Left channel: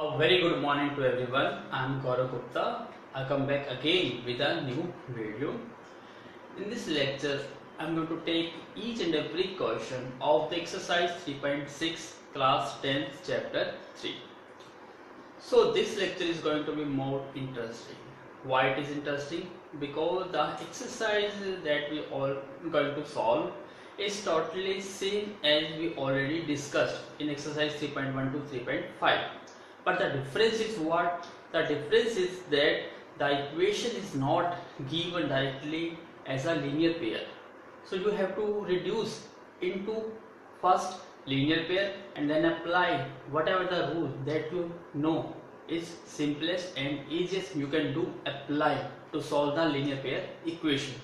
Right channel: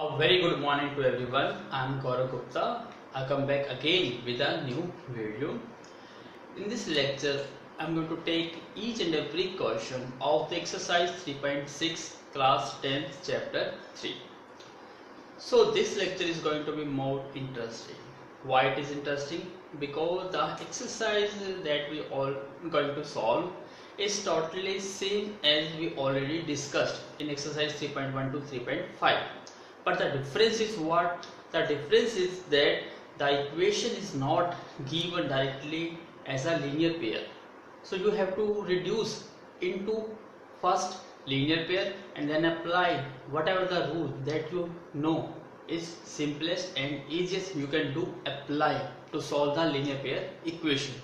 A very good morning to everyone. I am Gaurav Gupta. I come back again with a new video. In this lecture, I am going to take each and every question of the exercise 3.6 class 10th chapter 3. So this lecture is going to be more interesting. Why it is interesting? Because the exercise that we all going to solve is totally same as we already discussed in exercise 3.1 to 3.5. But the difference is what? The difference is that the equation is not given directly as a linear pair. So you have to reduce into first linear pair and then apply whatever the rule that you know is simplest and easiest you can do apply to solve the linear pair equation.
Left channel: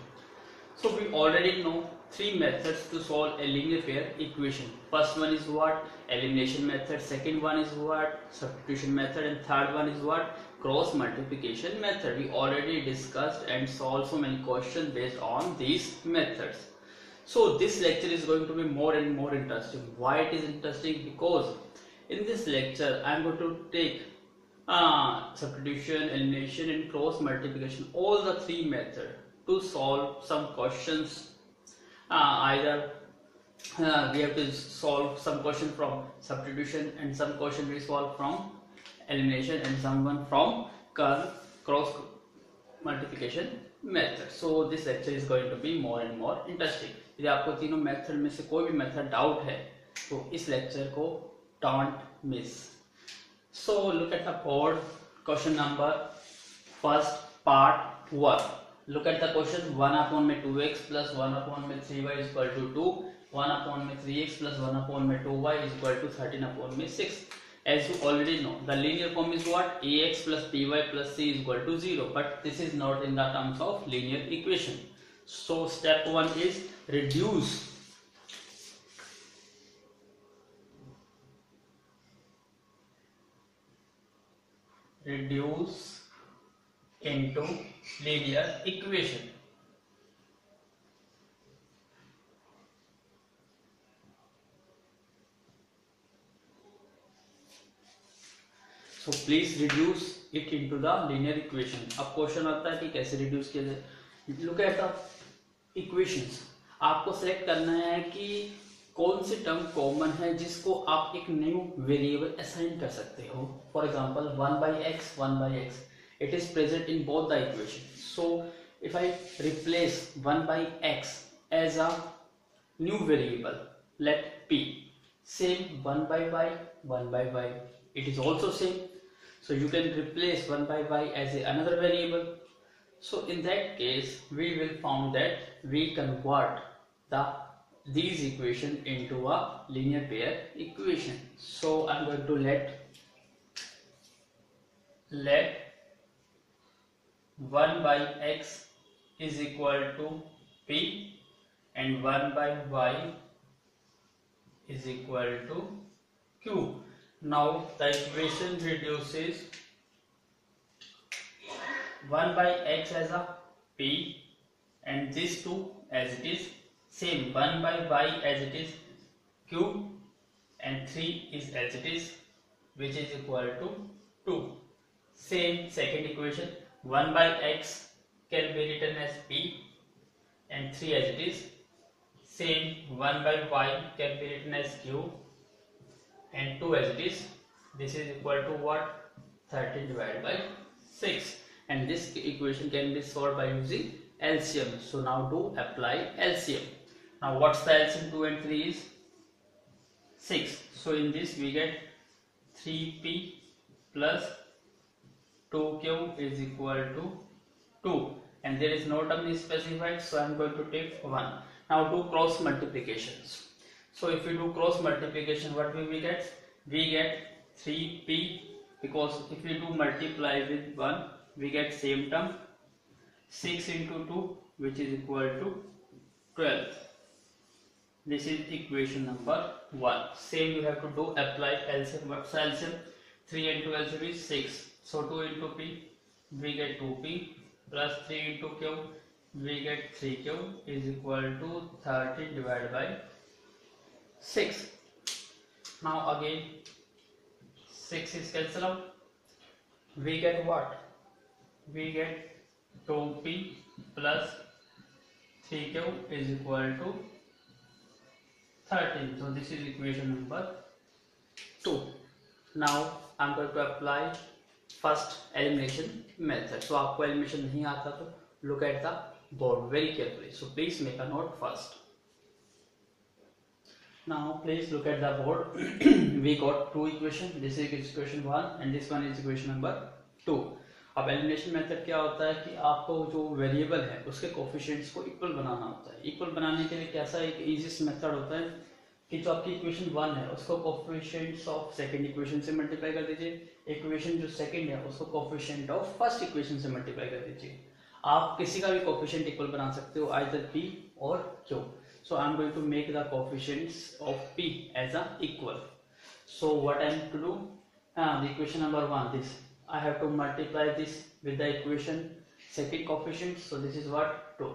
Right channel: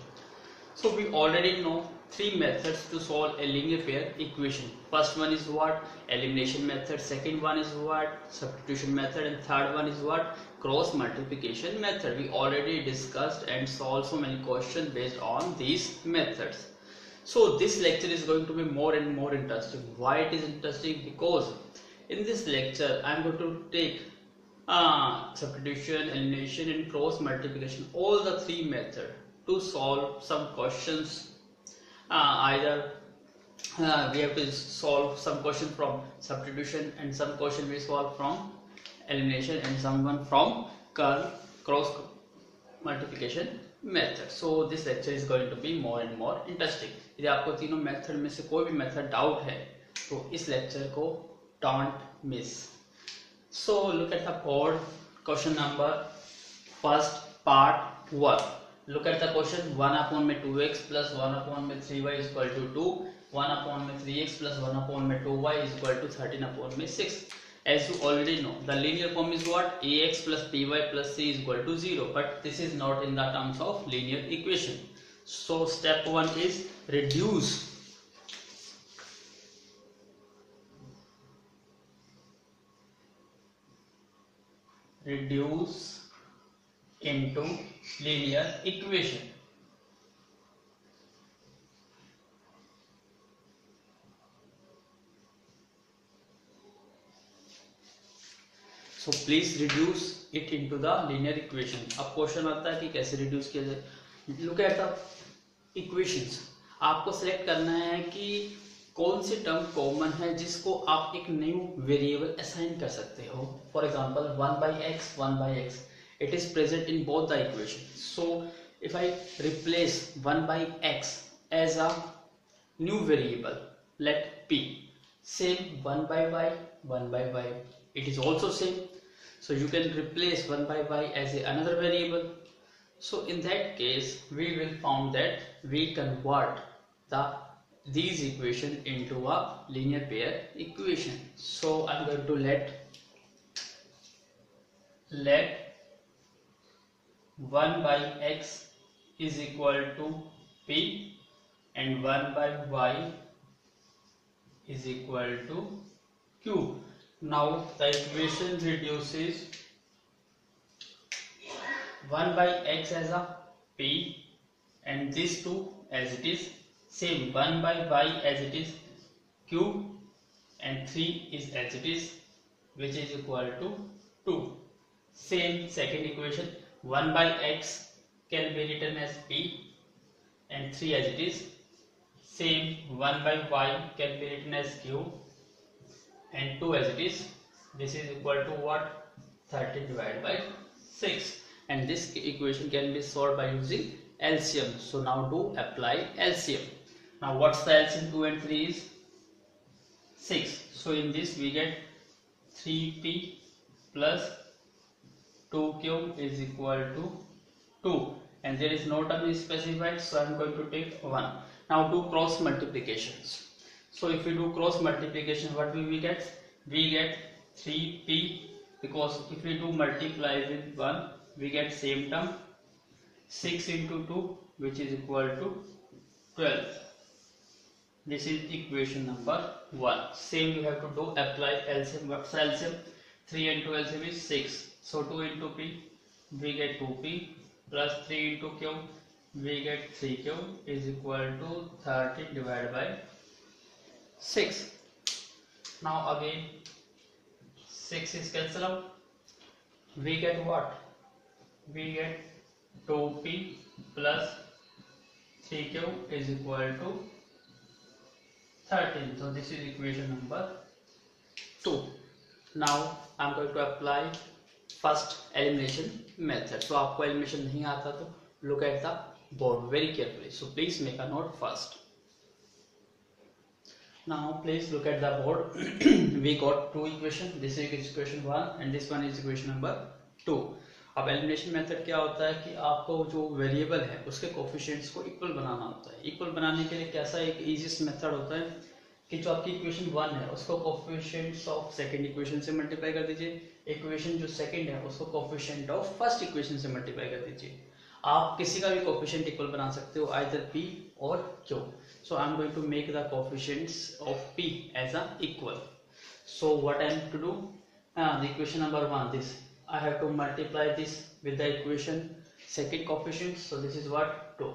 So we already know three methods to solve a linear pair equation. First one is what? Elimination method. Second one is what? Substitution method. And third one is what? Cross multiplication method. We already discussed and solved so many questions based on these methods. So this lecture is going to be more and more interesting. Why it is interesting? Because in this lecture I am going to take substitution, elimination and cross multiplication, all the three methods to solve some questions. Either we have to solve some question from substitution and some question we solve from elimination and someone from cross multiplication method. So this lecture is going to be more and more interesting. यदि आपको तीनों method में से कोई भी method doubt है तो इस लेक्चर को don't miss. So look at the board. Question number first part 1. Look at the question. 1 upon में 2x plus 1 upon में 3y is equal to 2. 1 upon में 3x plus 1 upon में 2y is equal to 13 upon में 6. As you already know, the linear form is what? Ax plus by plus c is equal to 0. But this is not in the terms of linear equation. So step 1 is reduce. Reduce into linear equation. So please reduce it into the linear equation. अब question आता है कि कैसे reduce किया जाए. Look at the equations. आपको select करना है कि कौन सी टर्म कॉमन है जिसको आप एक न्यू वेरिएबल असाइन कर सकते हो. For example 1/x it is present in both the equation. So if I replace 1/x as a new variable, let p, same 1/y, 1/y, it is also same. So you can replace 1/y as another variable. So in that case we will found that we convert these equation into a linear pair equation. So I'm going to let 1/x is equal to p and 1/y is equal to q. Now the equation reduces 1/x as a p and these two as it is same, 1/y as it is q and 3 is as it is, which is equal to 2. Same second equation, 1/x can be written as p and 3 as it is. Same 1/y can be written as q and 2 as it is. This is equal to what? 13 divided by 6. And this equation can be solved by using LCM. So now do apply LCM. Now what's the LCM? 2 and 3 is 6. So in this we get 3p plus 2q is equal to 2. And there is no term is specified, so I am going to take 1. Now do cross multiplications. So if we do cross multiplication, what will we get? We get 3p, because if we do multiply with 1, we get same term. 6 into 2, which is equal to 12. This is equation number 1. Same you have to do apply LCM. What's LCM? 3 into LCM is 6. So 2 into p, we get 2p plus 3 into q, we get 3q is equal to 13 divided by 6. Now again 6 is cancel out. We get what? We get 2p plus 3q is equal to 13. So this is equation number 2. Now I am going to apply first elimination method. So आपको elimination नहीं आता तो look at the board very carefully. So please make a note first. Now please look at the board. We got two equations. This is equation 1 and this one is equation number 2. अब elimination method क्या होता है कि आपको जो variable है उसके coefficients को इक्वल बनाना होता है. इक्वल बनाने के लिए कैसा एक इजीएस्ट मेथड होता है कि जो आपकी इक्वेशन 1 है उसको कोफिशिएंट्स ऑफ सेकंड इक्वेशन से मल्टीप्लाई कर दीजिए. इक्वेशन जो सेकंड है उसको कोफिशिएंट ऑफ फर्स्ट इक्वेशन से मल्टीप्लाई कर दीजिए. आप किसी का भी कोफिशिएंट इक्वल बना सकते हो, आइदर p और q. So I am going to make the coefficients of p as a equal. So what I am to do? The equation number 1, this I have to multiply this with the equation second coefficient. So this is what? 2.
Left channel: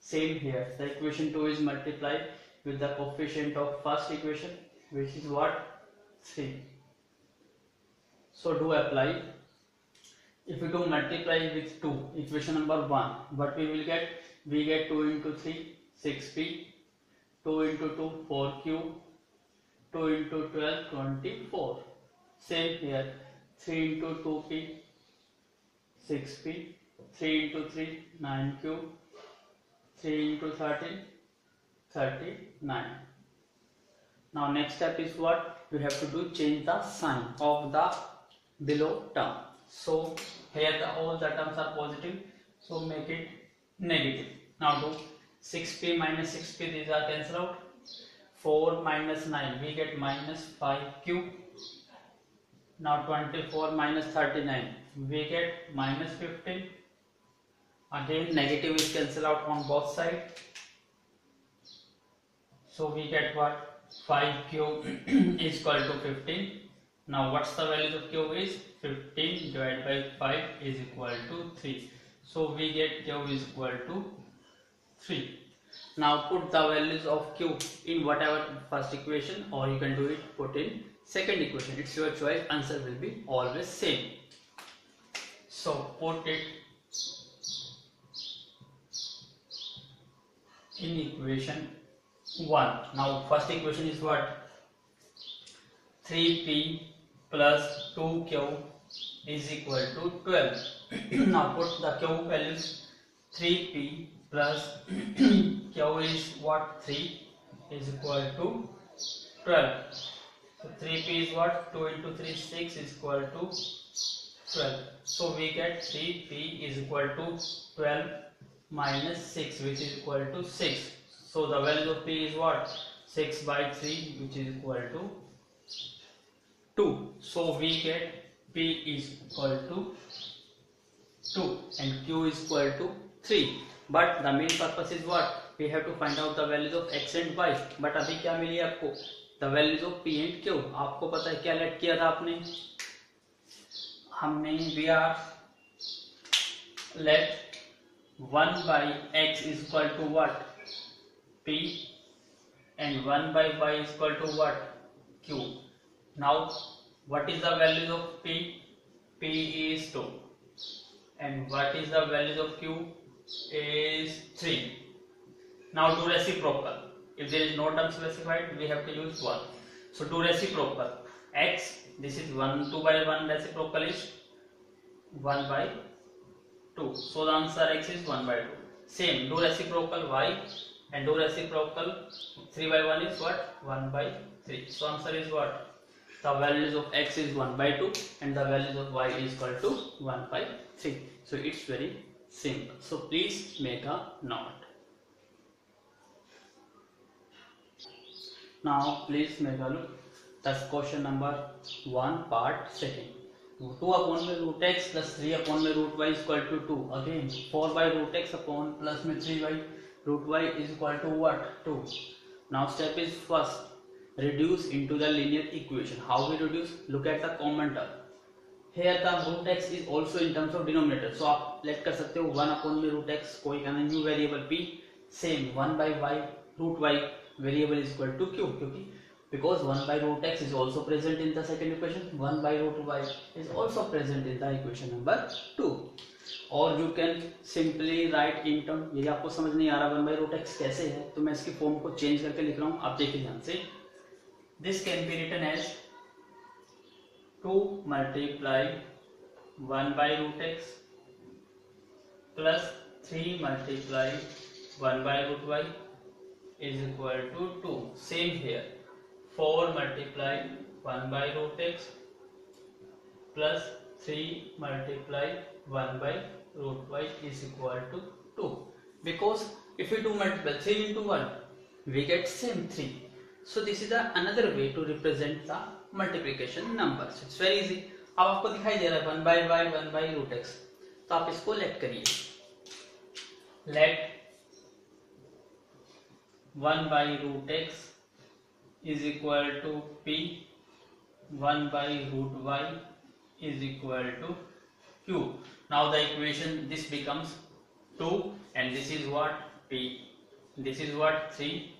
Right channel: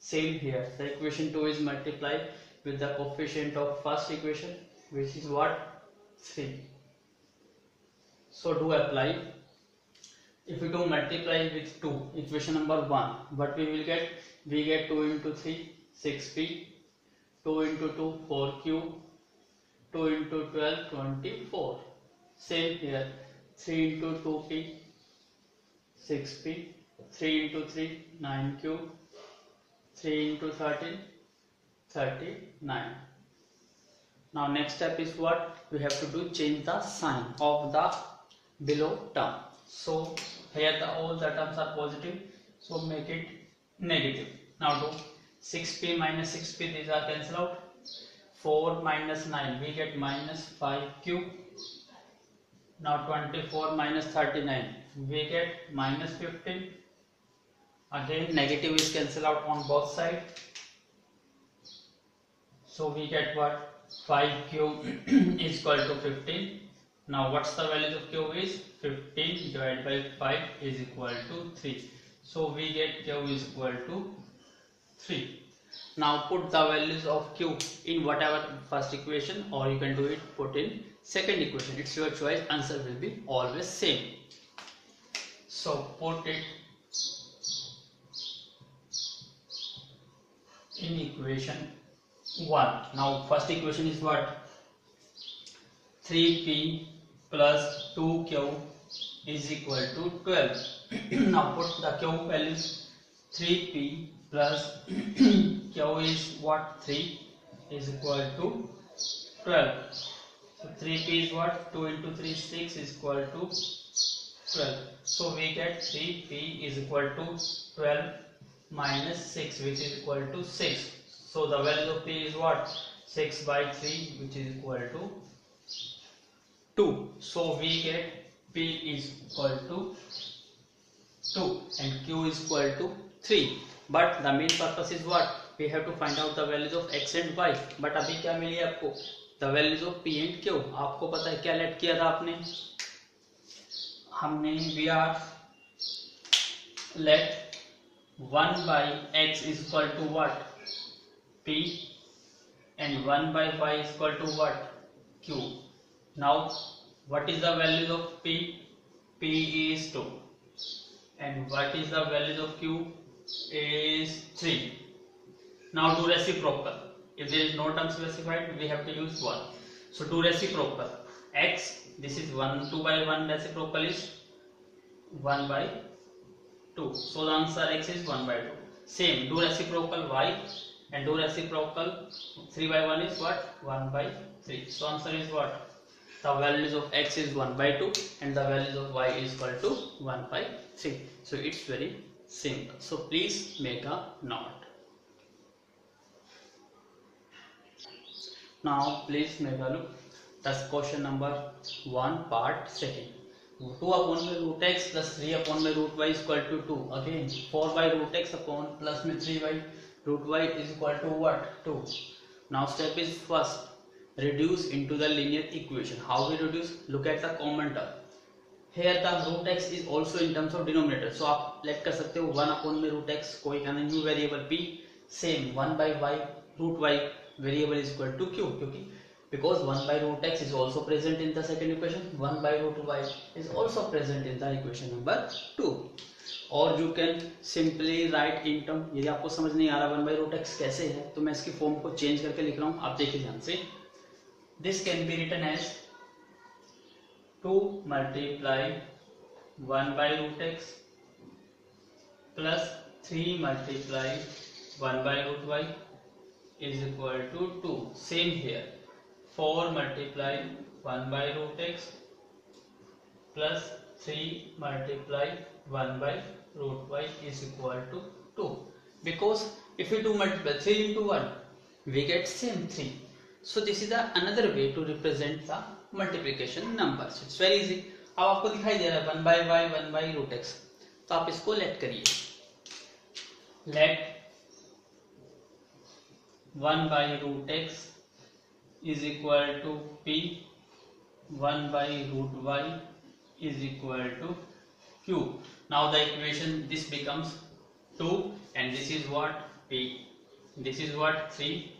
Same here. The equation 2 is multiplied with the coefficient of first equation, which is what? 3. So do apply. If we do multiply with 2, equation number 1, what we will get? We get 2 into 3, 6p. 2 into 2, 4q. 2 into 12, 24. Same here. 3 into 2p, 6p. 3 into 3, 9q. 3 into 13, 39. Now next step is what? We have to do change the sign of the below term. So here all the terms are positive. So make it negative. Now do 6p minus 6p, these are cancelled out. 4 minus 9, we get minus 5q. Now 24 minus 39, we get minus 15. Again negative is cancelled out on both sides. So we get what? 5q is equal to 15. Now what's the value of q is? 15 divided by 5 is equal to 3. So we get q is equal to 3. Now put the values of q in whatever first equation, or you can do it put in second equation. It's your choice. Answer will be always same. So put it in equation 1. Now first equation is what? 3p plus 2q is equal to 12. Now put the q values. 3p plus q is what? 3 is equal to 12. So 3p is what? 2 into 3, 6 is equal to 12. So we get 3p is equal to 12 minus 6, which is equal to 6. So the value of p is what? 6 by 3, which is equal to 2. So we get p is equal to 2 and q is equal to 3. But the main purpose is what? We have to find out the values of x and y. But अभी क्या मिली आपको? The values of p and q. आपको पता है क्या late किया था आपने? हमने we are let 1 by x is equal to what? P, and 1 by y is equal to what? Q. Now what is the value of p? P is 2. And what is the value of q? Is 3. Now do reciprocal. If there is no term specified, we have to use 1. So do reciprocal. X, this is 1, 2 by 1, reciprocal is 1 by 2. So the answer x is 1 by 2. Same, do reciprocal y and do reciprocal 3 by 1 is what? 1 by 3. So answer is what? The values of x is 1 by 2 and the values of y is equal to 1 by 3. So it's very simple. So please make a note. Now please make a look. That's question number 1 part second. 2 upon में root x plus 3 upon में root y is equal to 2. Again 4 by root x upon plus में 3 by root y is equal to what? 2. Now step is first reduce into the linear equation. How we reduce? Look at the common term. Here the root x is also in terms of denominator. So आप let कर सकते हो 1 upon में root x कोई कहना new variable p. Same 1 by y root y variable is equal to q, क्योंकि because 1 by root x is also present in the second equation, 1 by root y is also present in the equation number 2. और you can simply write in term, यदि आपको समझ नहीं आ रहा 1 by root x कैसे है तो मैं इसकी फॉर्म को चेंज करके लिख रहा हूँ, आप देखिए ध्यान से. This can be written as 2 multiply 1 by root x plus 3 multiply 1 by root y is equal to 2. Same here, 4 multiply 1 by root x plus 3 multiply 1 by root y is equal to 2. Because if we do multiply 3 into 1, we get same 3. So this is the another way to represent the multiplication number. So it's very easy. अब आपको दिखाई दे रहा है 1 by y 1 by root x, तो आप इसको let करिए. Let 1 by root x is equal to p, 1 by root y is equal to q. Now the equation, this becomes 2 and this is what p, this is what 3,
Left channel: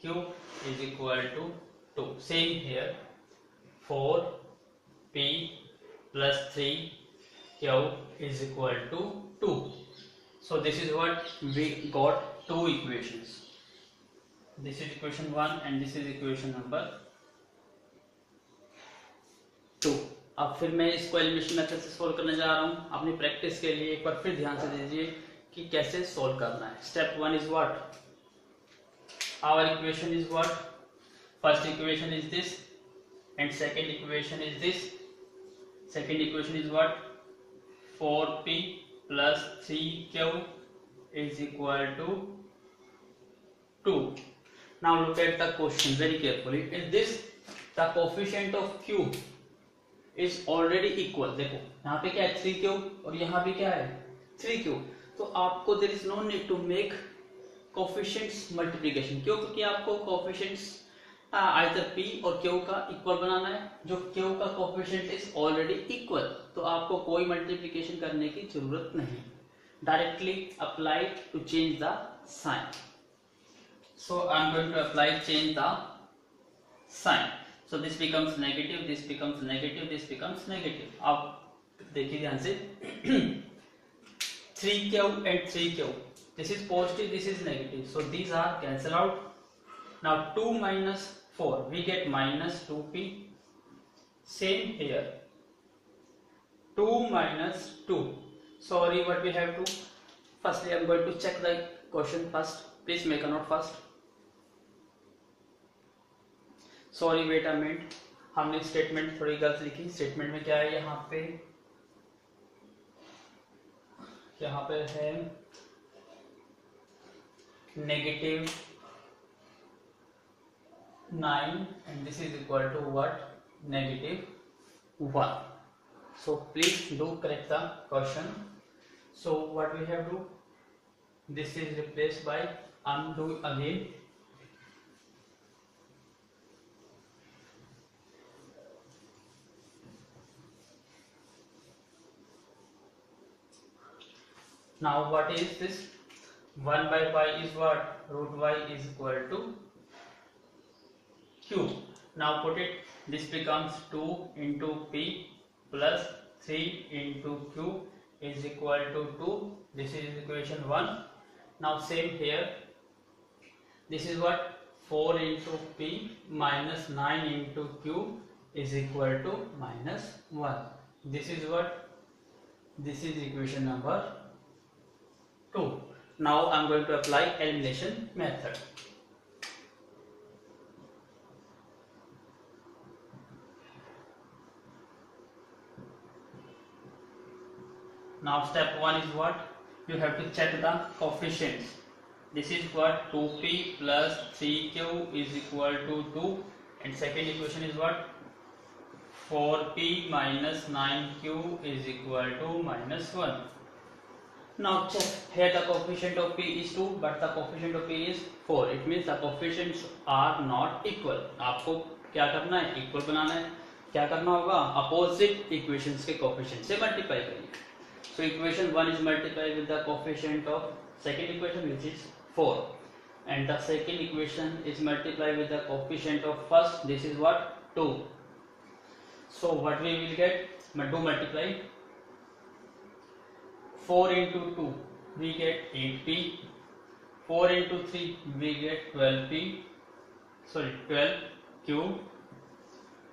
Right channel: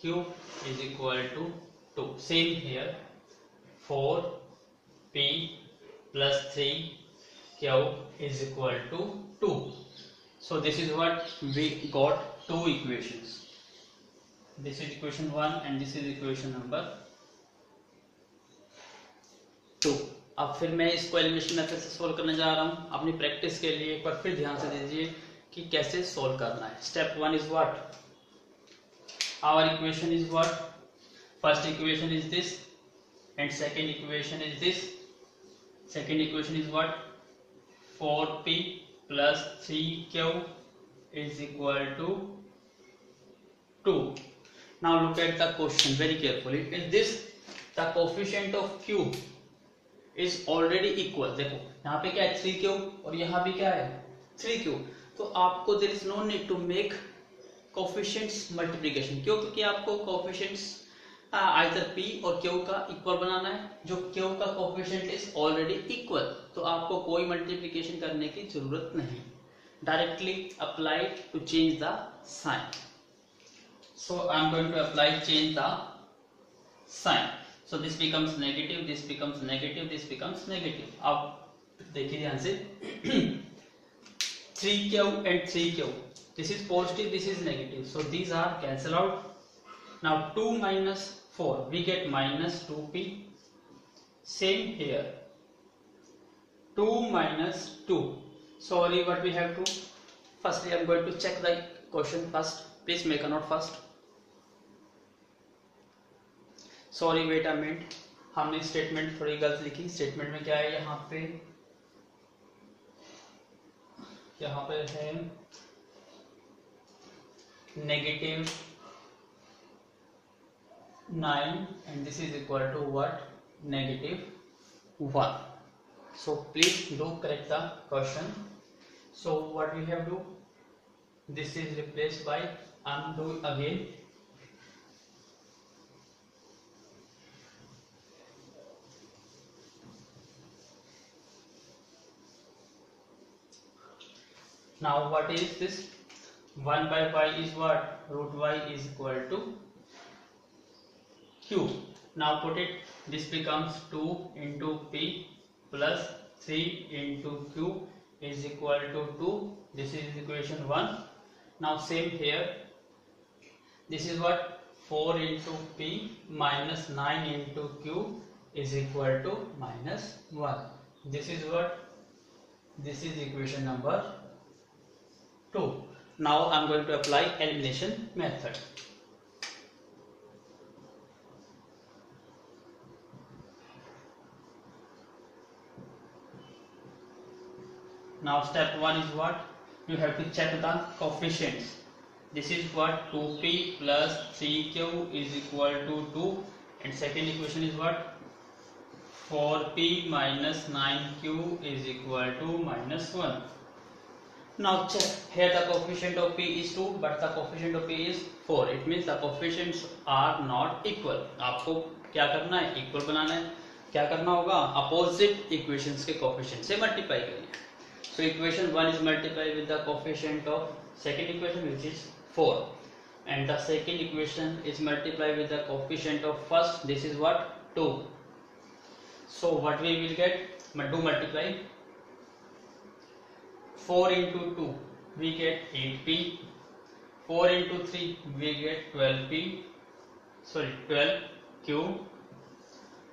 q is equal to 2. Same here, 4 p plus 3 q is equal to 2. So this is what we got, two equations. This is equation 1 and this is equation number 2. अब फिर मैं इसको elimination method से solve करने जा रहा हूँ. अपनी प्रैक्टिस के लिए एक बार फिर ध्यान से दीजिए कि कैसे सोल्व करना है. Step 1 is what, our equation is what, first equation is this and second equation is this. Second equation is what, 4p plus 3q is equal to 2. Now look at the question very carefully. In this, the coefficient of q is already equal. देखो यहाँ पे क्या है 3q और यहाँ भी क्या है 3q. तो आपको there is no need to make coefficients multiplication. क्यों? क्योंकि आपको coefficients either p और q का इक्वल बनाना है. जो q का coefficient is already equal, तो आपको कोई multiplication करने की जरूरत नहीं. Directly apply to change the sign. So I am going to apply change the sign. So this becomes negative, this becomes negative, this becomes negative. अब देखिए ध्यान से 3q and 3q. This is positive, this is negative. So these are cancel out. Now 2 minus 4, we get minus 2p. Same here. 2 minus 2. Sorry, what we have to. Firstly, I am going to check the question first. Please make a note first. Sorry wait a minute, हमने statement थोड़ी गलत लिखी. Statement में क्या है, यहाँ पे है negative 9 and this is equal to what, negative 1. So please do correct the question. So what we have do, this is replaced by undo again. Now what is this? 1 by y is what? Root y is equal to q. Now put it, this becomes 2 into p plus 3 into q is equal to 2. This is equation 1. Now same here, this is what, 4 into p minus 9 into q is equal to minus 1. This is what, this is equation number 2. Now I am going to apply elimination method. Now step 1 is what, you have to check the coefficients. This is what, 2p plus 3q is equal to 2 and second equation is what, 4p minus 9q is equal to minus 1. Now check, here the coefficient of p is 2 but the coefficient of p is 4. It means the coefficients are not equal. आपको क्या करना है, equal बनाना है. क्या करना होगा, opposite equations के coefficient से मल्टीप्लाई करिए. So equation 1 is multiplied with the coefficient of second equation which is 4. and the second equation is multiplied with the coefficient of first. This is what? 2. So what we will get? Do multiply. 4 into 2 we get 8p. 4 into 3 we get 12p. Sorry, 12q.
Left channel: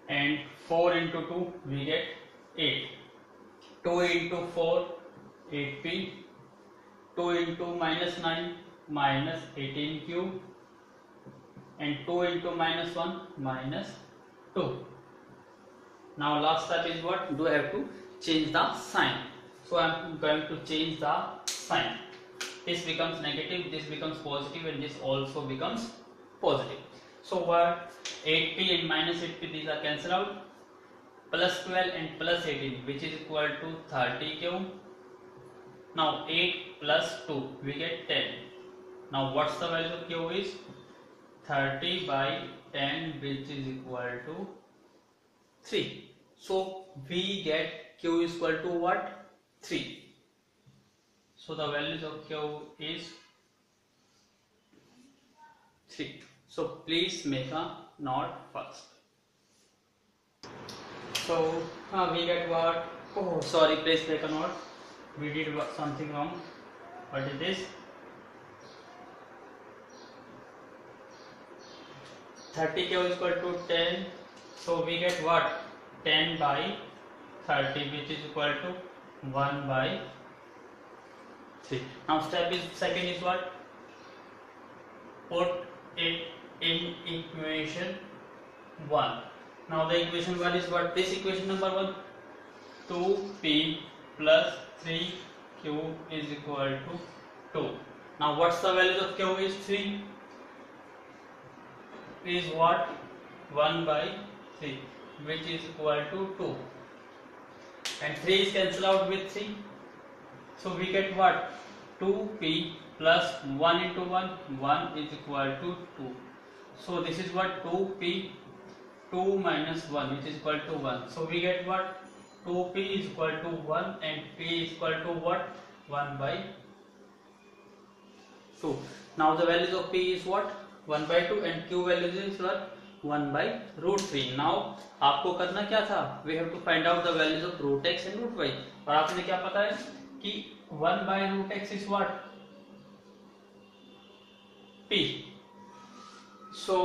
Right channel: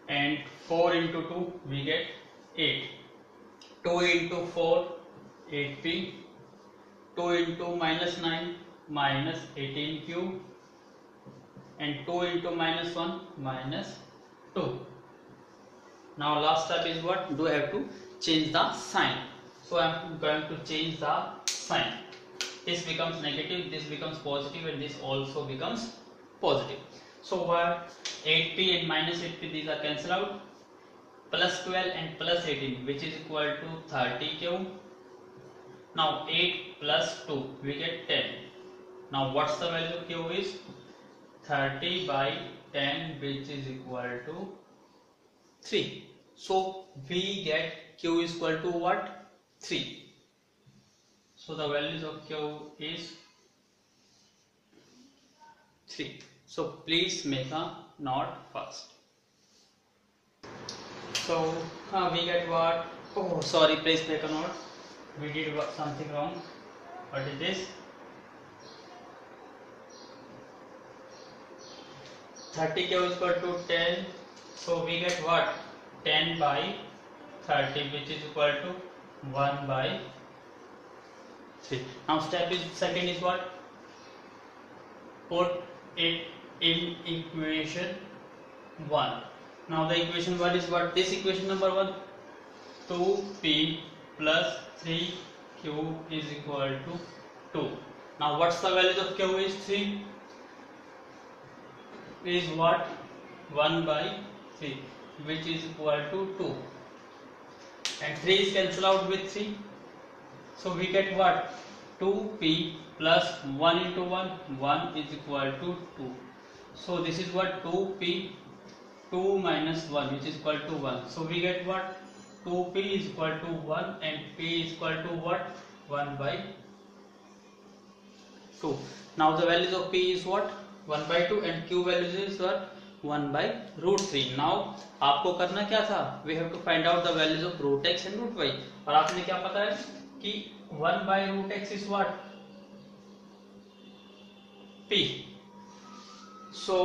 And 4 into 2 we get 8. 2 into 4 8p. 2 into minus 9 minus 18q. And 2 into minus 1 minus 2. Now last step is what? Do I have to change the sign? So I am going to change the sign. This becomes negative, this becomes positive, and this also becomes positive. So what? 8p and minus 8p, these are cancelled out. Plus 12 and plus 18, which is equal to 30q. Now 8 plus 2 we get 10. Now what's the value of q is? 30 by 10, which is equal to 3. So we get q is equal to what? 3. So the values of q is 3. So please make a note first. So we get what? Oh sorry, please make a note. We did something wrong. What is this? 30q is equal to 10. So we get what? 10 by 30, which is equal to 1 by 3. Now step is second is what? Put it in equation 1. Now the equation 1 is what? This equation number 1. 2p plus 3q is equal to 2. Now what's the value of q is 3? Is what? 1 by 3, which is equal to 2. And 3 is cancelled out with 3. So we get what? 2p plus 1 into 1, 1 is equal to 2. So this is what? 2p, 2 minus 1, which is equal to 1. So we get what? 2p is equal to 1 and p is equal to what? 1 by 2. Now the values of p is what? 1 by 2 and q values is what? 1 by root 3. Now आपको करना क्या था? We have to find out the values of root x and root y. और आपने क्या पता है कि 1 by root x is what? p. So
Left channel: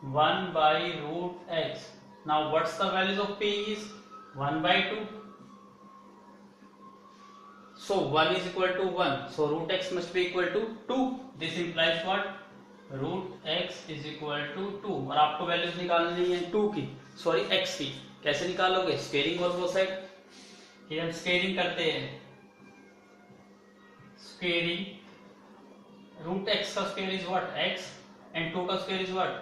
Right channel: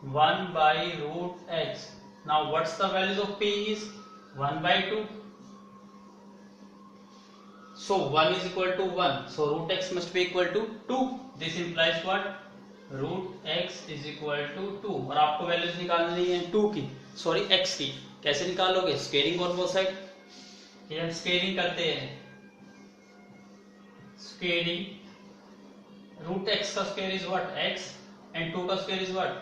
1 by root x. Now what's the values of p is? 1 by 2. So 1 is equal to 1. So root x must be equal to 2. This implies what? Root x is equal to 2. और आपको values निकालनी है 2 की, sorry x की. कैसे निकालोगे? Squaring और both side. ये हम स्क्वेयरिंग करते हैं. स्क्वेयरिंग, रूट x का square is what? x and 2 का square is what?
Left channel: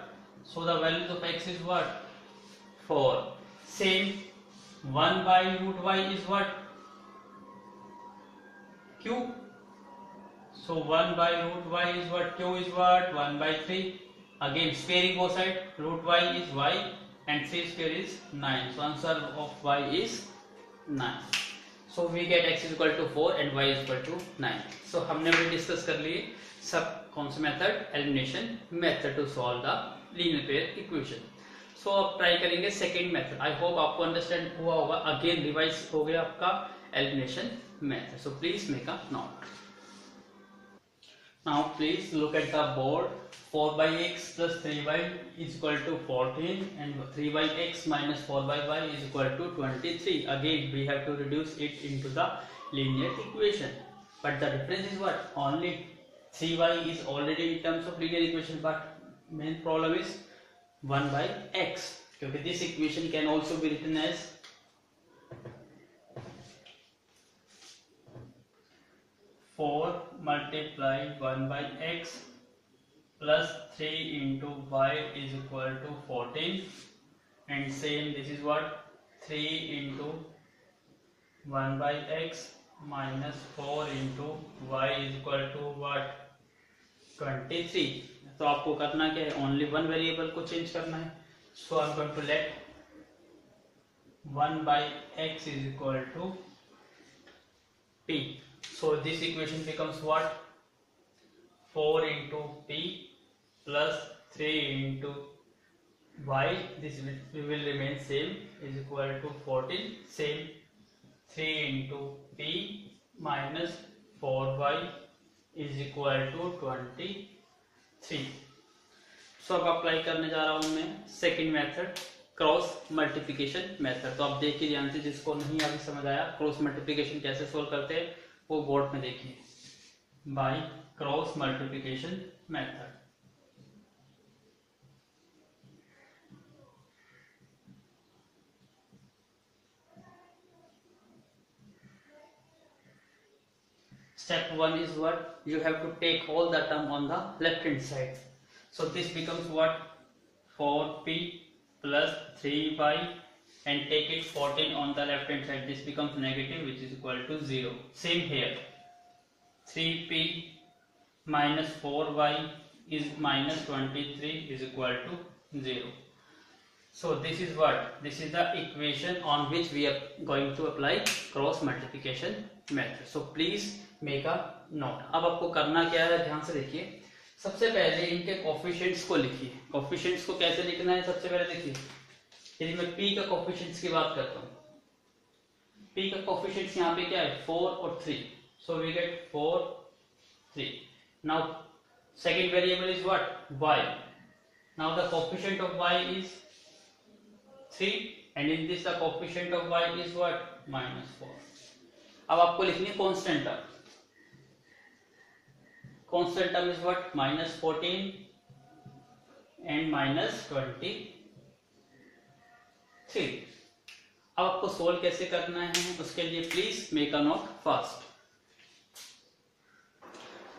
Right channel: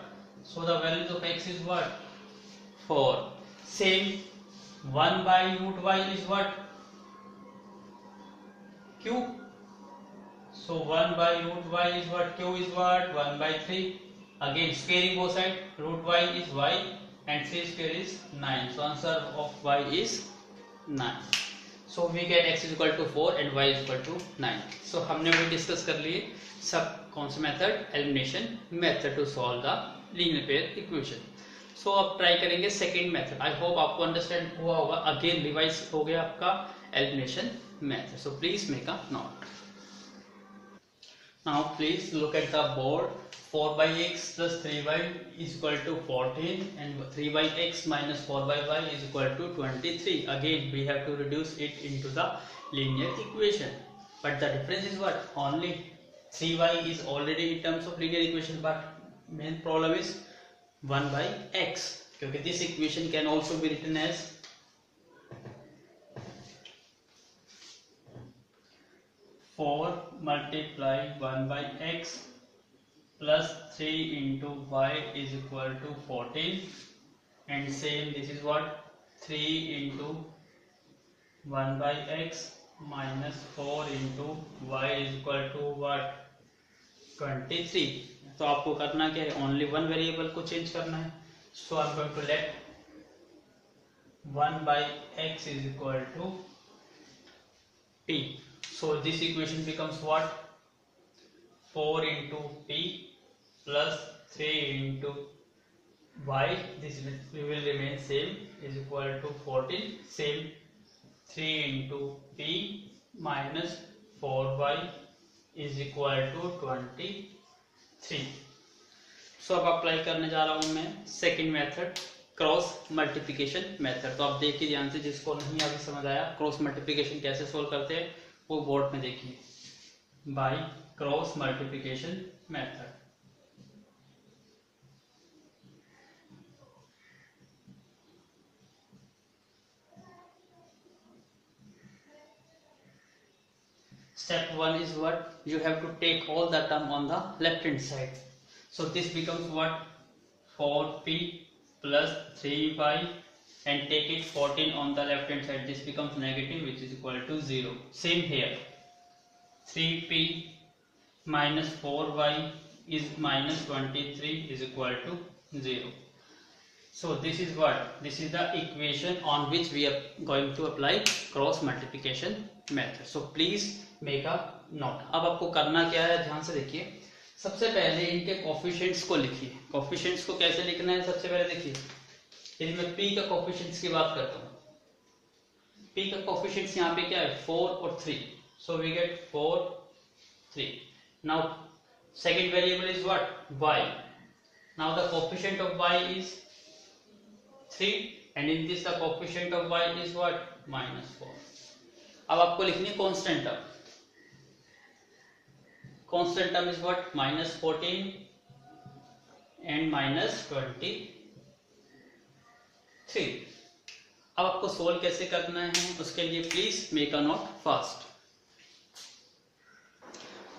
So the values of x is what? 4. Same 1 by root y is what? q. So 1 by root y is what? Q is what? 1 by 3. Again squaring both side. Root y is y and 3 square is 9. So answer of y is 9. So we get x is equal to 4 and y is equal to 9. So हमने भी discuss कर लिए सब कौन सा method? Elimination method to solve the linear pair equation. So अब try करेंगे second method. I hope आपको अंडरस्टैंड हुआ होगा. अगेन रिवाइज हो गया आपका elimination method. So please make a note. Now please look at the board. 4 by x plus 3y is equal to 14 and 3 by x minus 4 by y is equal to 23. Again we have to reduce it into the linear equation. But the difference is what? Only 3y is already in terms of linear equation, but main problem is 1 by x. Because this equation can also be written as 4 multiply 1 by x plus 3 into y is equal to 14, and same this is what? 3 into 1 by x minus 4 into y is equal to what? 23. तो आपको करना क्या है? Only one variable को change करना है. So I am going to let 1 by x is equal to t. So this equation becomes what? 4 into p plus 3 into y, this will remain same, is equal to 14. Same 3 into p minus 4y is equal to 23. सो अब apply करने जा रहा हूं मैं second method, cross multiplication method. तो आप देखिए ध्यान से, जिसको नहीं अभी समझ आया क्रॉस मल्टीप्लिकेशन कैसे सोल्व करते हैं वो बोर्ड में देखिए, by cross multiplication method. Step 1 is what? You have to take all the term on the left hand side. So this becomes what? 4p plus 3y, and take it 14 on the left hand side. This becomes negative, which is equal to 0. Same here. 3p minus 4y is minus 23 is equal to 0. So this is what? This is the equation on which we are going to apply cross multiplication method. So please make a note. अब आपको करना क्या है, ध्यान से देखिए। सबसे पहले इनके कोफिशिएंट्स को लिखिए। कोफिशिएंट्स को कैसे लिखना है, सबसे पहले देखिए, यदि मैं p का कोफिशिएंट्स की बात करता हूँ, p का कोफिशिएंट्स यहाँ पे क्या है, 4 और 3. So we get 4, 3. Now second variable is what? Y. Now the coefficient of y is 3, and in this the coefficient of y is what? minus 4. अब आपको लिखनी है constant term. Constant term is what? minus 14 and minus 23. अब आपको solve कैसे करना है, उसके लिए please make a note fast.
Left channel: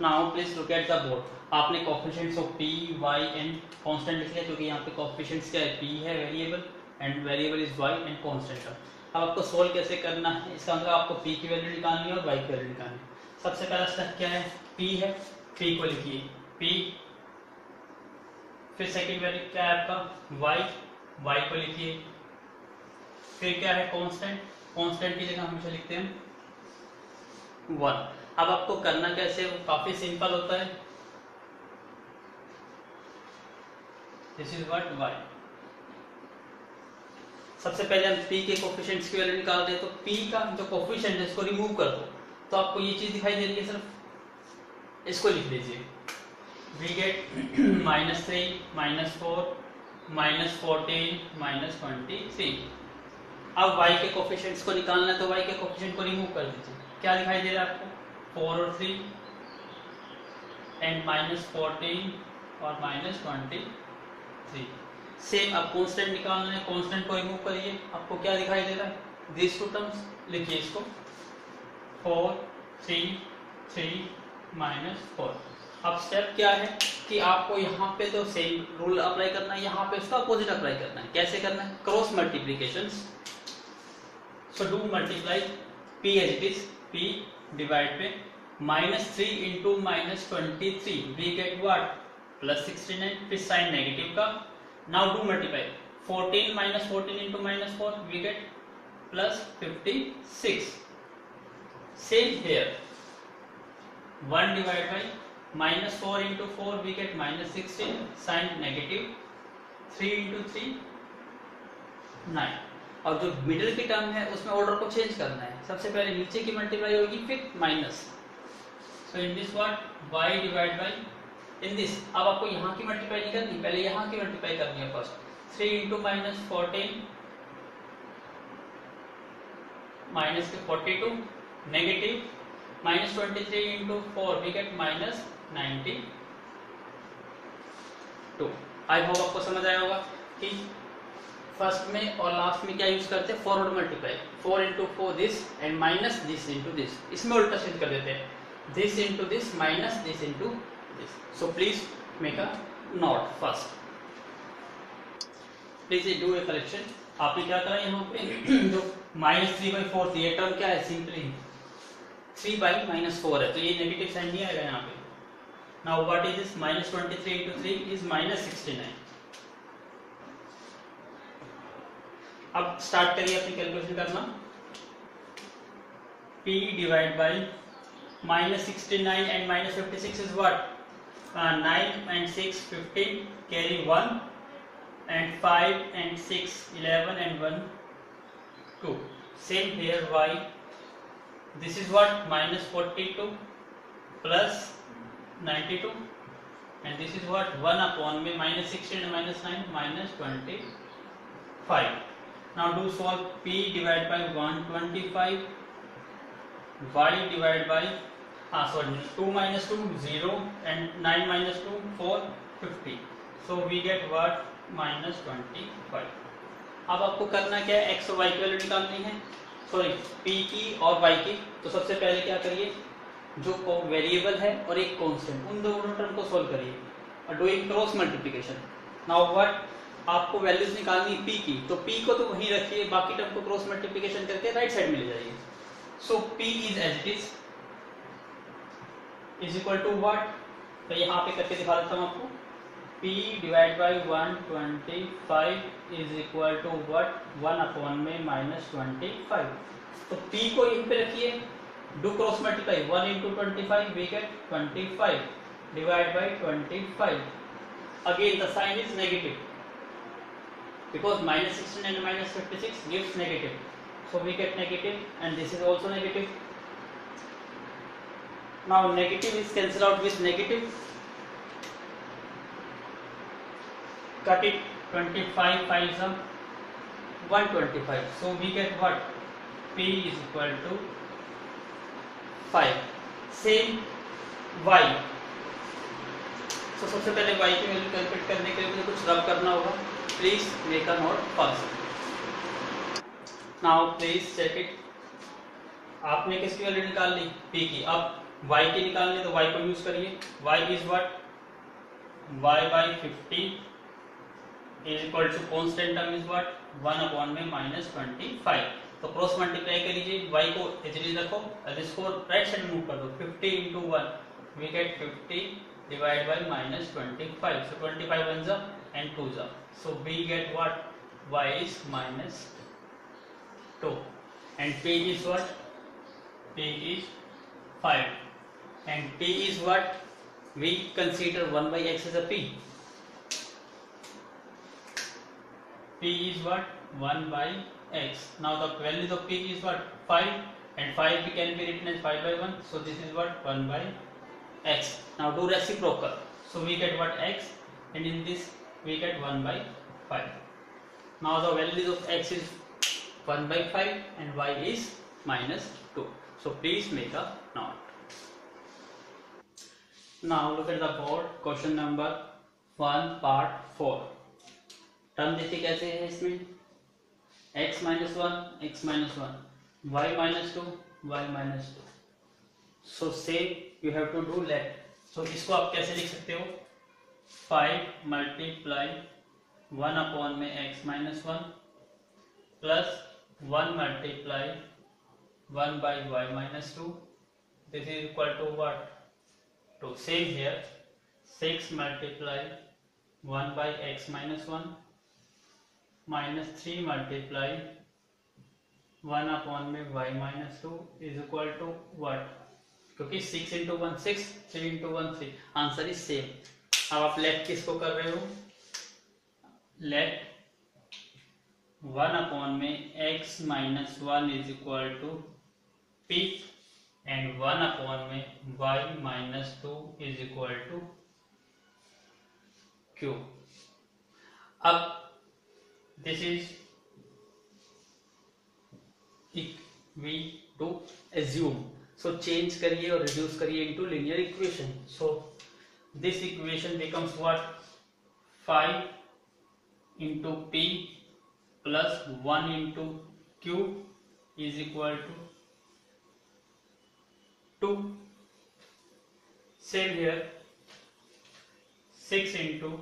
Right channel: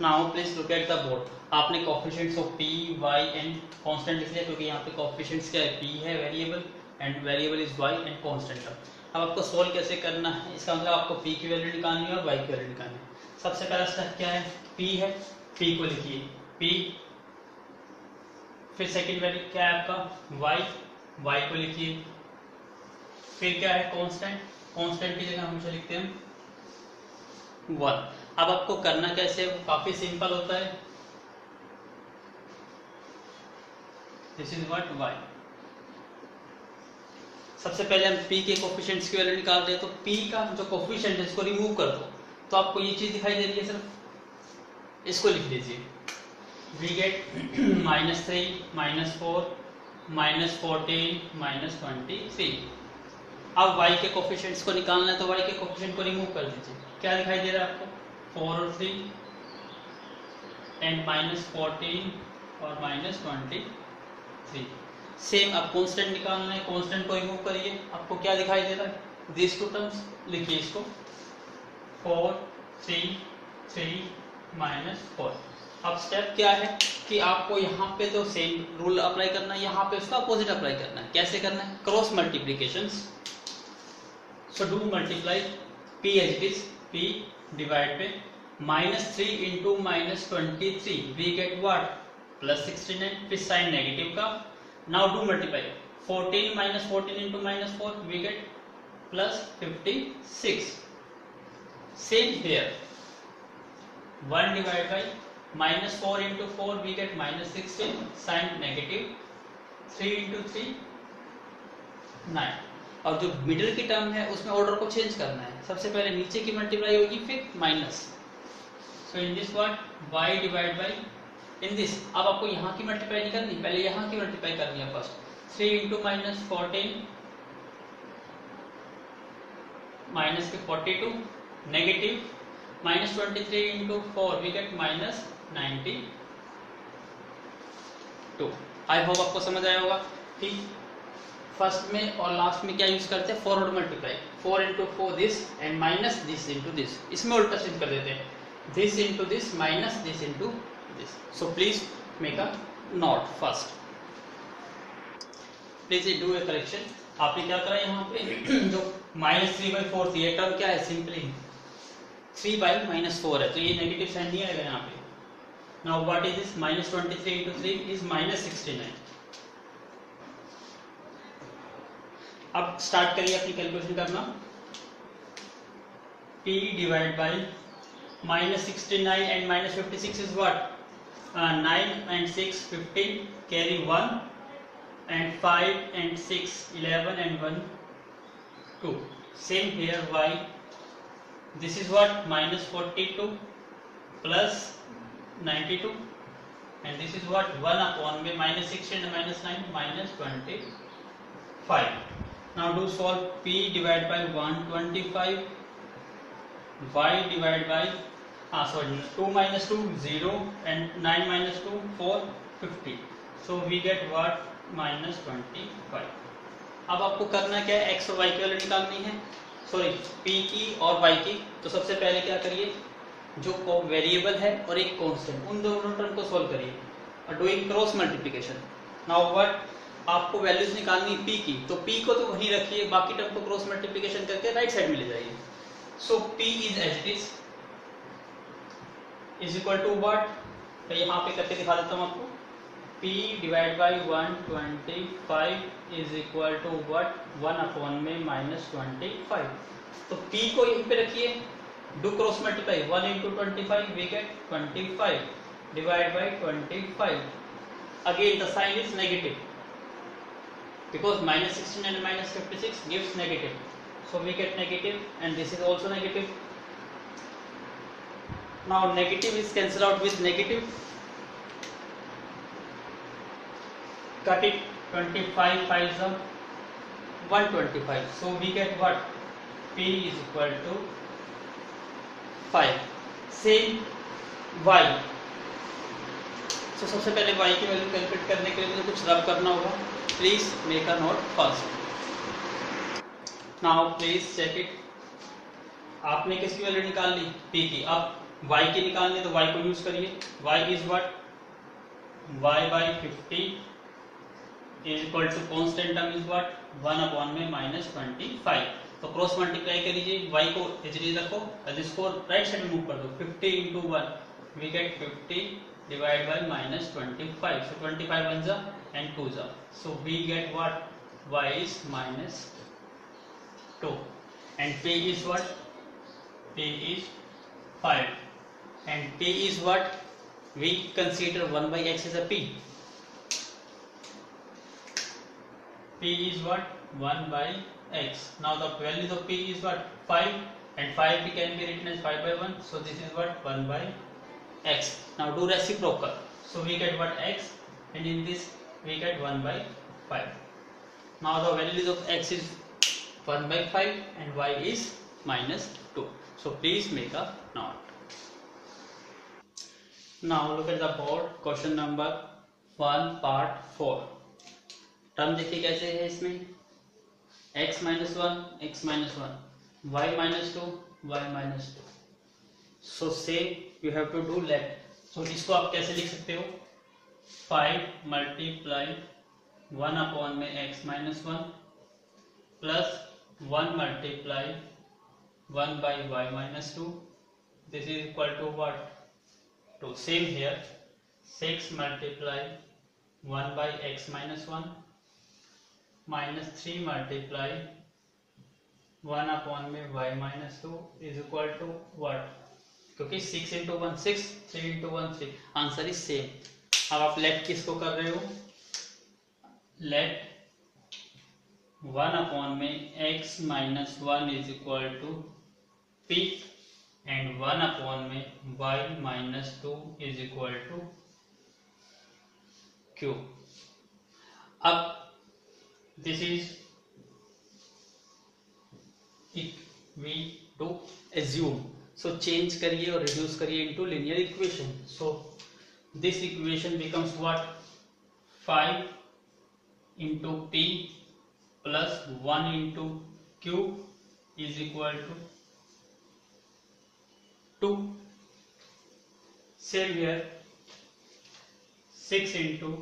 Now please look at the board. आपने coefficients of p, y and constant लिख लिया, क्योंकि यहाँ पे कोफिशिएंट्स क्या है, p है variable, and variable is y and constant term. अब आपको सोल्व कैसे करना है, इसका मतलब आपको p की वैल्यू निकालनी है और y की वैल्यू निकालनी है। सबसे पहला स्टेप क्या है, p है, p को लिखिए p, फिर सेकंड वैल्यू क्या है आपका y को लिखिए, फिर क्या है कांस्टेंट, कांस्टेंट की जगह हमेशा लिखते हैं 1। अब आपको करना कैसे, वो काफी सिंपल होता है। This is what? y। सबसे पहले हम p के कोफिशिएंट्स की वैल्यू निकाल रहे हैं, तो p का जो कोफिशिएंट है इसको रिमूव कर दो, तो आपको ये चीज दिखाई दे रही है, सिर्फ इसको लिख लीजिए। We get -3, -4, -14, -23। अब y के कोफिशिएंट्स को निकालना है, तो y के कोफिशिएंट को रिमूव कर दीजिए। क्या दिखाई दे रहा है आपको? 4 और 3 एंड -14 और -23। सेम अब कांस्टेंट निकालना है, कांस्टेंट को रिमूव करिए, आपको क्या दिखाई दे रहा है? दिस टू टर्म्स लिखिए इसको, 4, 3, 3, -4। अब स्टेप क्या है कि आपको यहाँ पे तो सेम रूल अप्लाई करना है, यहाँ पे इसका अपोजिट अप्लाई करना है। कैसे करना है? Cross multiplication. So do multiply p as it is, p divide पे -3 इंटू -23 वी गेट व्हाट? +69, फिर साइन नेगेटिव का। Now do multiply 14 minus 14 into -4 we get +56. Same here, 1 divided by -4 into 4 we get -16, sign negative, 3 into 3 9। और जो middle की term है उसमें order को change करना है, सबसे पहले नीचे की मल्टीप्लाई होगी फिर minus. So in this what? y divide by in this. अब आपको यहाँ की मल्टीप्लाई नहीं करनी, पहले यहाँ की मल्टीप्लाई करनी है फर्स्ट। 3 इंटू -14 माइनस के 42 negative -23 into 4 we get -92। I hope आपको समझ आया होगा कि फर्स्ट में और लास्ट में क्या यूज करते हैं, forward multiply. 4 into 4 this and minus this into this, इसमें उल्टा चेंज कर देते हैं, this into this minus this into this. So please make a note first. Please do a correction. आपने क्या करा यहाँ पे जो -3/4 थी, ये टर्म क्या है, सिंपली 3/-4 है, तो ये नेगेटिव साइन नहीं आएगा यहाँ पे। Now what is this? -23 into 3 is -69। अब स्टार्ट करिए अपनी कैलकुलेशन करना। p divide by -69 and -56 is what? 9 and 6 15, carry 1, and 5 and 6 11, and 1 2. Same here, y, this is what, minus 42 plus 92, and this is what, 1 upon में minus 16 and minus 9 minus 25. Now do solve. P divided by 125, y divided by 2 minus 2 0, and 9 minus 2 4 50. So we get what, minus 25. अब आपको करना क्या है, x और y की value निकालनी है, सॉरी p की और y की। तो सबसे पहले क्या करिए, जो वेरिएबल है और एक कांस्टेंट, उन दोनों टर्म को सॉल्व करिए और doing cross multiplication. Now what, आपको वैल्यूज निकालनी p की, तो p को तो वहीं रखिए, बाकी टर्म को क्रॉस मल्टीप्लिकेशन करके राइट साइड में ले जाइए। So p is as it is equal to what, तो यहाँ पे करके दिखा देता हूँ आपको। p divide by 125 is equal to what, 1 upon में माइनस 25। तो p को यहीं पे रखिए, do cross multiply, 1 into 25 we get 25 divide by 25। Again the sign is negative because minus 16 and minus 56 gives negative, so we get negative, and this is also negative. Now negative is cancelled out with negative, cut it, 25 5s are 125, so we get what, p is equal to 5. Same y, so सबसे पहले y की value calculate करने के लिए कुछ रब करना होगा। Please make a note first. Now please check it. आपने किसकी वैल्यू निकाल ली, p की। अब y की निकालनी, तो y को यूज करिए। y is what, y by 50 is equal to constant term is what, 1 upon में minus 25। तो क्रॉस मल्टीप्लाई करिए, y को इजीली रखो और इसको राइट साइड मूव कर दो, 50 into 1 we get 50 divided by minus 25, so 25 ones are and 2s are, so we get what, y is minus 2, and p is what, p is 5, and p is what, we consider 1 by x as a p is what, 1 by x. Now the value of p is what, 5, and 5 can be written as 5 by 1, so this is what, 1 by x. Now do reciprocal, so we get what, x, and in this we get 1 by 5. Now the values of x is 1 by 5 and y is minus 2, so please make a note. Now look at the board, question number 1 part 4. Term देखिए कैसे है इसमें, x minus 1 x minus 1, y minus 2 y minus 2. So same you have to do left. So इसको आप कैसे लिख सकते हो, 5 multiply 1 upon में x minus 1 plus 1 multiply 1 by y minus 2, this is equal to what, 2. Same here, 6 multiply 1 by x minus 1 minus 3 multiply 1 upon में y minus 2 is equal to what, क्योंकि 6 into 1 6, 3 into 1 3, answer is same. अब आप late किसको कर रहे हो, let 1 upon में x minus 1 is equal to p, and 1 upon में y minus 2 is equal to q. अब this is, we do assume, so change करिए और reduce करिए into linear equation. So this equation becomes what, 5 into p plus 1 into q is equal to 2. Same here, 6 into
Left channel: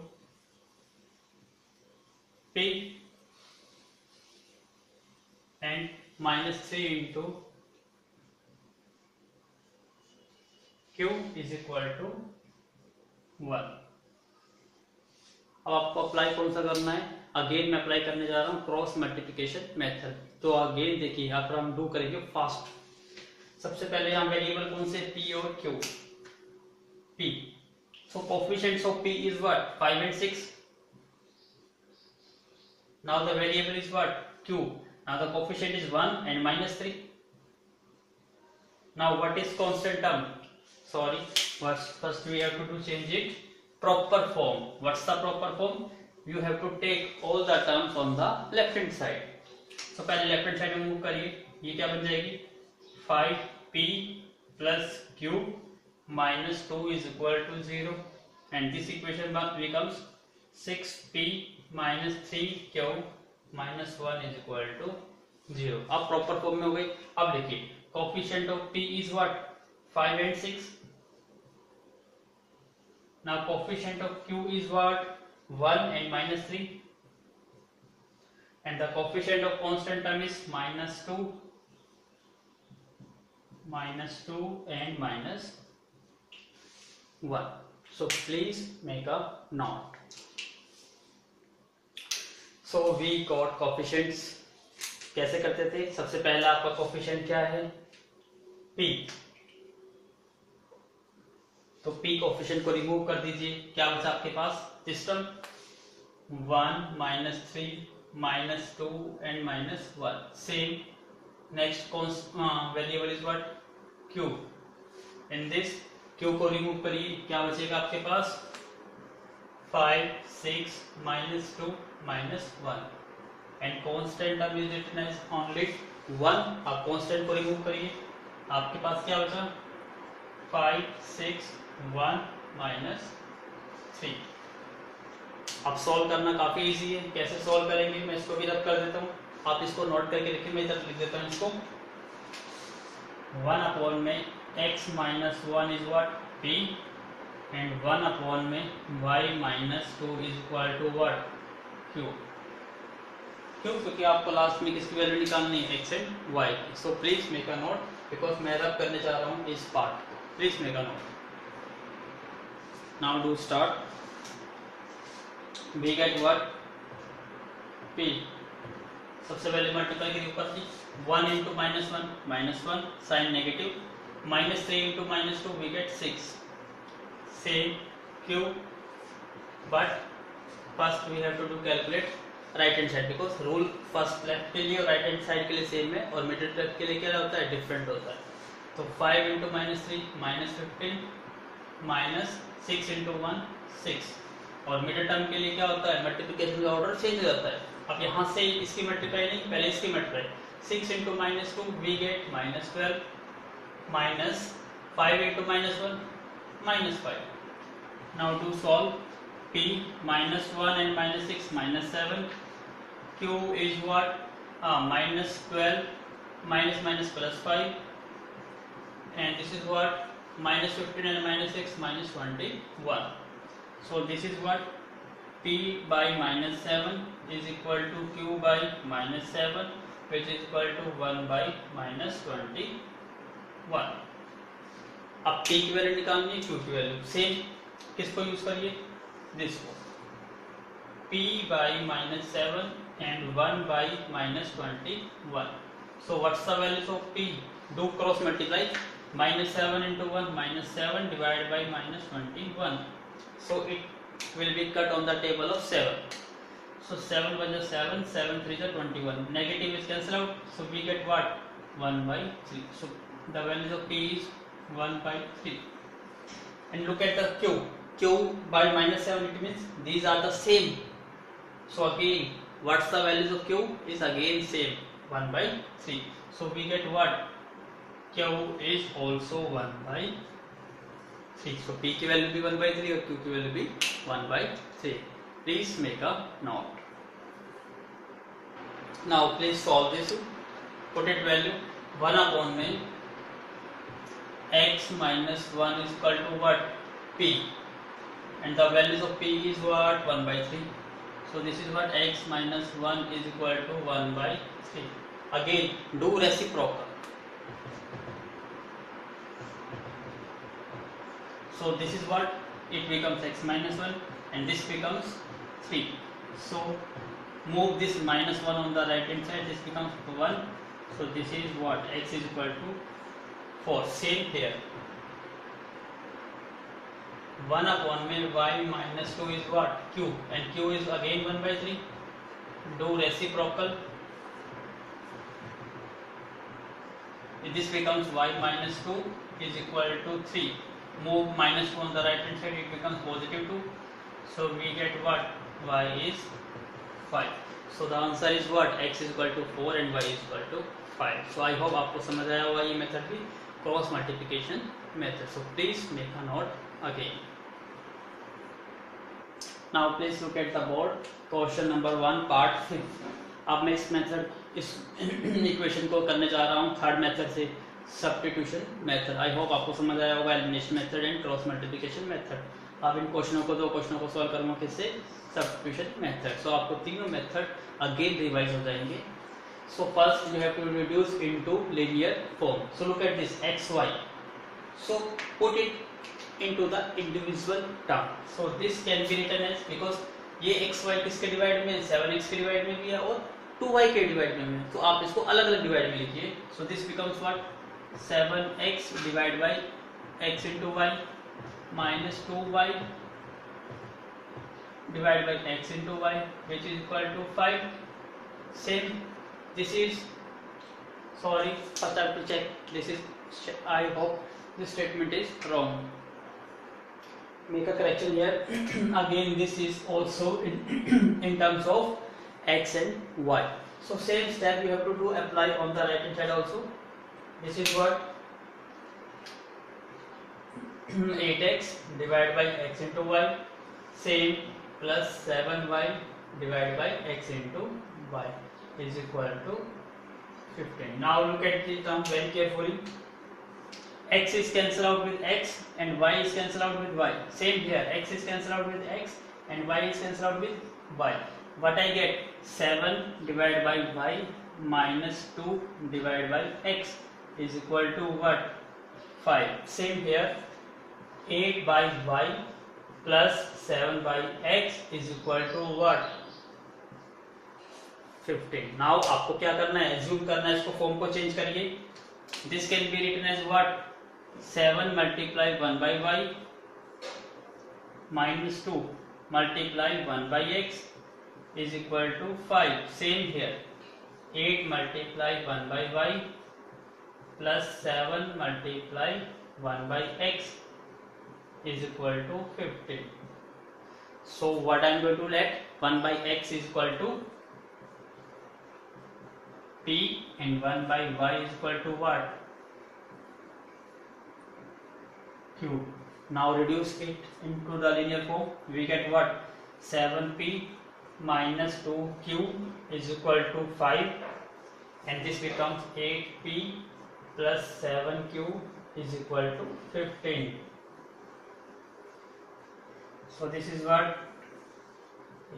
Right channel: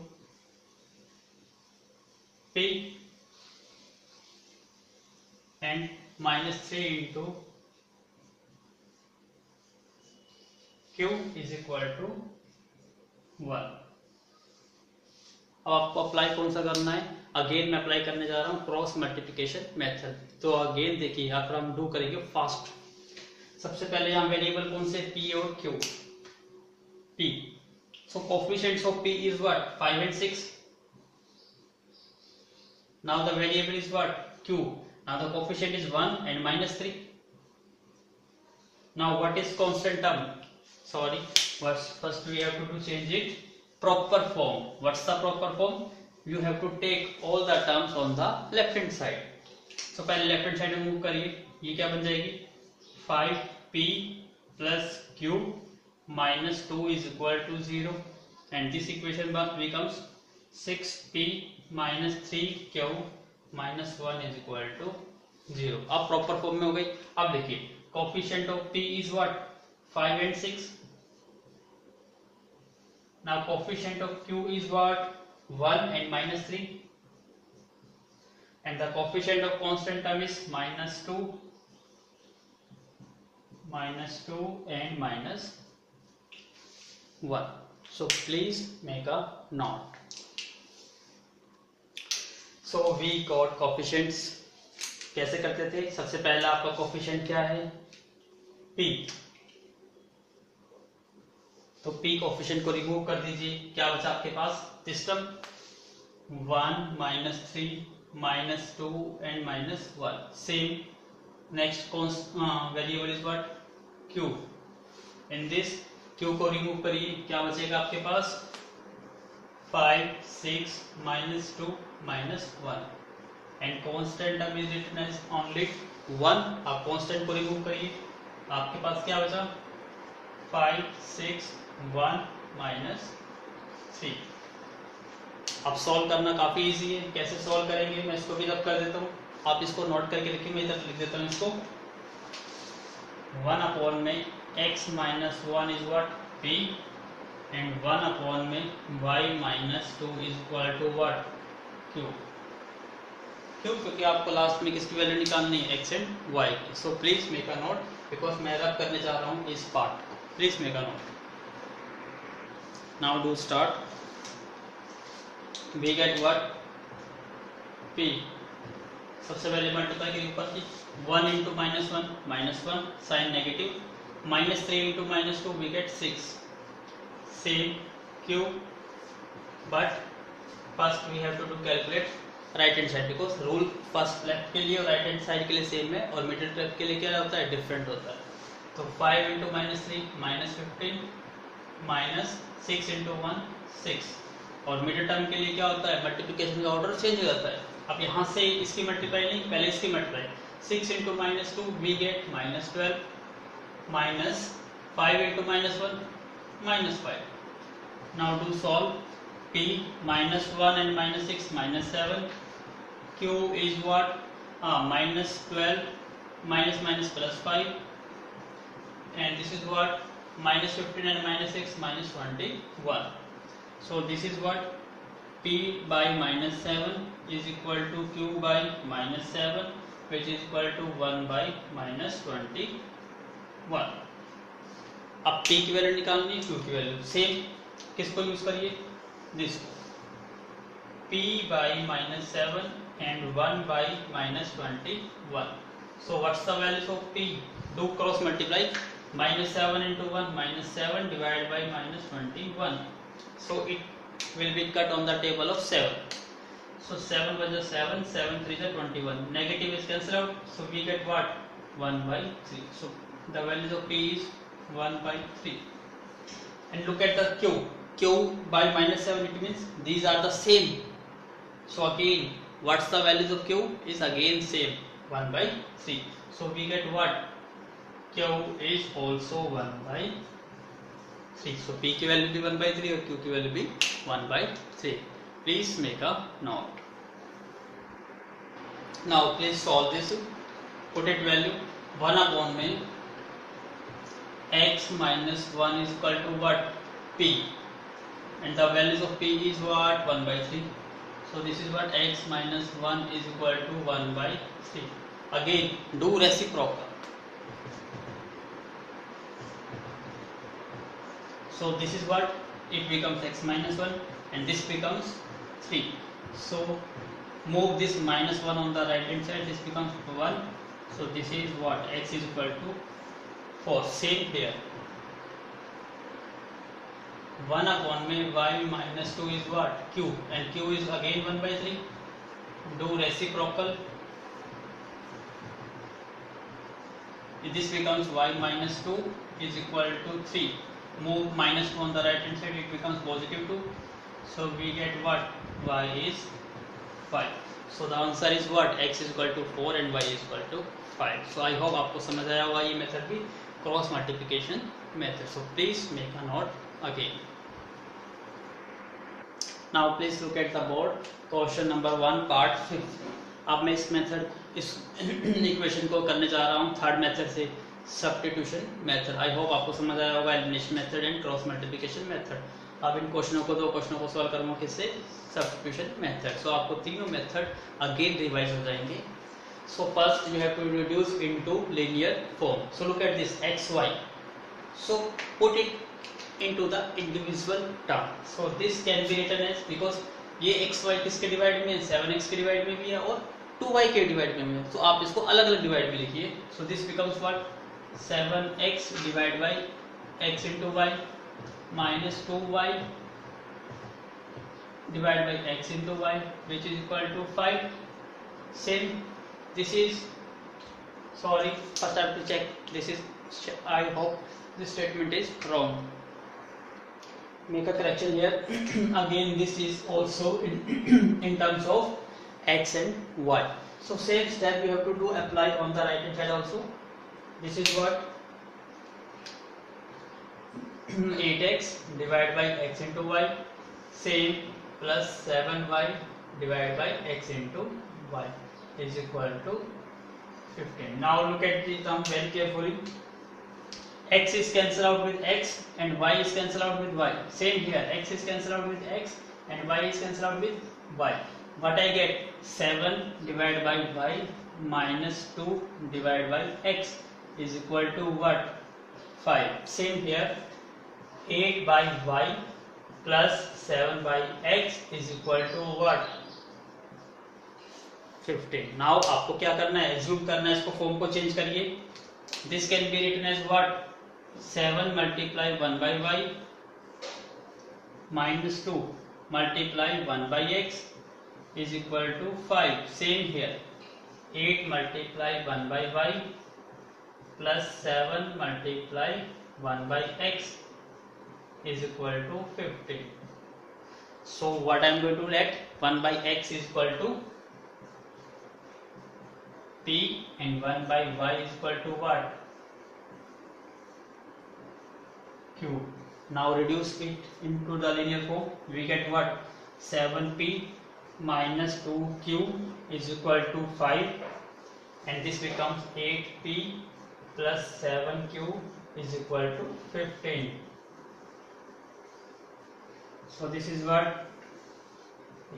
p and minus 3 into q is equal to 1. अब आपको apply कौन सा करना है, again मैं अप्लाई करने जा रहा हूं क्रॉस मल्टीप्लिकेशन मेथड। तो अगेन देखिए यहाँ पर हम डू करेंगे फास्ट। सबसे पहले यहाँ वेरिएबल कौन से, p और q, p, So coefficients of P is what? 5 and 6. Now the variable is what? Q. Now the coefficient is 1 and minus 3. Now what is constant term? Sorry, first we have to change it. Proper form. What's the proper form? You have to take all the terms on the left hand side. So पहले left hand side में move करिए. ये क्या बन जाएगी? 5p plus q minus 2 is equal to 0 and this equation becomes 6p minus 3q minus 1 is equal to 0. अब proper form में हो गई. अब देखिए coefficient of p is what? 5 and 6. Now coefficient of q is what? 1 and minus 3. And the coefficient of constant term is minus 2 and minus 1. So please make a note. So we got coefficients. कैसे करते थे? सबसे पहला आपका coefficient क्या है? p. तो p coefficient को रिमूव कर दीजिए. क्या बचा आपके पास? System 1 minus 3 minus 2 and minus 1. Same. Next variable is what? Q. In this Q को रिमूव करिए. क्या बचेगा आपके पास? 5 6 minus 2 minus 1 and constant term is written as only 1. आप constant को रिमूव करिए. आपके पास क्या बचा? 5 6 1 minus 3. अब सॉल्व करना काफी इजी है. कैसे सॉल्व करेंगे? मैं इसको भी रब कर देता हूँ. आप इसको नोट करके रखिए. मैं इधर लिख देता हूँ इसको. 1 अपॉन में x minus 1 is what? p and 1 upon में y minus 2 is equal to what? q. क्यों? क्योंकि आपको लास्ट में किसकी वैल्यू निकालनी है? x and y. So please make a note because मैं रब करने जा रहा हूँ इस part. Please make a note. Now do start. we get what? p. सबसे पहले मल्टीप्लाई करिए ऊपर की. 1 into minus 1 sign negative. minus 3 into minus 2 we get 6. Same q. But first we have to do calculate right hand side because rule first left के लिए और right hand side के लिए सेम है और मिडिल टर्म के लिए क्या होता है? डिफरेंट होता है. तो 5 into minus 3 minus 15 minus 6 into 1 6. और मिडिल टर्म के लिए क्या होता है? मल्टीप्लिकेशन का ऑर्डर चेंज हो जाता है. अब यहाँ से इसकी मल्टीप्लाई नहीं, पहले इसकी multiply. 6 into minus 2 we get minus 12 minus 5 into minus 1 minus 5. Now to solve. p minus 1 and minus 6 minus 7. q is what? Minus 12 minus plus 5 and this is what? Minus 15 and minus 6 minus 21. So this is what? p by minus 7 is equal to q by minus 7 which is equal to 1 by minus 21. अब p की value निकालनी है, q की value. Same किसको use करिए? This को. p by minus 7 and 1 by minus 21. So what's the value of p? Do cross multiply. Minus 7 into 1 minus 7 divided by minus 21. So it will be cut on the table of 7. So 7 by the 7, 7 3 is 21. Negative is cancelled out. So we get what? 1 by 3. So the value of p is 1 by 3. And look at the q. Q by minus 7 it means these are the same. So again what's the values of q? Is again same. 1 by 3. So we get what? q is also 1 by 3. So p की value भी 1 by 3 और q की value भी 1 by 3. Please make a note. Now please solve this. Put it value 1 upon में x minus 1 is equal to what? p. And the values of p is what? 1 by 3. So this is what? X minus 1 is equal to 1 by 3. Again do reciprocal. So this is what? It becomes x minus 1 and this becomes 3. So move this minus 1 on the right hand side. This becomes 1. So this is what? X is equal to 4. Same here. 1 upon में y minus 2 is what? Q, and Q is again 1 by 3. Do reciprocal. This becomes y minus 2 is equal to 3. Move minus 2 on the right hand side, it becomes positive 2. So we get what? Y is 5. So the answer is what? X is equal to 4 and y is equal to 5. So I hope आपको समझ आया होगा ये method भी, cross multiplication method. So please make a note again. Now please look at the board. Question number 1 part 5. अब मैं इस method, इस इक्वेशन को करने जा रहा हूँ थर्ड मेथड से, सब्स्टिट्यूशन मेथड. आई होप आपको समझ आया होगा elimination method and cross multiplication method. अब इन क्वेश्चनों को, दो क्वेश्चनों को सॉल्व करूंगा किससे? Substitution method. सो आपको तीनों मेथड अगेन रिवाइज हो जाएंगे. So first you have to reduce into linear form. So look at this X Y. So put it into the individual term. So this can be written as, because ये X Y किसके divide में है? 7x के divide में भी है और 2y के डिवाइड में है. तो आप इसको अलग अलग डिवाइड में लिखिए. So this becomes what? 7x divide by x into y minus 2y divided by x into y, which is equal to 5. Same, this is, sorry, first I have to check this is, I hope this statement is wrong. Make a correction here. Again this is also in terms of x and y. So same step you have to do, apply on the right hand side also. This is what? 8x divided by x into y, same, plus 7y divided by x into y is equal to 15. Now look at the term very carefully. X is cancelled out with x and y is cancelled out with y. Same here, x is cancelled out with x and y is cancelled out with y. What I get? 7 divided by y minus 2 divided by x is equal to what? 5. Same here, 8 by y plus 7 by x is equal to what? 15. Now आपको क्या करना है? Assume करना है, इसको form को change करिए. This can be written as what? 7 multiply 1 by y minus 2 multiply 1 by x is equal to 5. Same here, 8 multiply 1 by y plus 7 multiply 1 by x is equal to 15. So what I am going to let? 1 by x is equal to p and 1 by y is equal to what? Q. Now reduce it into the linear form. We get what? 7p minus 2q is equal to 5, and this becomes 8p plus 7q is equal to 15. So this is what?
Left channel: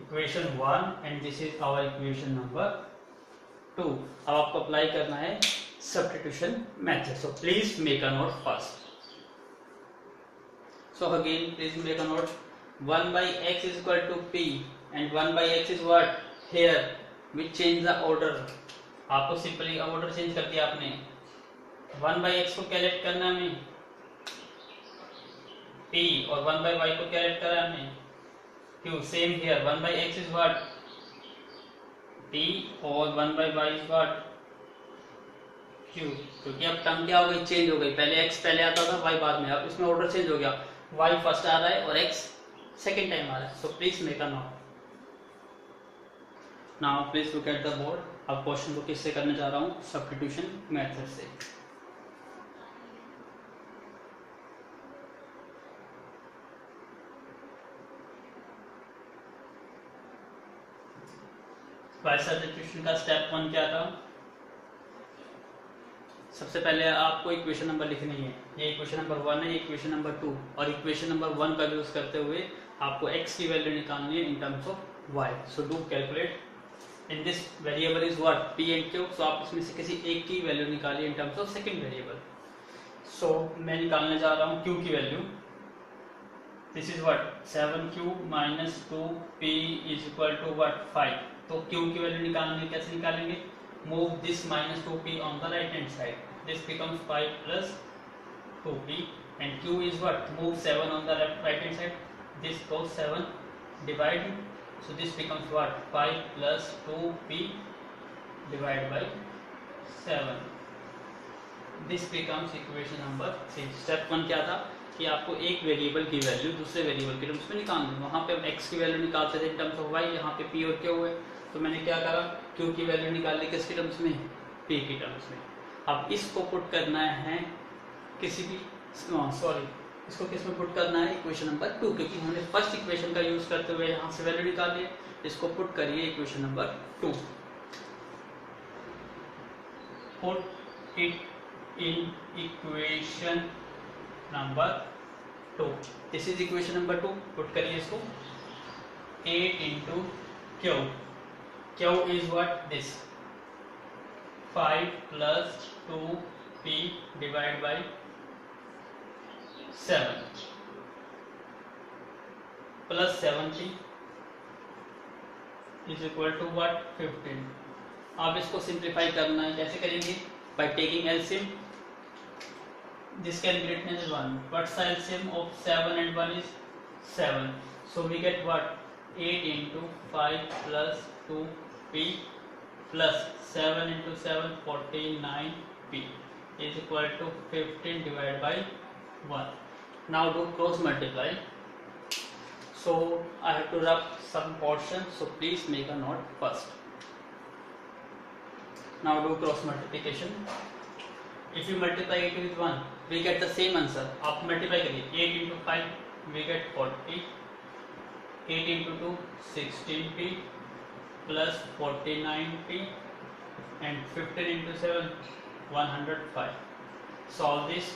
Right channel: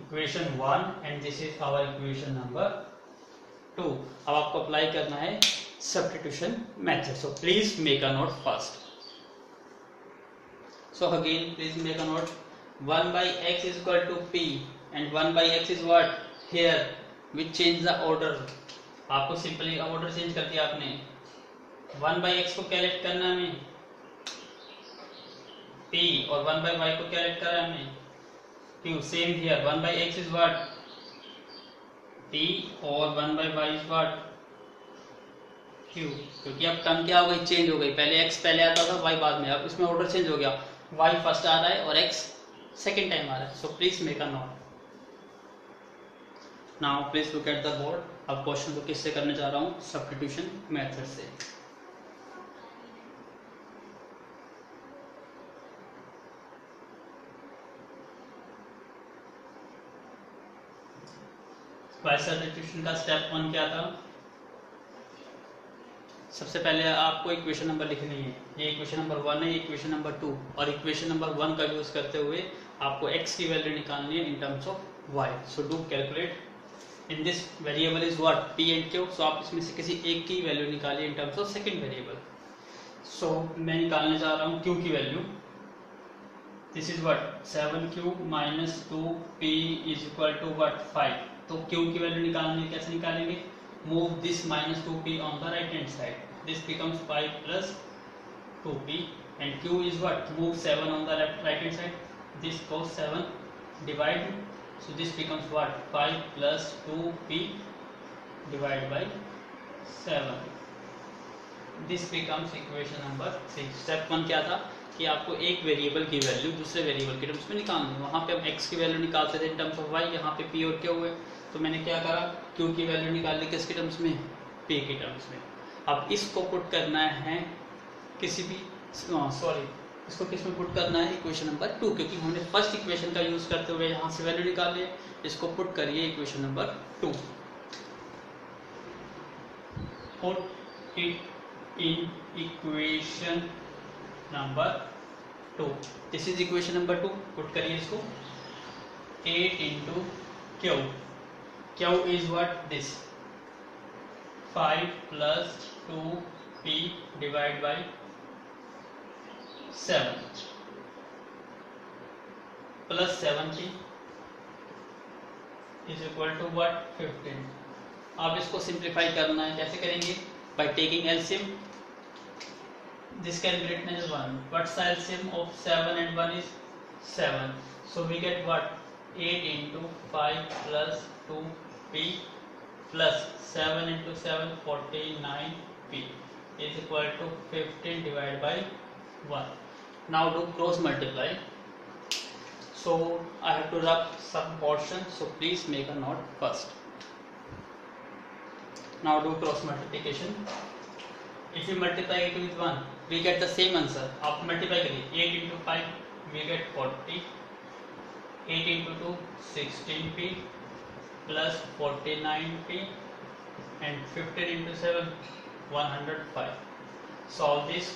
Equation 1 and this is our equation number 2. अब आपको apply करना है substitution method. So please make a note first. So again please make a note. 1 by x is equal to p and 1 by x is what? Here we change the order. आपको simply order change कर दिया आपने. 1 by x को calculate करना है हमें p और 1 by y को कैलकुलेट करना है हमें q. Same here, 1 by x is what? p और 1 by y is what? q. क्योंकि अब टर्म क्या हो गई? चेंज हो गई. पहले x पहले आता था, y बाद में. अब इसमें ऑर्डर चेंज हो गया. y फर्स्ट आ रहा है और x सेकेंड टाइम आ रहा है. So please make a note. Now please look at the board. अब क्वेश्चन को किससे करने जा रहा हूँ? सब्स्टिट्यूशन मेथड से. बाय सब्स्टिट्यूशन का स्टेप 1 क्या था? सबसे पहले आपको इक्वेशन नंबर लिखनी है. ये इक्वेशन नंबर 1 है, इक्वेशन नंबर 2, और इक्वेशन नंबर 1 का यूज करते हुए आपको x की वैल्यू निकालनी है in terms of y. So do calculate. In this variable is what? p and q. So आप इसमें से किसी एक की वैल्यू निकालिए in terms of second variable. So मैं निकालने जा रहा हूँ q की value. This is what? 7q minus 2p is equal to what? 5. तो q की वैल्यू निकालने कैसे निकालेंगे? Move this minus 2p on the right hand side. This becomes 5 plus 2p and q is what, move 7 on the right hand side, this goes 7, divide, so this becomes what, 5 plus 2p divided by 7. This becomes equation number 3. Step 1 क्या था कि आपको एक variable की value दूसरे variable के terms में निकालनी. वहां पे हम x की वैल्यू निकालते थे इन टर्म्स ऑफ y, यहाँ पे p और q है, तो मैंने क्या करा, q की वैल्यू निकाल ली किसके टर्म्स में, p की टर्म्स में. अब इसको पुट करना है किसी भी, सॉरी, इसको किस में पुट करना है, इक्वेशन नंबर 2, क्योंकि हमने फर्स्ट इक्वेशन का यूज करते हुए यहाँ से वैल्यू निकाल लिया. इसको पुट करिए equation number 2. Put it in equation number 2. This is equation number 2. Put करिए इसको. 8 into q. Q is what, this 5 plus 2p divided by 7 plus 7p is equal to what, 15. अब इसको सिंप्लीफाई करना है. कैसे करेंगे, by taking LCM. This can be written as 1. What's the LCM of 7 and 1 is 7. So we get what, 8 into 5 plus 2p plus 7 into 7, 49p is equal to 15 divided by 1. Now do cross multiply. So I have to rub some portion, so please make a note first. Now do cross multiplication. If you multiply it with 1, we get the same answer. आप multiply करिए. 8 into 5 we get 40. 8 into 2 16p plus 49p and 15 into 7 105. Solve this.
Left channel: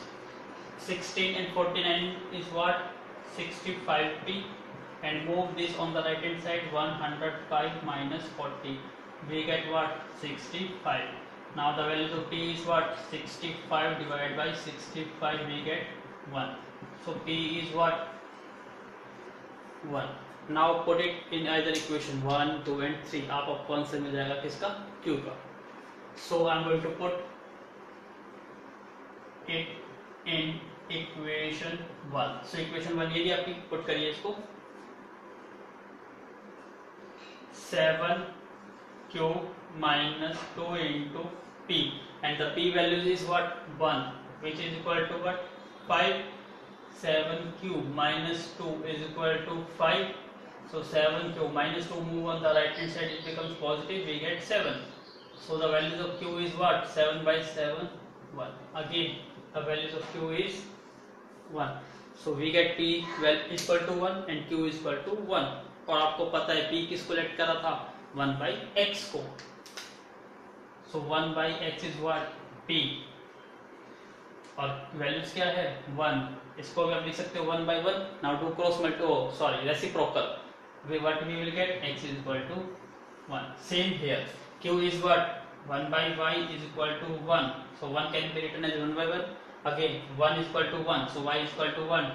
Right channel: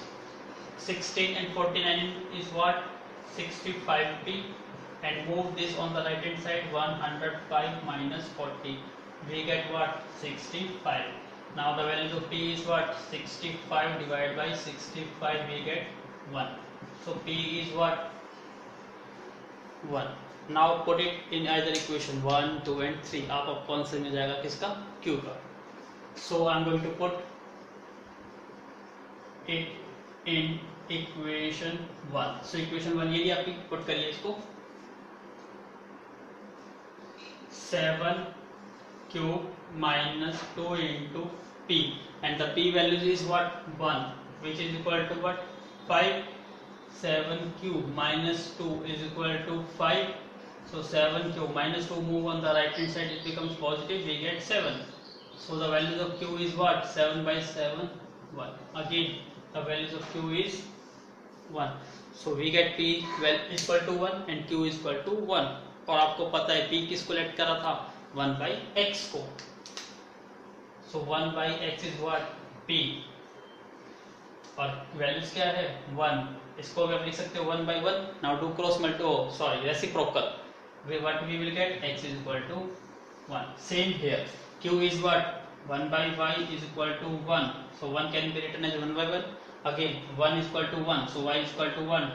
16 and 49 is what, 65p, and move this on the right hand side. 105 minus 40. We get what, 65. Now the value of p is what, 65 divided by 65, we get 1. So p is what, 1. Now put it in either equation 1, 2 and 3. आपको answer मिल जाएगा किसका, q का. So I am going to put it in equation 1. So equation 1 ये भी आपकी put करिए इसको. 7q minus 2 into p, and the p value is what, 1, which is equal to what, 5. 7q minus 2 is equal to 5. So 7q minus 2 move on the right hand side, it becomes positive, we get 7. So the values of q is what, 7 by 7, 1. Again the values of q is 1. So we get p well equal to 1 and q is equal to 1. और आपको पता है p किसको late करा था, 1 by x को. So 1 by x is what, p, और values क्या है, 1. इसको भी आप लिख सकते हो 1 by 1. Now do cross multiply, sorry, reciprocal. What we will get, x is equal to 1. Same here, q is what, 1 by y is equal to 1. So 1 can be written as 1 by 1. Again 1 is equal to 1, so y is equal to 1.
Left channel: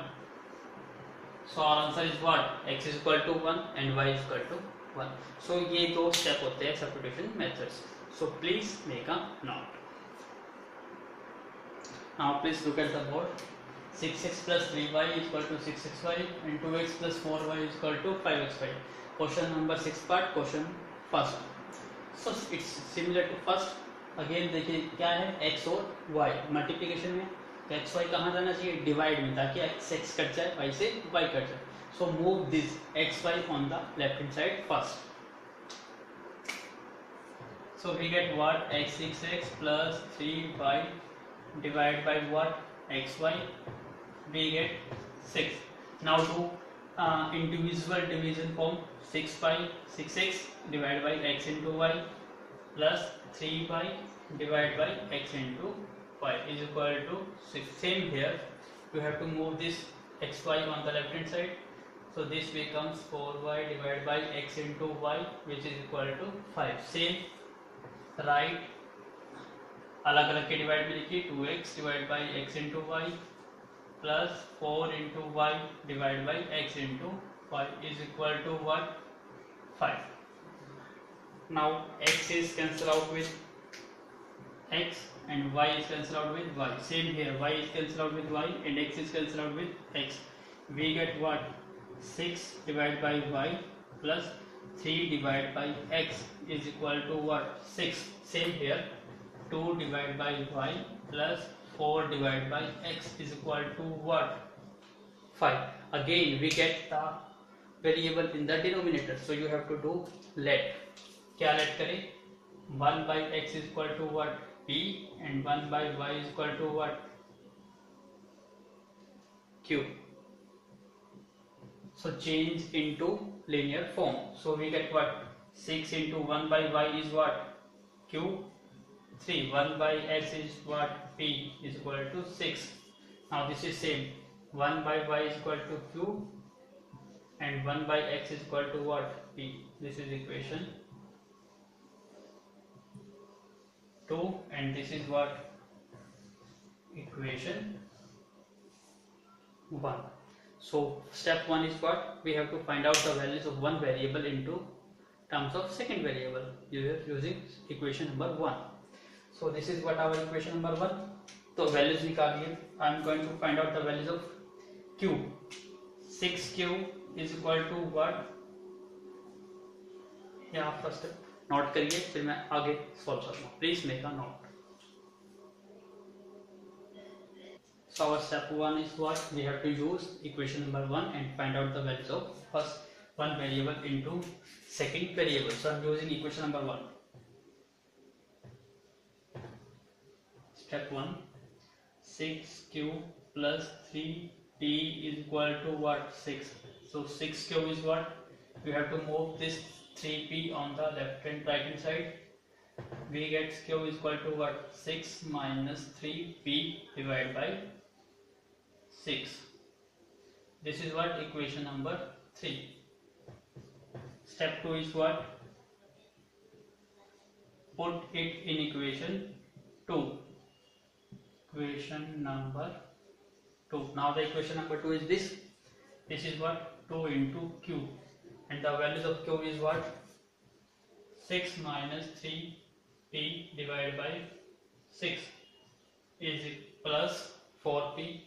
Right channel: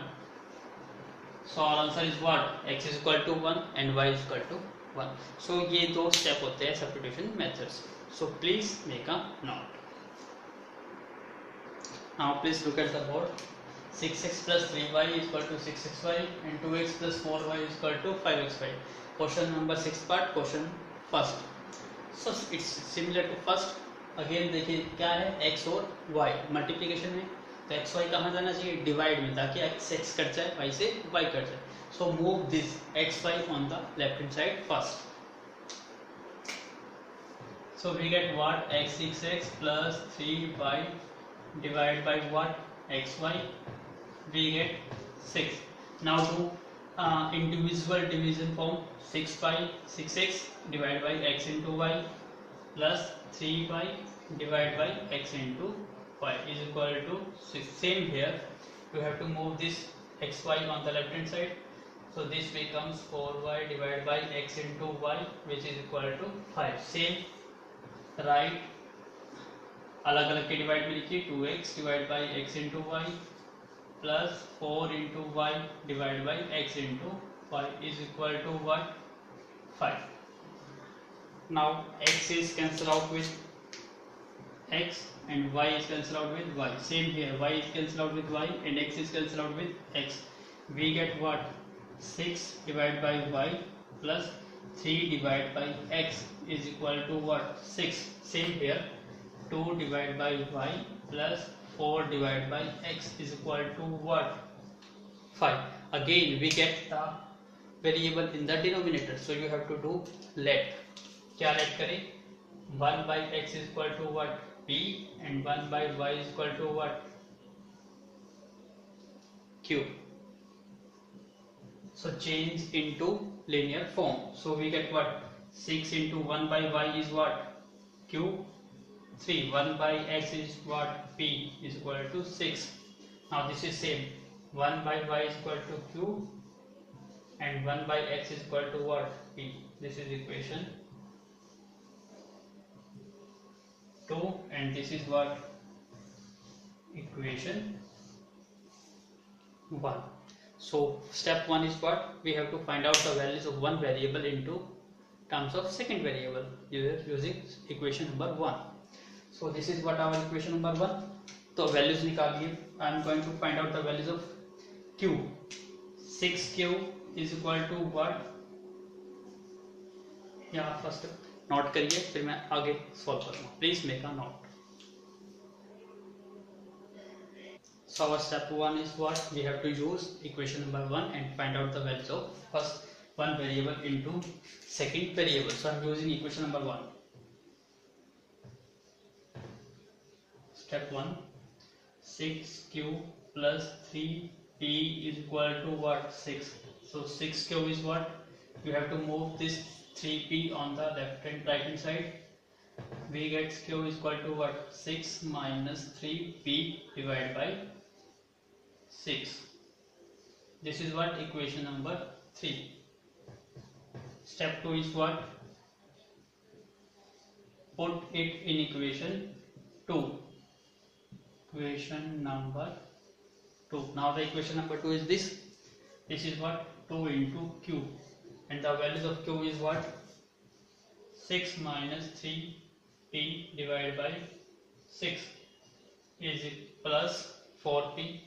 So our answer is what, x is equal to 1 and y is equal to 1. So ये दो step होते हैं substitution methods. So please make a note. Now please look at the board. 6x plus 3y is equal to 6xy and 2x plus 4y is equal to 5xy. Question number 6 part, question first. So it's similar to first. Again देखिए क्या है, x और y multiplication में, तो x Y कहाँ जाना चाहिए, divide में, ताकि एक्स एक्स कट जाए, वाई से वाई कट जाए. So move this X Y on the left hand side first. So we get what, X 6x plus 3y divide by what, X Y, we get 6. Now do individual division form. 6 by 6x divide by x into y plus 3y divide by x into y is equal to 6. Same here, you have to move this xy on the left hand side. So this becomes 4y divided by x into y, which is equal to 5. Same, right, अलग अलग के divide में लिखिए. 2x divided by x into y plus 4 into y divided by x into y is equal to what, 5. Now x is cancelled out with x and y is cancelled out with y. Same here, y is cancelled out with y and x is cancelled out with x. We get what? 6 divided by y plus 3 divided by x is equal to what? 6. Same here, 2 divided by y plus 4 divided by x is equal to what? 5. Again we get the variable in the denominator, so you have to do let. क्या let करें? 1 by x is equal to what? P, and 1 by y is equal to what? Q. So change into linear form. So we get what? 6 into 1 by y is what? Q. 3. 1 by x is what? P is equal to 6. Now this is same. 1 by y is equal to Q and 1 by x is equal to what? P. This is equation 2 and this is what? Equation 1. So step 1 is what? We have to find out the values of one variable into terms of second variable using equation number 1. So this is what our equation number 1. तो values निकालिए. I am going to find out the values of q. 6q is equal to what? यहाँ first note करिए, फिर मैं आगे solve करूँगा. Please make a note. So our step 1 is what? We have to use equation number 1 and find out the values of first one variable into second variable. So I am using equation number 1. Step 1, 6q plus 3p is equal to what? 6. So 6q is what? We have to move this 3p on the left and right hand side. We get q is equal to what? 6 minus 3p divided by 6. This is what? Equation number 3. Step 2 is what? Put it in equation 2. Equation number 2. Now the equation number 2 is this. This is what? 2 into q. And the values of q is what? 6 minus 3p divided by 6 is plus 4p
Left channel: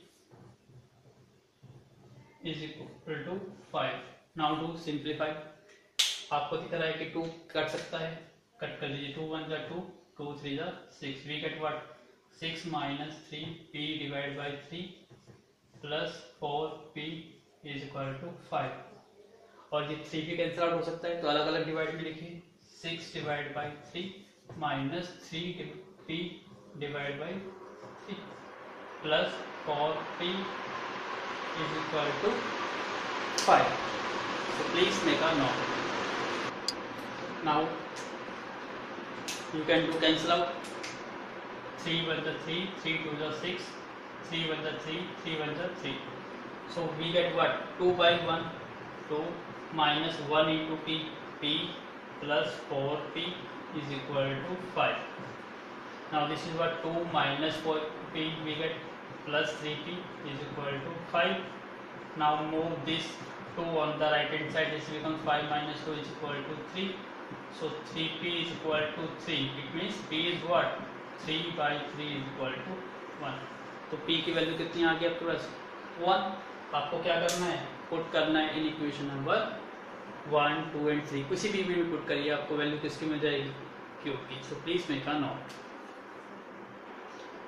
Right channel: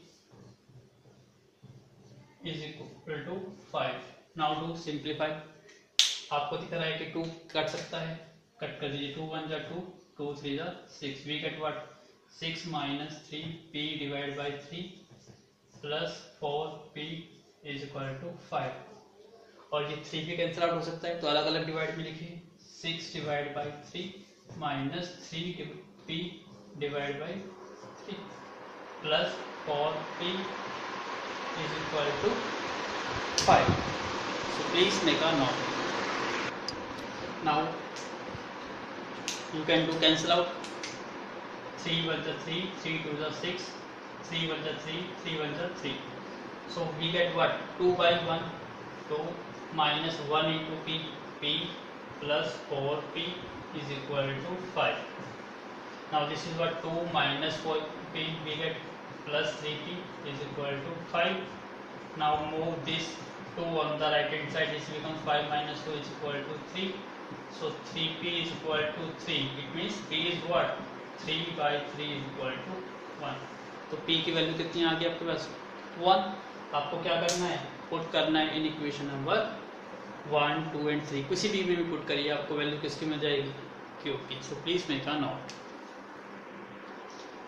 is equal to 5. Now do simplify. आपको दिख रहा है कि 2 cut सकता है, cut कर दीजिए. 2 1 जा 2, 2 3 जा 6. We get what? 6 minus 3p divided by 3 plus 4p is equal to 5. और ये 3 भी कैंसिल आउट हो सकता है, तो अलग अलग डिवाइड में लिखिए. 6 divided by 3 minus 3p divided by 3 plus 4p is equal to 5. So please make a note. Now you can do cancel out. 3 1 the 3, 3 2 the 6, 3 1 the 3, 3 1 the 3. So we get what? 2 by 1, 2 minus 1 into p plus 4p is equal to 5. Now this is what? 2 minus 4p, we get plus 3p is equal to 5. Now move this 2 on the right hand side, this becomes 5 minus 2 is equal to 3. So 3p is equal to 3. It means p is what? 3 by 3 is equal to 1. तो p की value कितनी आ गई आपके पास? 1. आपको क्या करना है? Put करना है इन इक्वेशन नंबर 1, 2 and 3. किसी भी में पुट करिए, आपको वैल्यू किसकी मिल जाएगी? q की. So please make a note.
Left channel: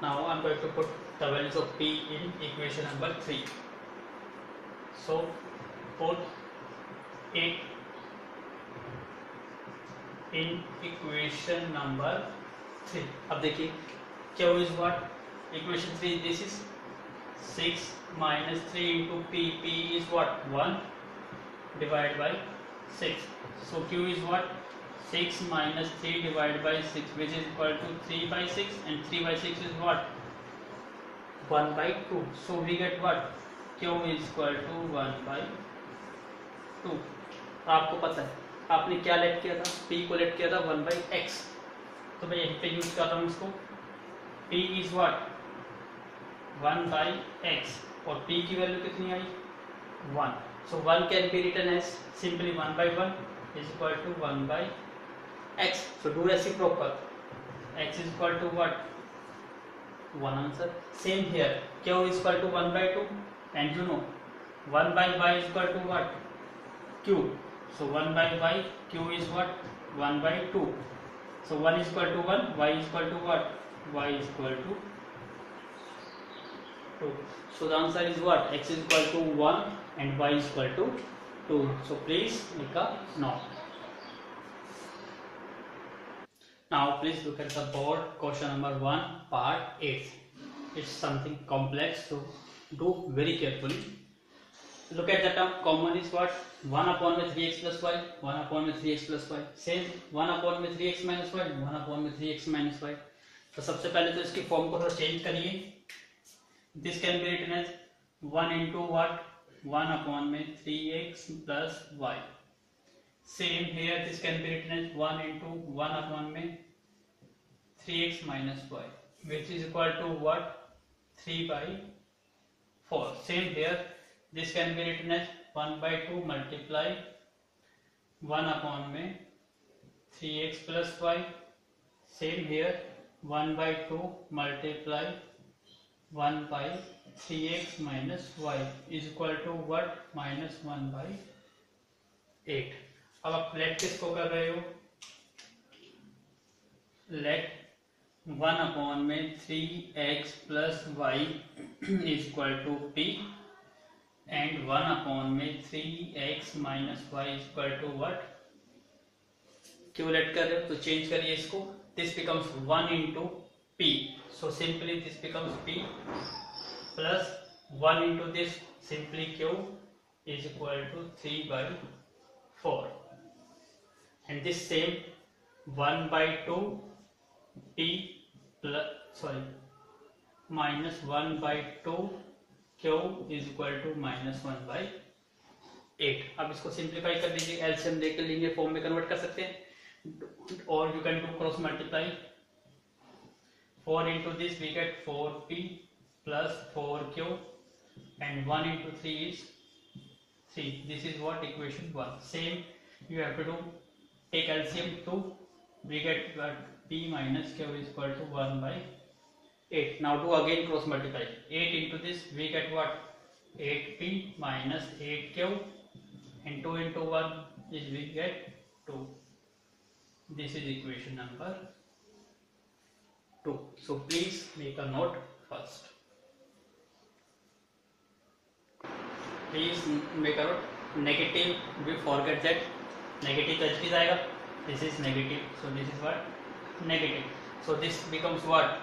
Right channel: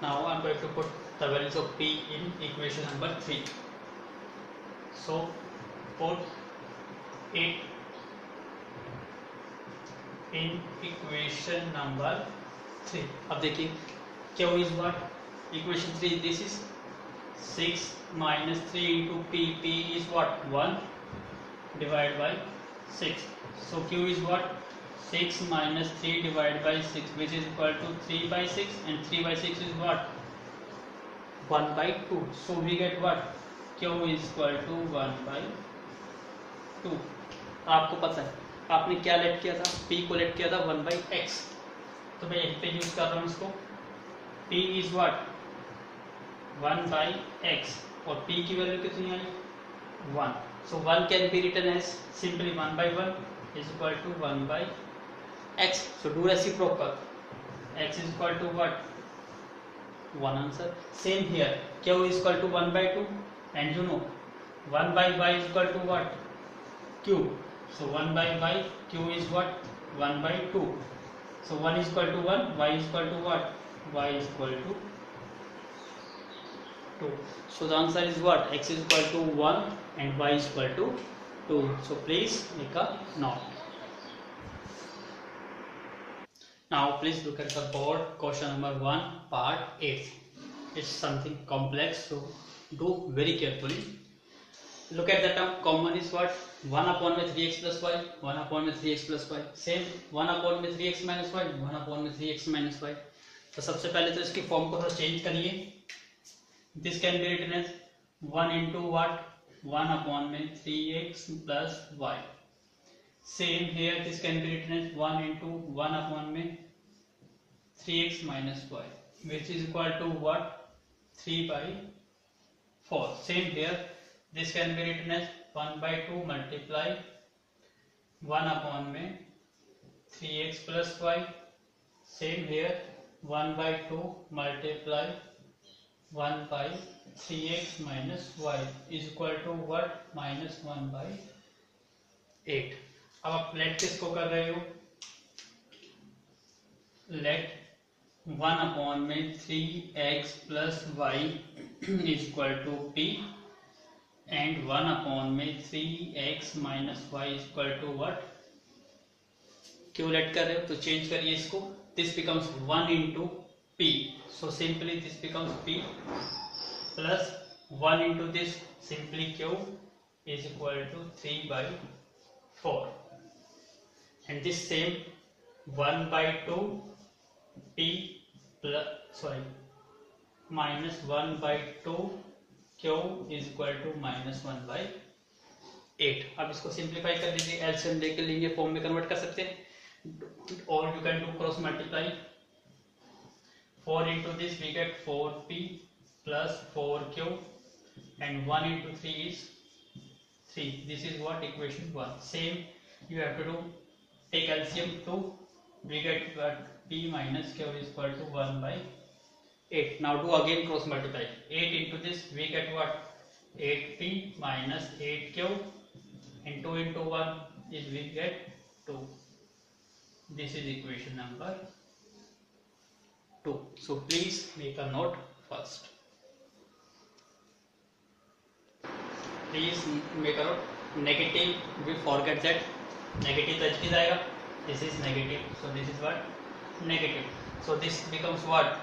Now I am going to put the values of p in equation number 3. So put it in equation number 3. अब देखिए q is what? Equation 3 this is 6 minus 3 into p is what? 1 divided by 6. So q is what? 6 minus 3 divided by 6, which is equal to 3 by 6, and 3 by 6 is what? 1 by 2. So we get what? q is equal to 1 by 2. आपको पता है आपने क्या late किया था? p को late किया था 1 by x. तो मैं यहीं पे यूज कर रहा हूँ इसको. p is what? 1 by x और p की वैल्यू कितनी आई? 1. So 1 can be written as simply 1 by 1 is equal to 1 by x. So do reciprocal. x is equal to what? One answer. Same here, q is equal to 1 by 2, and you know 1 by y is equal to what? Q. So 1 by y, q is what? 1 by 2. So 1 is equal to 1, y is equal to what? Y is equal to 2. So the answer is what? X is equal to 1 and y is equal to 2. So please make a note. Now please look at the board, question number 1, part 8. It's something complex, so do very carefully. Look at the term common is what? 1 upon में 3x plus y, 1 upon में 3x plus y. Same 1 upon में 3x minus y, 1 upon में 3x minus y. तो सबसे पहले तो इसकी form को थोड़ा चेंज करिए. This can be written as 1 into what? 1 upon में 3x plus y. Same here, this can be written as 1 into 1 upon में 3x minus y, which is equal to what? 3 by 4. Same here, this can be written as 1 by 2 multiply 1 upon में 3x plus y. Same here, 1 by 2 multiply 1 by 3x minus y is equal to what? Minus 1 by 8. अब आप late किसको कर रहे हो? Let 1 upon में 3x plus y is equal to p and 1 upon में 3x minus y is equal to what? क्यों late कर रहे हो? तो चेंज करिए इसको. This becomes 1 into p. So simply this becomes p plus 1 into this simply q is equal to 3 by 4. And this same 1 by 2 p plus minus 1 by 2 q is equal to minus 1 by 8. अब इसको simplify कर लीजिए, LCM लेकर लेंगे, form में convert कर सकते हैं, और you can do cross multiply. 4 into this we get 4p plus 4q and 1 into 3 is 3. This is what? Equation 1. Same you have to do. Take LCM 2, we get what? P minus q is equal to 1 by 8. Now do again cross multiply. 8 into this we get what? 8p minus 8q, and 2 into 1 is we get 2. This is equation number 2. So please make a note first. Please make a note. Negative, we forget that. Negative तो H आएगा. This is negative, so this is what? Negative. So this becomes what?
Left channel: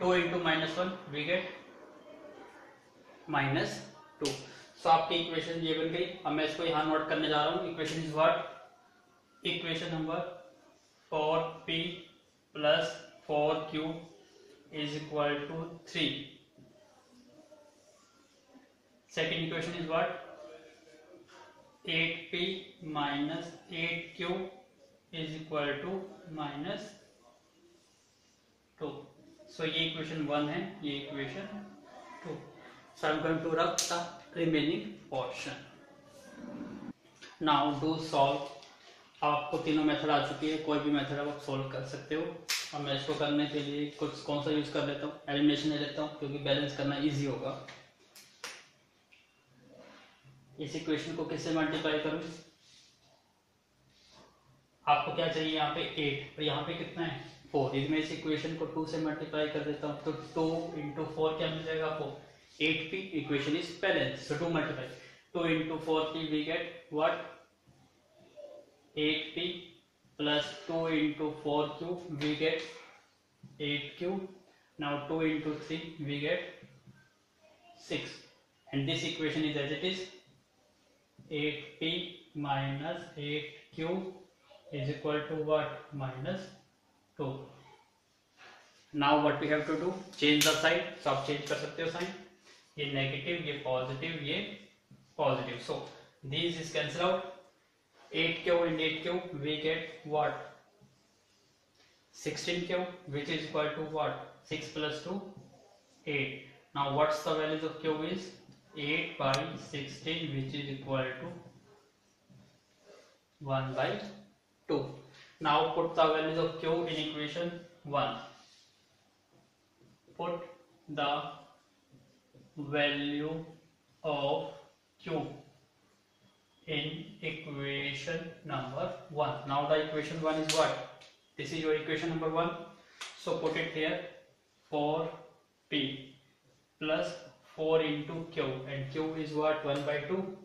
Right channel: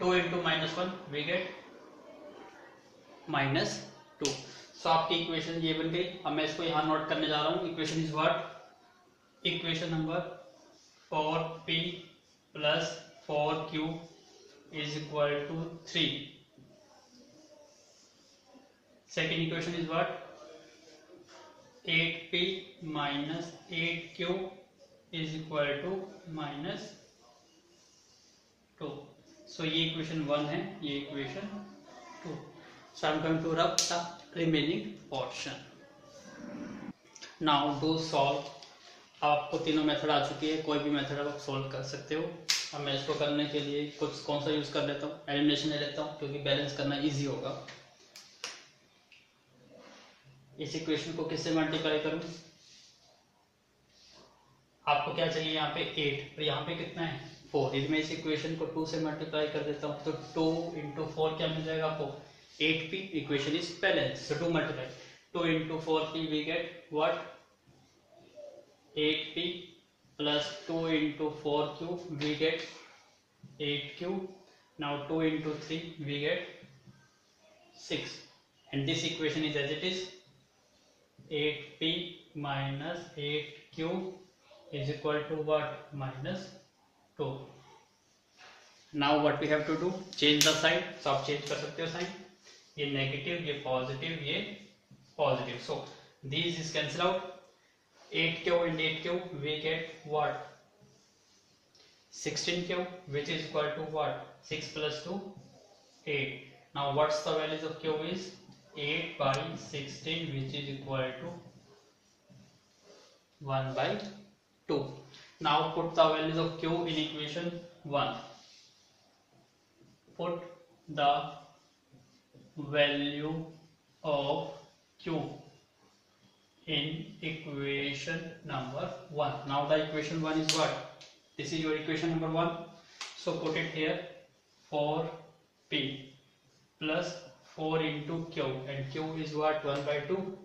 2 into minus 1 we get minus 2. So आपकी equation ये बन गई. अब मैं इसको यहाँ नोट करने जा रहा हूँ. Equation is what? Equation number 4p plus 4q is equal to 3. Second equation is what? 8p minus 8q is equal to minus 2. So ये equation 1 है, ये equation 2. So I'm going to rub the remaining portion. Now do solve. अब आपको तीनों method आ चुकी है, कोई भी मेथड आप सोल्व कर सकते हो. अब मैं इसको करने के लिए कुछ कौन सा यूज कर लेता हूँ? एलिमिनेशन ले लेता हूँ, क्योंकि बैलेंस करना इजी होगा. इस इक्वेशन को किससे मल्टीप्लाई करूं? आपको क्या चाहिए? यहाँ पे 8 और यहाँ पे कितना है? 4. यदि मैं इस इक्वेशन को 2 से मल्टीप्लाई कर देता हूँ तो 2 into 4 क्या मिल जाएगा आपको? 8p. Equation is balance, so 2 multiply. 2 into 4p we get what? 8p plus 2 into 4q we get 8q. Now 2 into 3 we get 6, and this equation is as it is. 8p minus 8q is equal to what? Minus 2. Now what we have to do? Change the side. So आप change कर सकते हो sign. ये negative, ये positive, ये positive. So these is cancel out. 8q and 8q we get what? 16q, which is equal to what? 6 plus 2, 8. Now what's the values of q is? 8 by 16, which is equal to 1 by 2. Now put the values of q in equation 1. Put the value of Q in equation number 1. Now the equation 1 is what? This is your equation number 1. So put it here. 4P plus 4 into Q, and Q is what? 1 by 2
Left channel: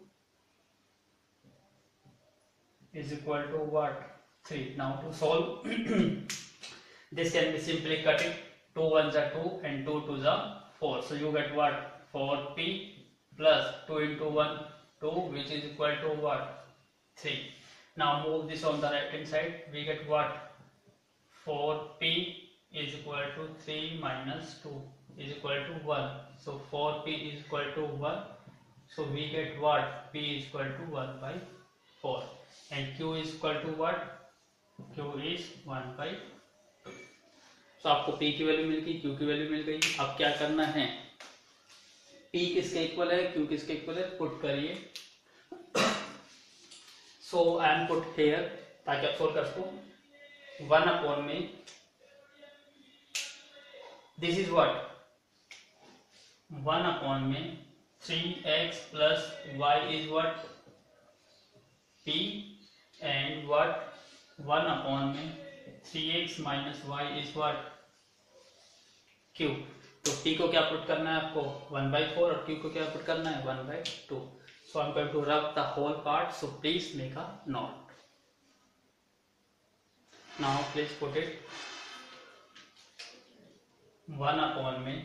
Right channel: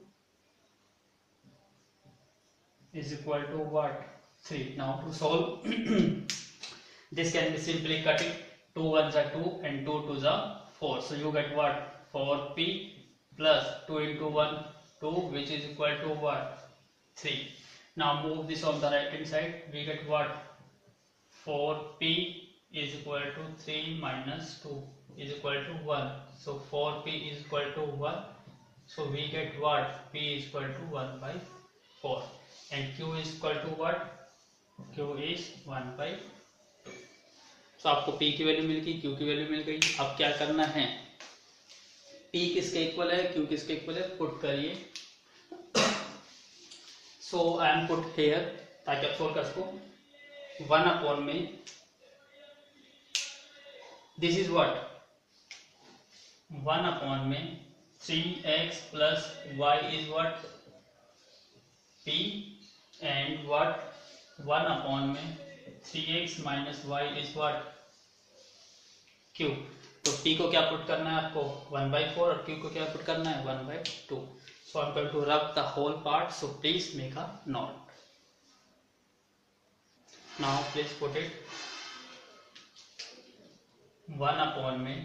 is equal to what? 3. Now to solve this can be simply cut it. 2 1s are 2 and 2 2s are 4. So you get what? 4P plus 2 into 1 2, which is equal to what? 3. Now move this on the right hand side. We get what? 4P is equal to 3 minus 2 is equal to 1. So 4P is equal to 1. So we get what? P is equal to 1 by 4. And Q is equal to what? Q is 1 by 2. So आपको P की value मिल गई, Q की value मिल गई. अब क्या करना है? P किसके इक्वल है, Q किसके इक्वल है, पुट करिए. So I am put here ताकि आप सोल्व कर सको. 1 अपॉन में this is what? 1 upon में 3x plus y is what? P, and what? 1 upon में 3x minus y is what? Q. तो P को क्या पुट करना है आपको? 1 by 4 और Q को क्या पुट करना है? 1 by 2. So I'm going to rub the whole part. So please make a note. Now please put it. 1 upon में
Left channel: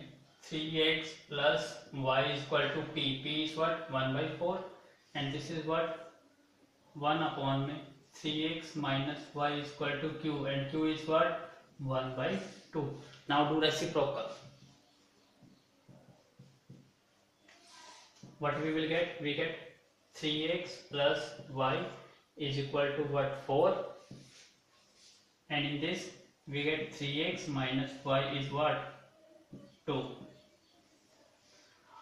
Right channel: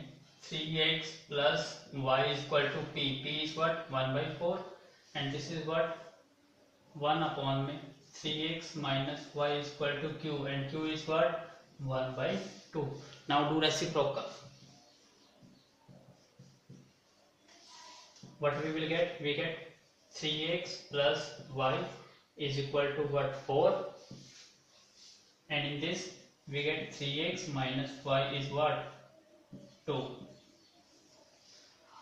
3x plus y is equal to P. P is what? 1 by 4. And this is what? 1 upon में 3x minus y is equal to Q. And Q is what? 1 by 2. Now do reciprocal. What we will get? We get 3x plus y is equal to what? 4. And in this we get 3x minus y is what? 2.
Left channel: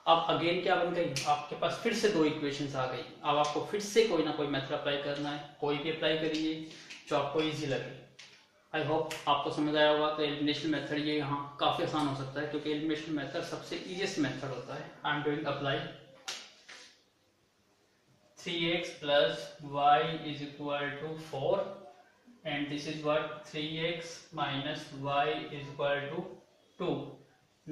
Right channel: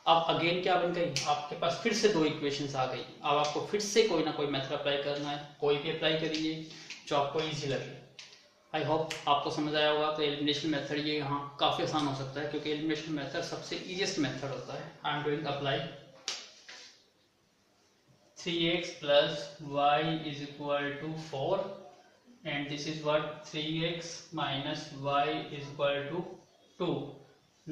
अब again क्या बन गई? आपके पास फिर से दो equations आ गई. अब आपको फिर से कोई ना कोई मेथड अप्लाई करना है. कोई भी अप्लाई करिए जो आपको इजी लगे. आई होप आपको समझ आया होगा. तो एलिमिनेशन मेथड ये यहाँ काफी आसान हो सकता है क्योंकि एलिमिनेशन मेथड सबसे इजीएस्ट मेथड होता है. I am doing apply. 3x plus y is equal to 4, and this is what? 3x minus y is equal to 2.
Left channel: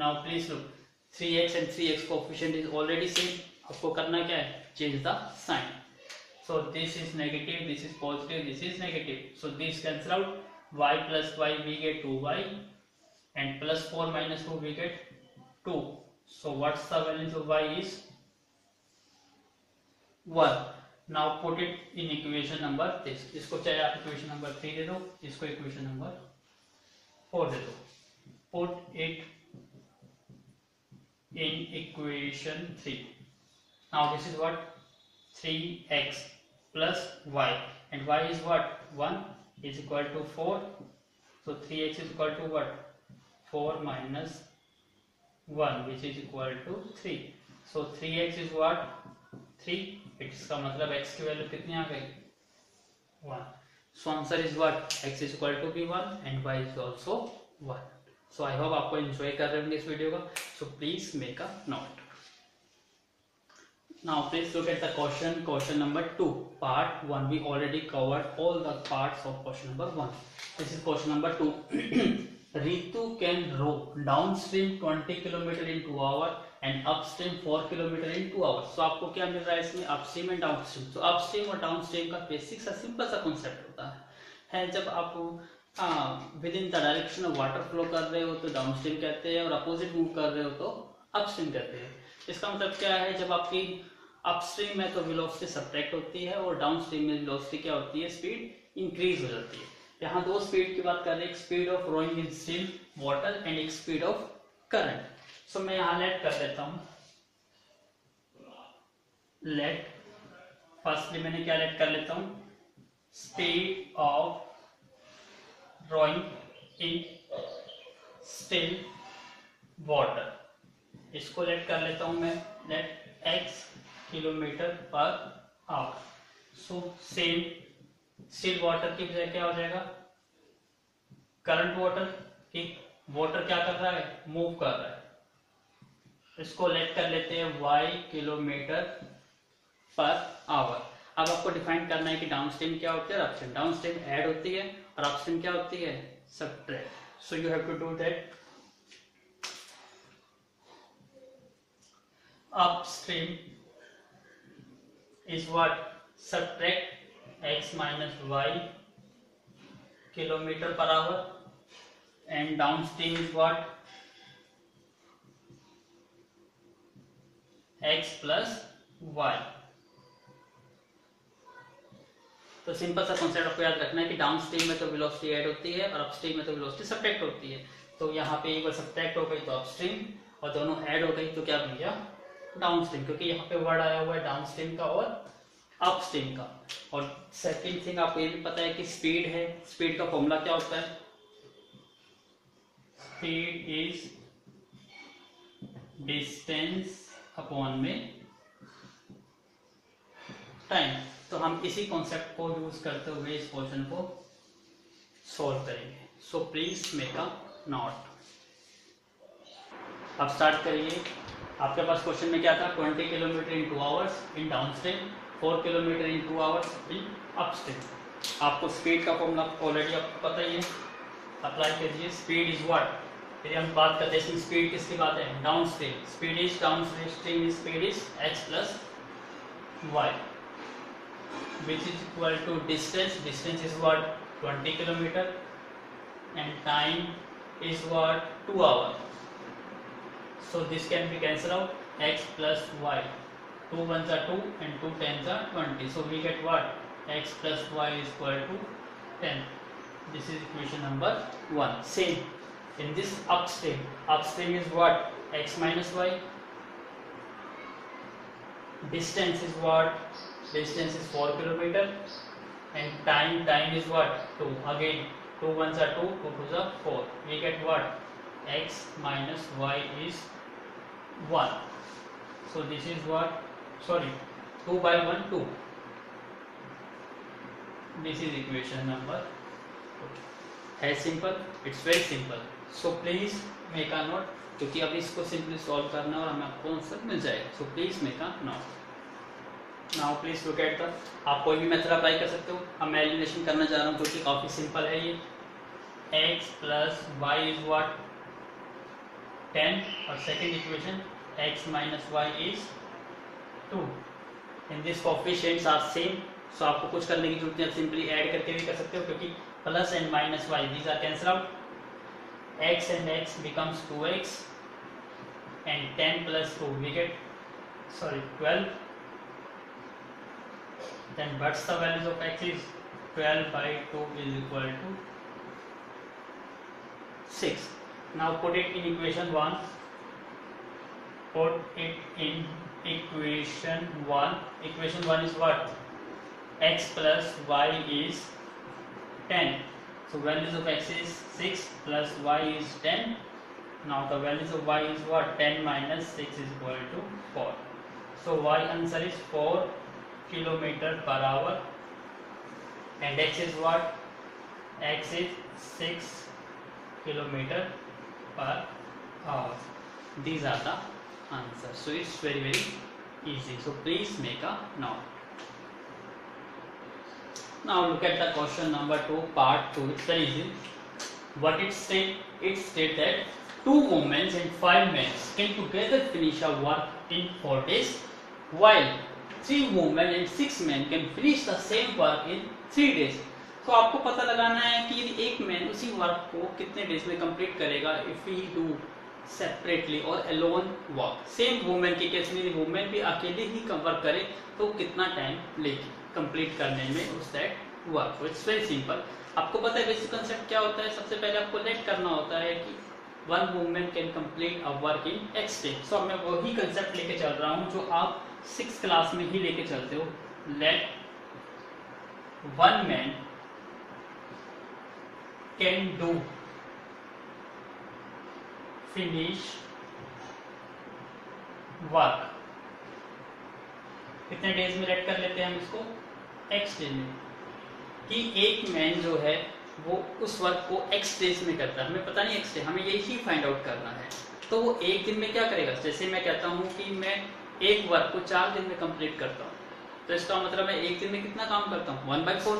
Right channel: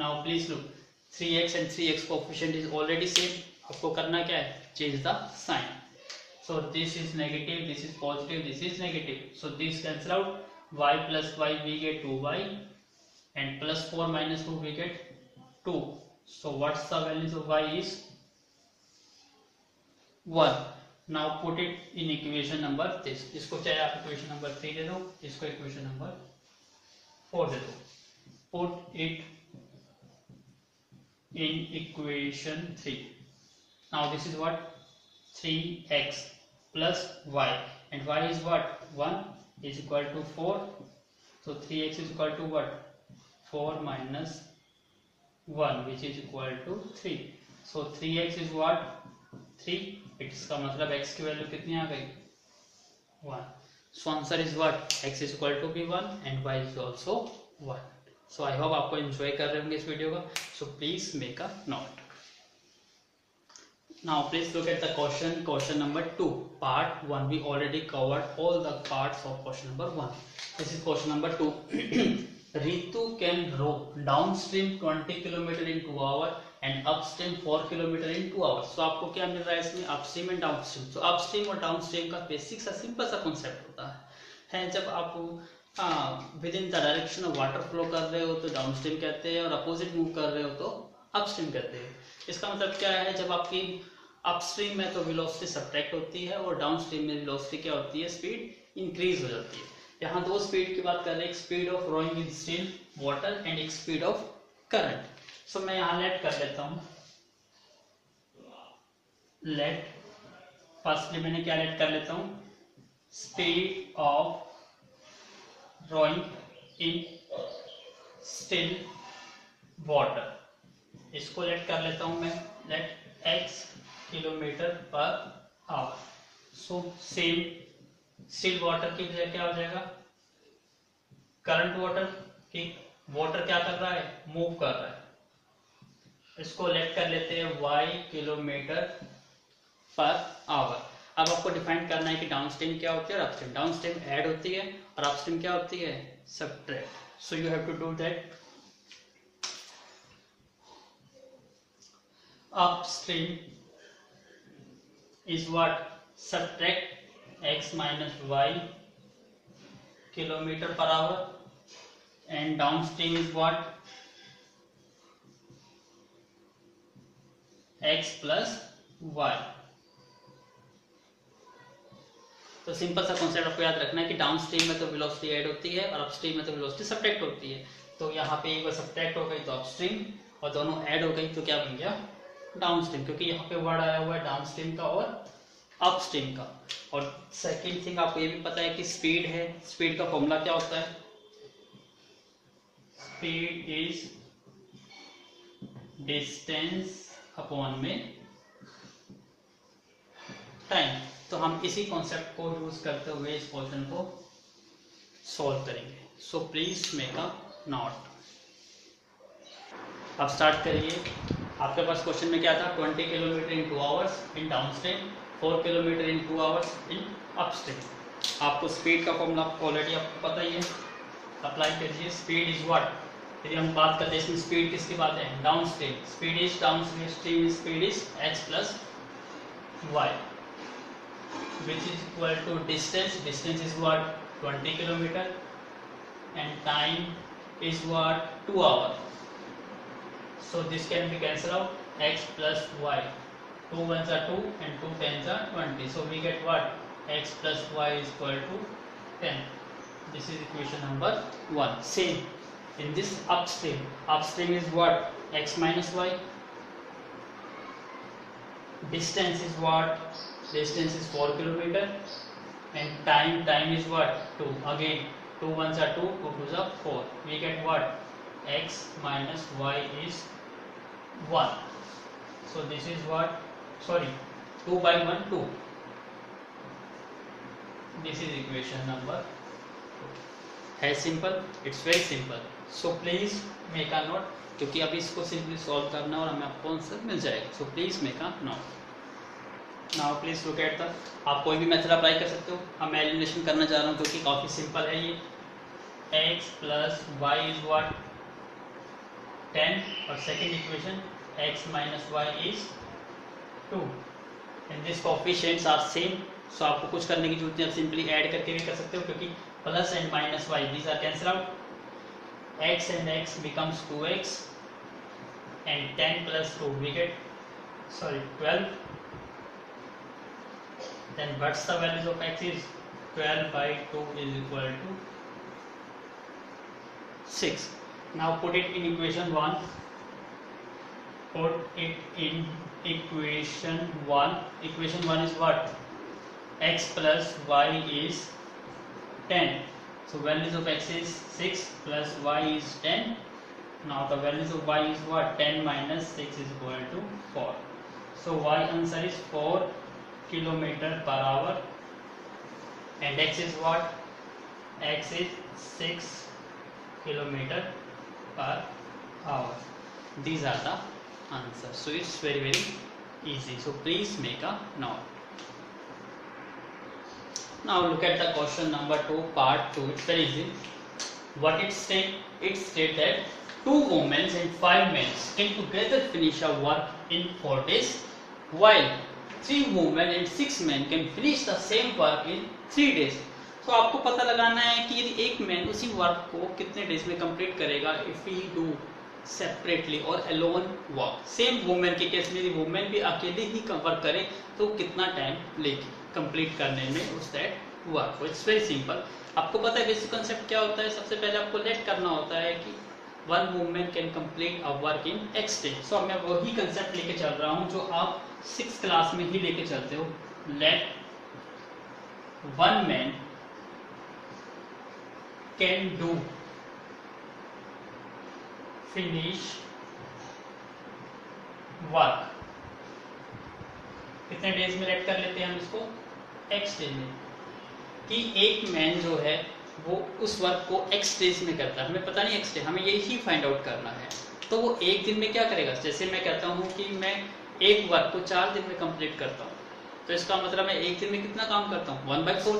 Now please look, 3x and 3x coefficient is already same. आपको करना क्या है? Change the sign. So this is negative, this is positive, this is negative. So this cancel out. Y plus y we get 2y, and plus 4 minus 2 we get 2. So what's the values of y is 1. Now put it in equation number this. इसको चाहे आप equation number 3 दे दो, इसको equation number 4 दे दो. Put it in equation 3. Now this is what? 3x plus y, and y is what? 1 is equal to 4. So 3x is equal to what? 4 minus 1, which is equal to 3. So 3x is what? 3. इसका मतलब x की value कितनी आ गई? 1. So answer is what? X is equal to be 1 and y is also 1. So I hope आपको enjoy कर रहे होंगे इस वीडियो का. So please make a note. Now please look at the question number 2. Part 1. We already covered all the parts of question number 1. This is question number 2. Ritu can row downstream 20 km in 2 hours and upstream 4 km in 2 hours. So आपको क्या मिल रहा है इसमें? Upstream and downstream. So upstream और downstream का basic सा simple सा concept होता है. जब आप with in the direction of water flow कर रहे हो तो डाउनस्ट्रीम कहते हैं, और अपोजिट मूव कर रहे हो तो अपस्ट्रीम कहते हैं. इसका मतलब क्या है? जब आपकी अपस्ट्रीम में तो वेलोसिटी सब्ट्रैक्ट होती है और डाउनस्ट्रीम में वेलोसिटी क्या होती है? स्पीड इंक्रीज हो जाती है. यहाँ दो स्पीड की बात कर रहे हैं. एक speed of rowing in still water and एक स्पीड ऑफ करंट. सो मैं यहाँ लेट कर देता हूँ. लेट फर्स्टली मैंने क्या लेट कर लेता हूँ? Speed of rowing in still water. इसको लेट कर लेता हूँ मैं. लेट x किलोमीटर पर hour. So same still water की बजाय क्या हो जाएगा? Current water. कि वाटर क्या कर रहा है, मूव कर रहा है। इसको लेट कर लेते हैं y किलोमीटर पर आवर। अब आपको डिफाइन करना है कि डाउनस्ट्रीम क्या होती है और अपस्ट्रीम। डाउनस्ट्रीम ऐड होती है और अपस्ट्रीम क्या होती है, subtract. So you have to do that. Upstream is what, subtract x minus y kilometer per hour, and downstream is what, x plus y। तो सिंपल सा कॉन्सेप्ट आपको याद रखना है कि डाउनस्ट्रीम में तो वेलोसिटी ऐड होती है और अपस्ट्रीम में तो वेलोसिटी सबट्रैक्ट होती है। तो यहाँ पे एक बार सबट्रैक्ट हो गई तो अपस्ट्रीम, और दोनों ऐड हो गई तो क्या बन गया, डाउनस्ट्रीम, क्योंकि यहाँ पे वर्ड आया हुआ है डाउनस्ट्रीम का और अपस्ट्रीम का। और सेकंड थिंग आपको ये भी पता है कि स्पीड है, स्पीड का फॉर्मूला क्या होता है, स्पीड इज डिस्टेंस अपॉन में टाइम। तो हम इसी कॉन्सेप्ट को यूज करते हुए इस क्वेश्चन को सॉल्व करेंगे। सो प्लीज मेक अ नोट। अब स्टार्ट करिए। आपके पास क्वेश्चन में क्या था, 20 kilometre in 2 hours in downstream, 4 kilometre in 2 hours in upstream. आपको स्पीड का फॉर्मूला ऑलरेडी आपको पता ही है, अप्लाई करिए। स्पीड इज व्हाट, यदि हम बात करते हैं स्पीड किसकी बात है, downstream. Speed is downstream speed is x plus y, which is equal to distance. Distance is what, 20 kilometer, and time is what, 2 hours. So this can be cancelled out, x plus y, 2 ones are 2 and 2 tens are 20. So we get what, x plus y is equal to 10. This is equation number 1. Same in this upstream. Upstream is what, x minus y. Distance is what, distance is 4 kilometer, and time is what, 2. Again 2 ones are 2, 2 twos are 4. We get what, x minus y is 1. So this is what, sorry, 2 by 1 2. This is equation number 2. है simple, it's very simple. So please make a note, क्योंकि अभी इसको simply solve करना और हमें आपको answer मिल जाएगा। सो please make a note. Now please look at the, आप कोई भी मेथड अप्लाई कर सकते हो। अब मैं एलिमिनेशन करना चाह रहा हूँ क्योंकि काफी सिंपल है ये। x plus Y is what, 10, और second equation x minus Y is 2, and this coefficients are same. So आपको कुछ करने की जरूरत नहीं, आप सिंपली ऐड करके भी कर सकते हो, क्योंकि plus and minus y these are cancel out, x and x becomes 2x, and 10 plus 2 we get, sorry, 12. Then what's the values of x is, 12 by 2 is equal to 6. Now put it in equation 1. Put it in equation 1. Equation 1 is what, x plus y is 10. So values of x is 6 plus y is 10. Now the values of y is what, 10 minus 6 is equal to 4. So y answer is 4 kilometer per hour, and x is what, x is 6 kilometer per hour. These are the answers. So it's very easy. So please make a note. Now look at the question number 2, part 2. It's very easy. What it state? It state that 2 women and 5 men can together finish a work in 4 days, while 3 women and 6 men can finish the same work in 3 days. तो आपको पता लगाना है कि यदि एक man उसी work को कितने डेज में कंप्लीट करेगा, इफ ही डू सेपरेटली और अलोन वर्क। सेम वुमेन के केस में वुमेन भी अकेले ही वर्क करे तो कितना टाइम लेगी कंप्लीट करने में उस that work. It's very simple. आपको पता है बेसिक कंसेप्ट क्या होता है, सबसे पहले आपको लेट करना होता है कि 1 women can complete a work in x day. सो मैं वही कंसेप्ट लेके चल रहा हूँ जो आप 6th क्लास में ही लेके चलते हो। Let 1 man can do finish work, कितने डेज में लेट कर लेते हैं हम इसको, x डेज में, कि एक मैन जो है वो उस वर्क को x डेज में करता है, हमें पता नहीं x डे, हमें यही फाइंड आउट करना है। तो वो एक दिन में क्या करेगा, जैसे मैं कहता हूँ कि मैं एक वर्क को 4 दिन में कंप्लीट करता हूँ, तो इसका मतलब मैं एक दिन में कितना काम करता हूँ 1/4,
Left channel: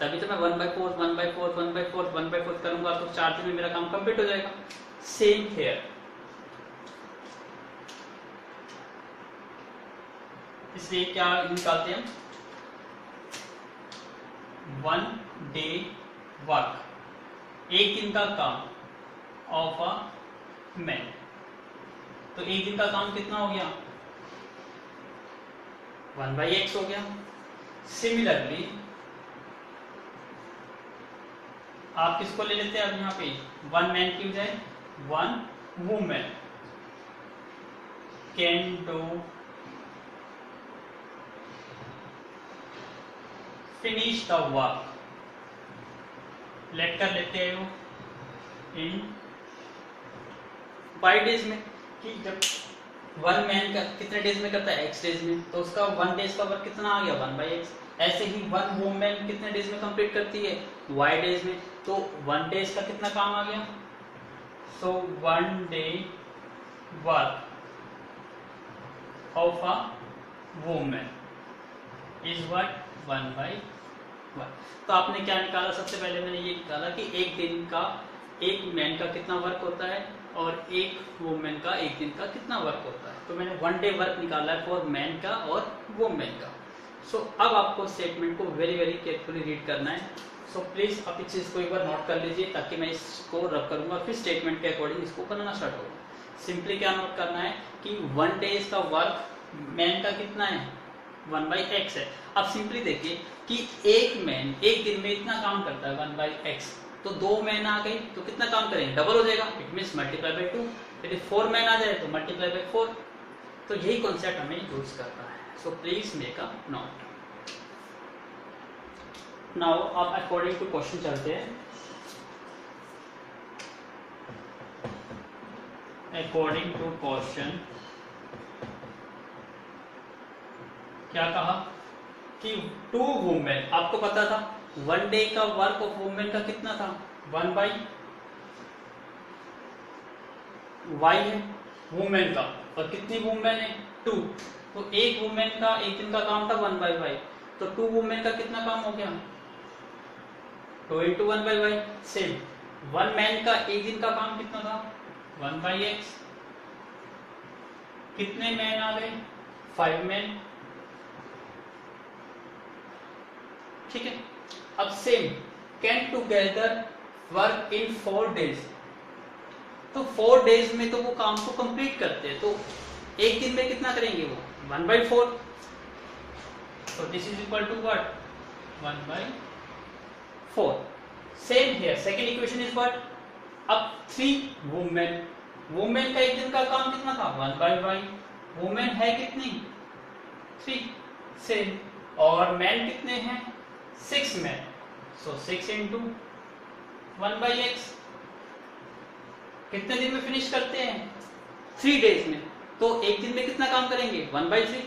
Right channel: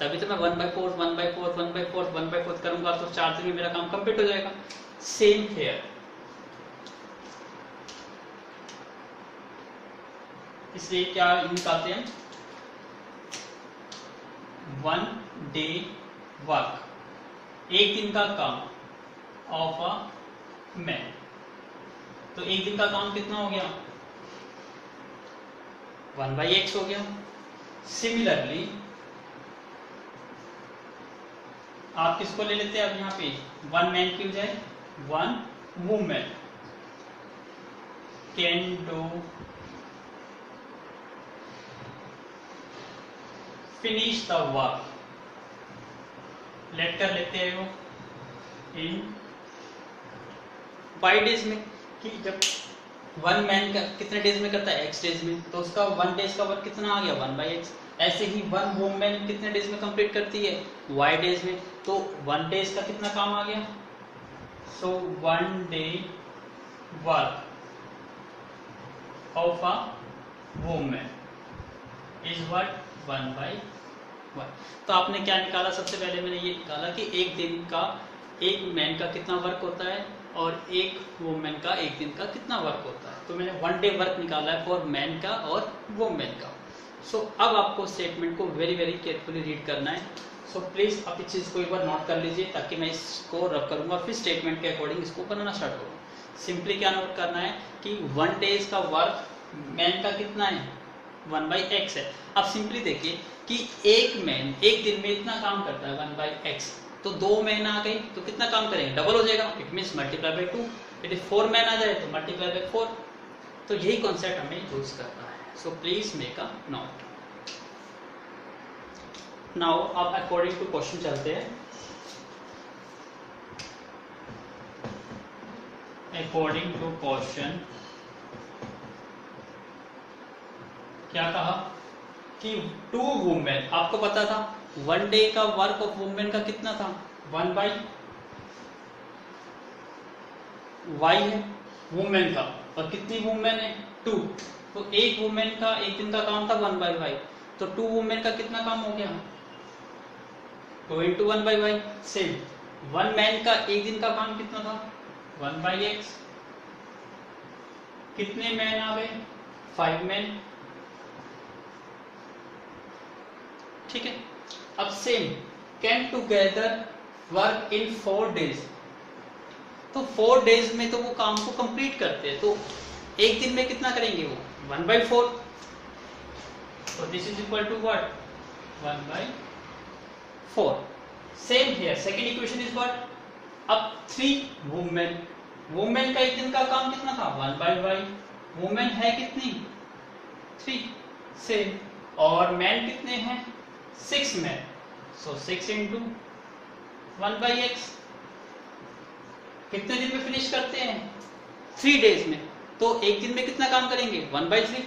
तभी तो मैं 1/4 1/4 1/4 1/4 करूंगा तो 4 दिन में मेरा काम कंप्लीट हो जाएगा। सेम हियर, इसलिए क्या निकालते हैं, 1 डे वर्क, एक दिन का काम ऑफ अ मैन। तो एक दिन का काम कितना हो गया 1/x हो गया। सिमिलरली आप किसको ले लेते हैं, अब यहाँ पे 1 मैन की बजाय 1 women can do finish the work, late कर लेते हैं वो इन 5 डेज में, कि जब 1 मैन का कितने डेज में करता है x डेज में, तो उसका 1 डेज का वर्क कितना आ गया 1/x। ऐसे ही 1 वुमेन कितने डेज में कंप्लीट करती है y डेज में, तो 1 डेज का कितना काम आ गया, सो 1 day work of a women is what 1/1। तो आपने क्या निकाला, सबसे पहले मैंने ये निकाला कि एक दिन का एक मैन का कितना वर्क होता है और एक वुमेन का एक दिन का कितना वर्क होता है। तो मैंने 1 डे वर्क निकाला है फॉर मैन का और वुमेन का। सो अब आपको स्टेटमेंट को वेरी वेरी केयरफुली रीड करना है। सो प्लीज आप इस चीज को एक बार नोट कर लीजिए, ताकि मैं इसको रब करूंगा फिर स्टेटमेंट के अकॉर्डिंग इसको बनाना स्टार्ट होगा। सिंपली क्या नोट करना है कि 1 डेज का वर्क मैन का कितना है 1/x है। अब सिंपली देखिए कि एक मैन एक दिन में इतना काम करता है 1/x, तो 2 मैन आ गई तो कितना काम करेंगे, डबल हो जाएगा, इट मींस मल्टीप्लाई बाय 2। यदि 4 मैन आ जाए तो मल्टीप्लाई बाय 4। तो यही कॉन्सेप्ट हमें यूज करना है। So please make a note. Now आप अकॉर्डिंग टू क्वेश्चन चलते हैं। अकॉर्डिंग टू क्वेश्चन क्या कहा कि 2 वुमेन, आपको पता था 1 डे का वर्क ऑफ वुमेन का कितना था 1/y है वुमेन का, और कितनी वुमेन है 2, तो एक वुमेन का एक दिन का काम था 1/y, तो 2 वुमेन का कितना काम हो गया 2 × 1/y। सेम 1 मैन का एक दिन का काम कितना था 1/x, कितने मैन आ गए 5 मैन, ठीक है। अब same can together work in 4 days, तो 4 डेज में तो वो काम को कंप्लीट करते हैं, तो एक दिन में कितना करेंगे वो 1/4, तो this is equal to what 1/4। Same here second equation is what, अब 3 वुमेन, वुमेन का एक दिन का काम कितना था 1/y, वुमेन है कितनी 3, सेम, और मैन कितने हैं 6 मैन, सो 6 × 1/x, कितने दिन में फिनिश करते हैं 3 डेज में, तो एक दिन में कितना काम करेंगे 1/3।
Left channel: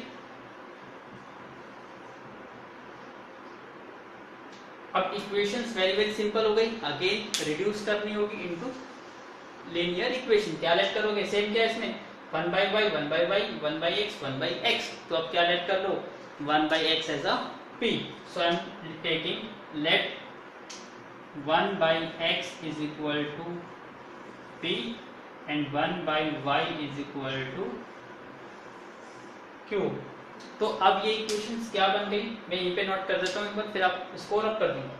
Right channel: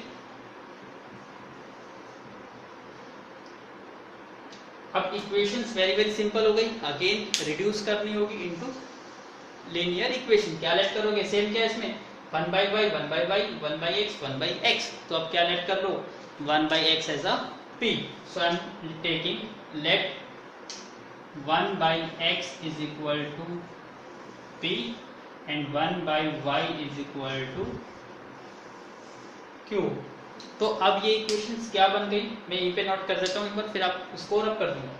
अब इक्वेशंस वेरी वेरी सिंपल हो गई, अगेन रिड्यूस करनी होगी इनटू लीनियर इक्वेशन। क्या लेट करोगे, सेम क्या इसमें 1/y 1/y 1/x 1/x, तो अब क्या लेट कर लो 1/x as a p, so I am taking let 1/x is equal to p and 1/y is equal to q। तो अब ये इक्वेशंस क्या बन गई, मैं यहीं पे नोट कर देता हूँ एक बार, फिर आप उसको रब कर दूंगा।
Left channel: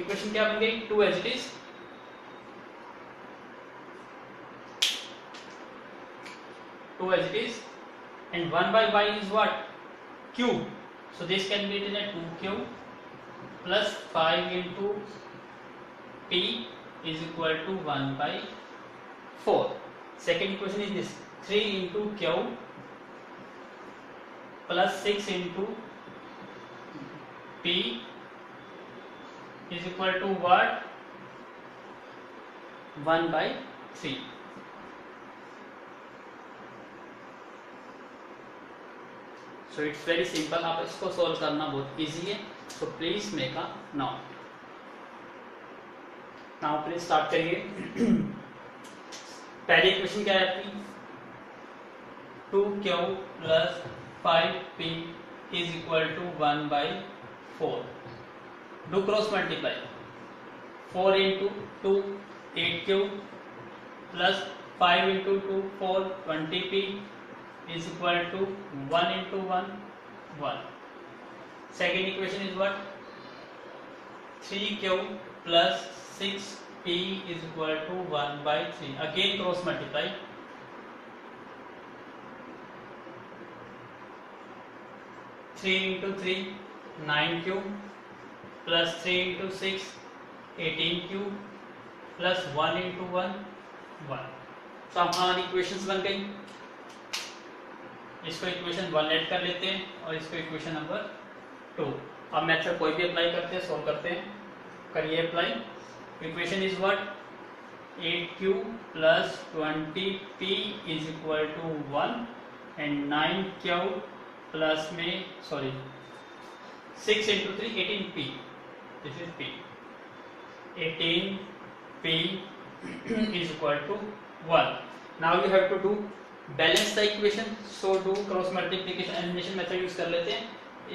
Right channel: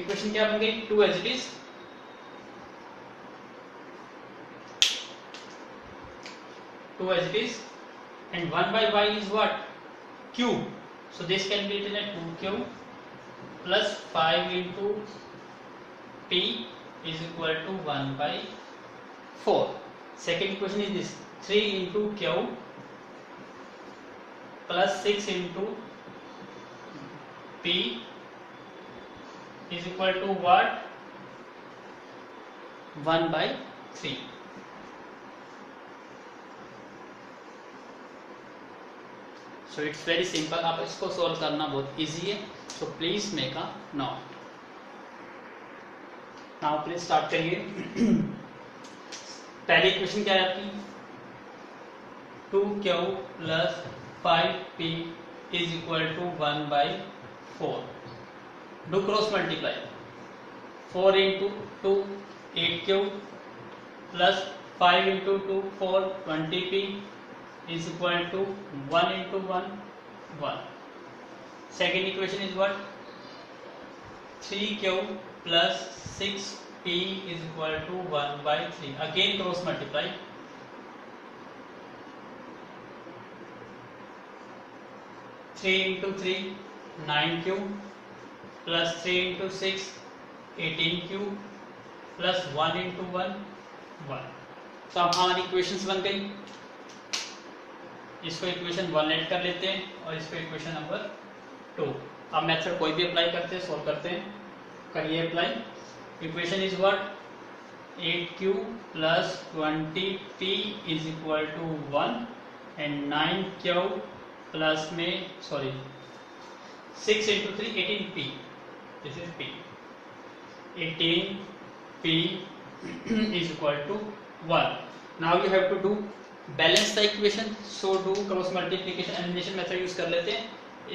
इक्वेशन क्या बन गई 2 as it is, 2 as it is, and 1/y is what q, so this can be written as 2q plus 5 into p is equal to 1/4। second equation is this 3 into q plus 6 into p is equal to what 1/3। So it's very simple, आप इसको solve करना बहुत easy है। So please make a note. Now please start करिए। पहली equation क्या है आपकी, 2q plus 5p is equal to 1/4। Do cross multiply, 4 into 2 8q plus 5 into 2 4 20p is equal to 1 into 1 1. Second equation is what, 3q plus 6p is equal to 1/3. Again cross multiply, 3 into 3 9q plus 3 into 6 18q plus 1 into 1 1. तो अब हमारी equations बन गई। इसको equation 1 add कर लेते हैं और इसको इक्वेशन नंबर 2। अब मेथड कोई भी अप्लाई करते हैं, सोल्व करते हैं। करिए apply. Equation is what, 8q plus 20p is equal to 1 and 9q plus में 6 into 3 18p, this is p, 18p is equal to 1. Now you have to do balance the equation, so do cross multiplication elimination method use कर लेते हैं।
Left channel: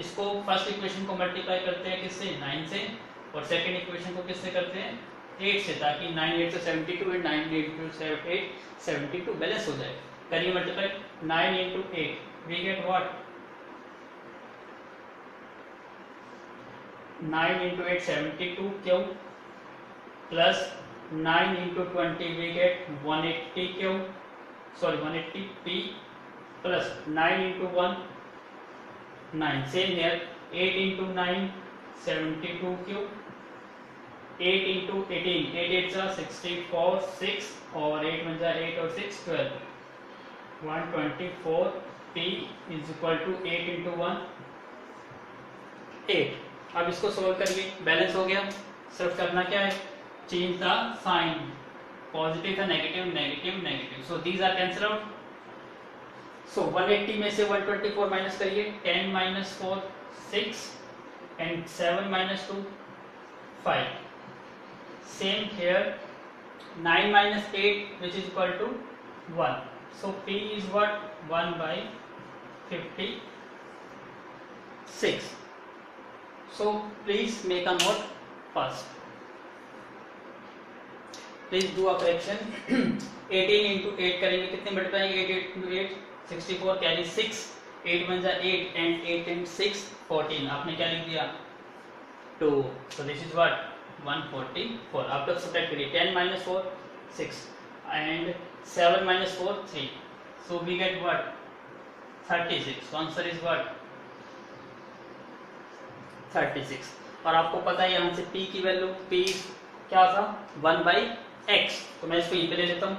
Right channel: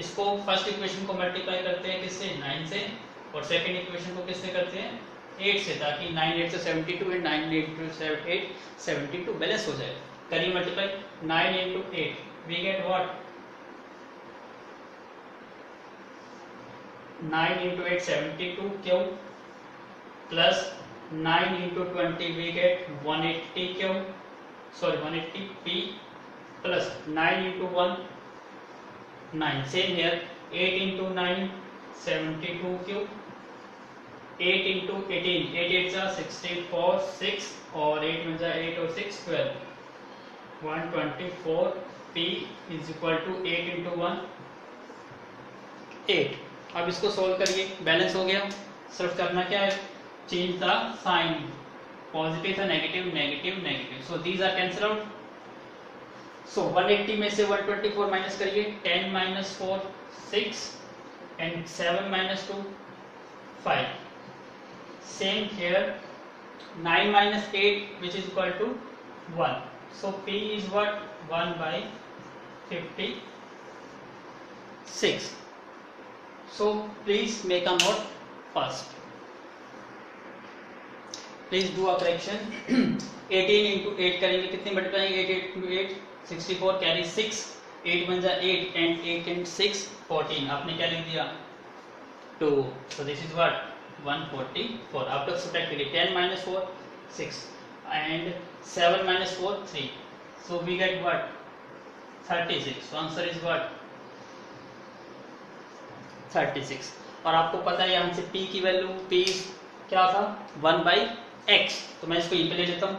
इसको first equation को multiply करते हैं किससे, 9 से, और सेकंड इक्वेशन को किससे करते हैं, 8 से, ताकि 9 8 से 72 एंड 9 8 72 बैलेंस हो जाए। करिए multiply, 9 into 8 we get what, 9 into 8 72 q plus 9 into 20 we get 180q, 180p plus 9 into 1 9, same here, 8 into 9 72q, 8 into 18 8 8 जा 64 6 और 8 बन जा 8 और 6 12, 124p is equal to 8 into 1 8। अब इसको सोल्व करिए, बैलेंस हो गया। सिर्फ करना क्या है, change the sign, positive है, negative negative negative, so these are cancel out। so 180 में से 124 माइनस करिए, 10 minus 4 6 and 7 minus 2 5, same here, 9 minus 8 which is equal to 1, so p is what, 1/56। so please make a note first, please do a fraction. 18 into 8 करेंगे, कितने multiply, 8 8 into 8 64, carry 6, 8 बन जा 8 and 6 14, आपने क्या लिख दिया 2, so this is what 144। After subtract करिए, 10 minus 4 6 and 7 minus 4 3, so we get what 36, answer is what 36। और आपको पता है यहाँ से p की वैल्यू, p क्या था 1/x, तो मैं इसको यहीं पे ले लेता हूँ,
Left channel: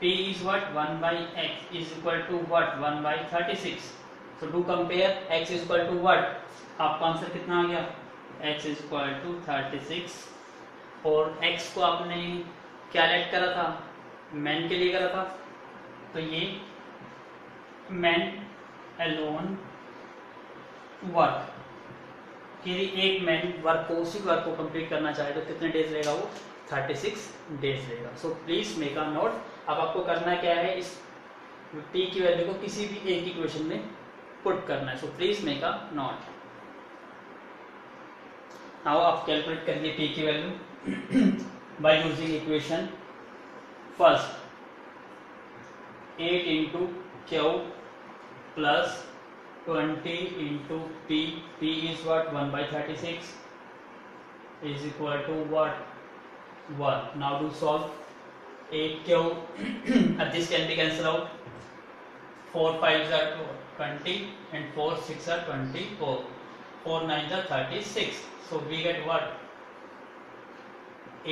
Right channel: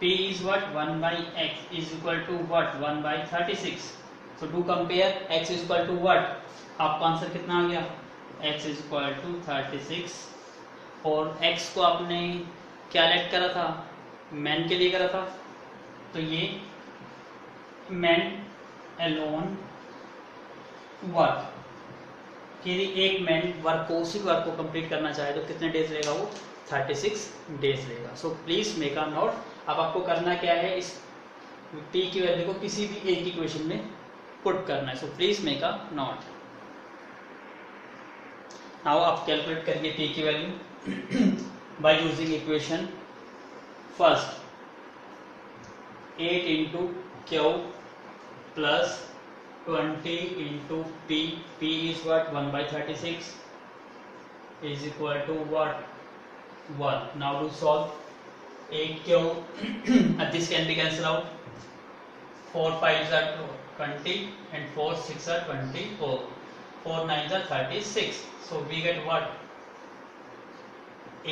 p is what 1/x is equal to what 1/36। so do compare, x is equal to what, आपका आंसर कितना आ गया, x is equal to 36, और x को आपने क्या लेट करा था, मैन के लिए करा था, तो ये मैन अलोन वर्क, यदि एक मैन वर्क को, उसी वर्क को कंप्लीट करना चाहे तो कितने डेज रहेगा वो, 36 डेज रहेगा। सो प्लीज मेक अ नोट। अब आपको करना क्या है, इस p की वैल्यू को किसी भी एक इक्वेशन में पुट करना है, so please make a note. Now आप कैलकुलेट करिए p की value by using equation first, 8 into Q plus 20 into p, p is what 1/36 is equal to what 1. Now do solve, 8q this can be cancelled out, 4 5s are 20 and 4 6 are 24, 4 9s are 36, so we get what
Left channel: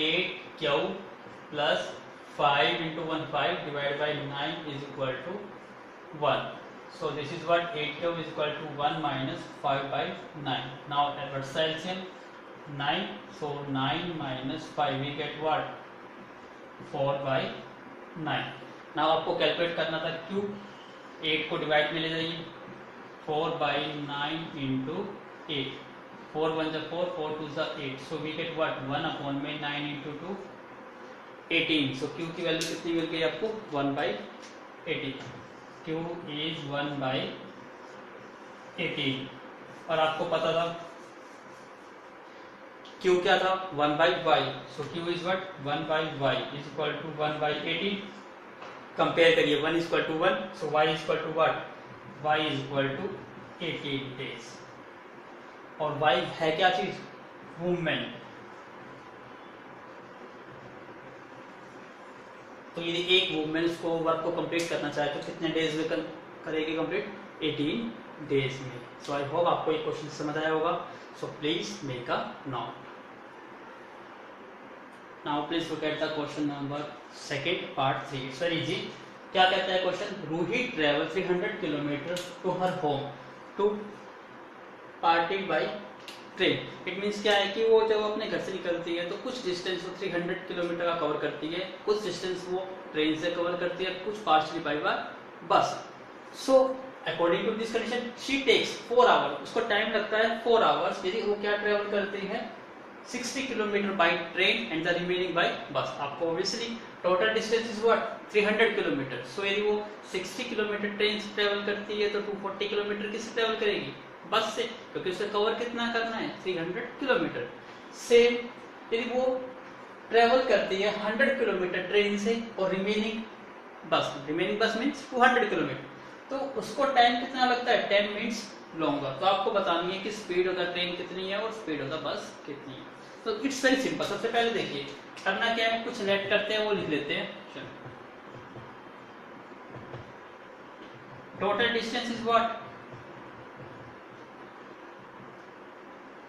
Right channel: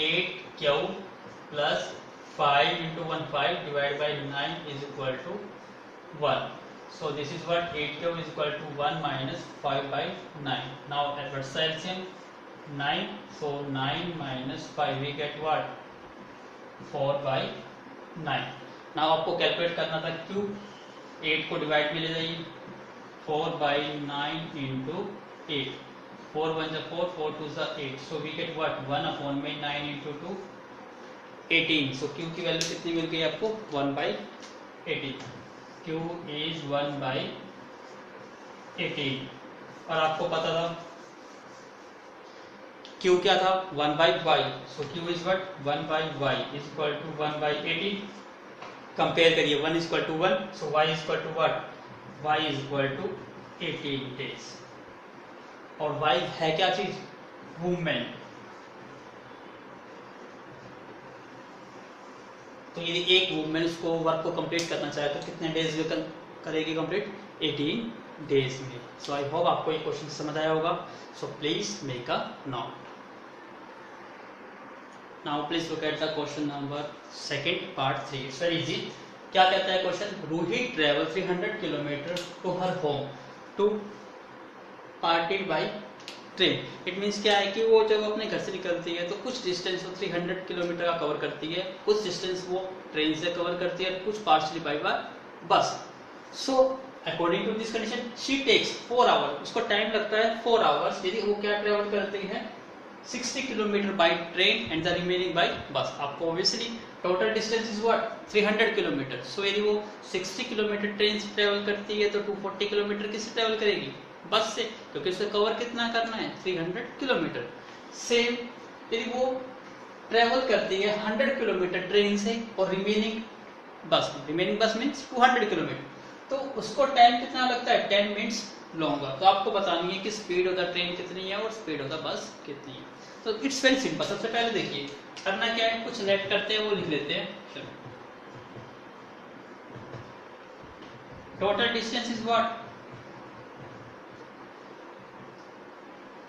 8q plus 5 into 1 5 divided by 9 is equal to 1. So this is what 8q is equal to 1 minus 5/9. Now adverse LCM 9, so 9 minus 5 we get what 4/9। Now आपको calculate करना था q, 8 को divide में ले जाइए, 4/9 into 8, 4 1 जा 4, 4 2 जा 8, so we get what 1 upon में 9 into 2 18, so Q की वैल्यू कितनी मिल गई आपको 1 by 18, Q is 1 by 18। और आपको पता था Q क्या था 1 by y, so Q is what 1 by y is equal to 1 by 18। Compare करिए 1 is equal to 1, so y is equal to what, y is equal to 18 days। और y है क्या चीज, मूवमेंट। तो यदि एक मूवमेंट इसको वर्क को कंप्लीट करना चाहे तो कितने डेज में करेगी कंप्लीट, 18 डेज में। सो आई होप आपको ये क्वेश्चन समझ आया होगा। So please make a note. Now please look at the question number second part 3। It's very easy. क्या कहता है question, Roohi travel 300 kilometre to her home to parted by train. It means क्या है कि वो जब अपने घर से निकलती है तो कुछ डिस्टेंस वो 300 किलोमीटर का कवर करती है, कुछ डिस्टेंस वो ट्रेन से कवर करती है, कुछ partially by bus. So according to this condition she takes 4 hour, उसको टाइम लगता है 4 आवर्स यदि वो क्या ट्रेवल करती है 60 kilometre by train and the remaining by bus. आपको obviously total distance is what 300 kilometre. So यदि वो 60 किलोमीटर ट्रेन से ट्रेवल करती है तो 240 किलोमीटर किससे ट्रेवल करेगी, बस से, क्योंकि उसे कवर कितना करना है 300 किलोमीटर। सेम यदि वो ट्रेवल करती है 100 किलोमीटर ट्रेन से और रिमेनिंग बस मीन्स 200 किलोमीटर, तो उसको टाइम कितना लगता है 10 मिनट्स लॉन्गर। तो आपको बतानी है कि स्पीड ऑफ द ट्रेन कितनी है और स्पीड ऑफ द बस कितनी है। तो इट्स वेरी सिंपल। सबसे पहले देखिए करना क्या है, कुछ लेट करते हैं वो लिख लेते हैं। Total distance is what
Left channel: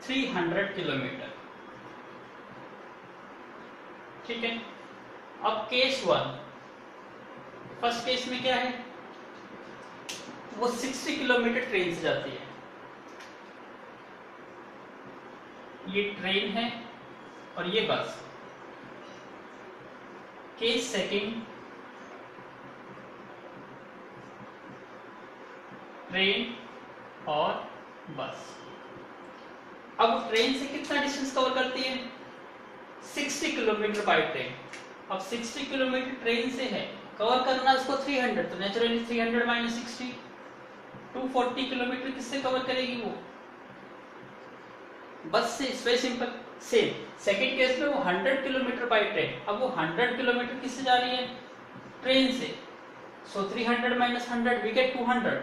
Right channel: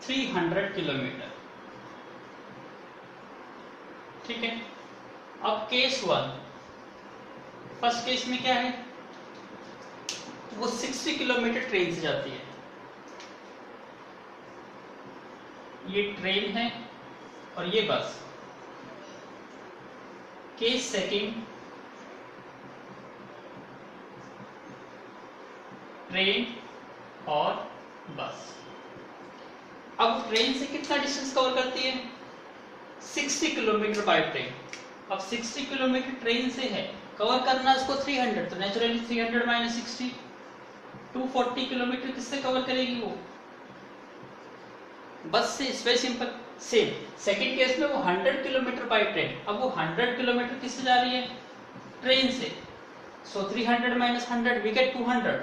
300 kilometre, ठीक है। अब केस 1, फर्स्ट केस में क्या है, वो 60 किलोमीटर ट्रेन से जाती है, ये ट्रेन है और ये बस। केस सेकंड, ट्रेन और बस। अब ट्रेन से कितना डिस्टेंस कवर करती है 60 किलोमीटर बाय ट्रेन। अब 60 किलोमीटर ट्रेन से है, कवर करना उसको 300, तो नेचुरली 300 माइनस 60 240 किलोमीटर किससे कवर करेगी वो, बस से। It's very simple. Same second case में वो 100 किलोमीटर बाय ट्रेन। अब वो 100 किलोमीटर किससे जा रही है, ट्रेन से। सो 300 माइनस 100 वी गेट 200,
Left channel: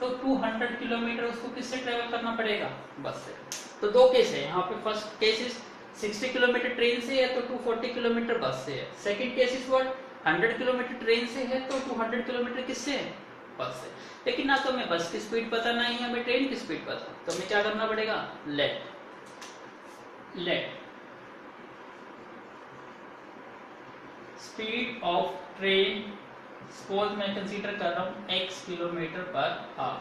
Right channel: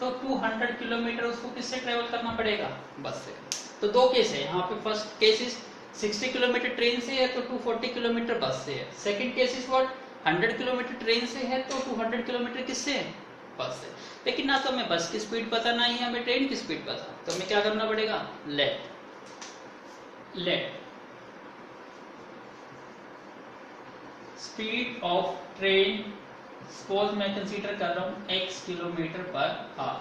तो 200 किलोमीटर उसको किससे ट्रेवल करना पड़ेगा, बस से। तो दो केस है यहाँ पे। First case is 60 kilometre train से है तो 240 किलोमीटर बस से है। Second case is what 100 kilometre train से है तो 200 किलोमीटर किससे है, बस से। लेकिन ना तो हमें बस की स्पीड पता ना ही हमें ट्रेन की स्पीड पता, तो हमें क्या करना पड़ेगा, let speed of train, suppose मैं कंसीडर कर रहा हूं x किलोमीटर पर hour.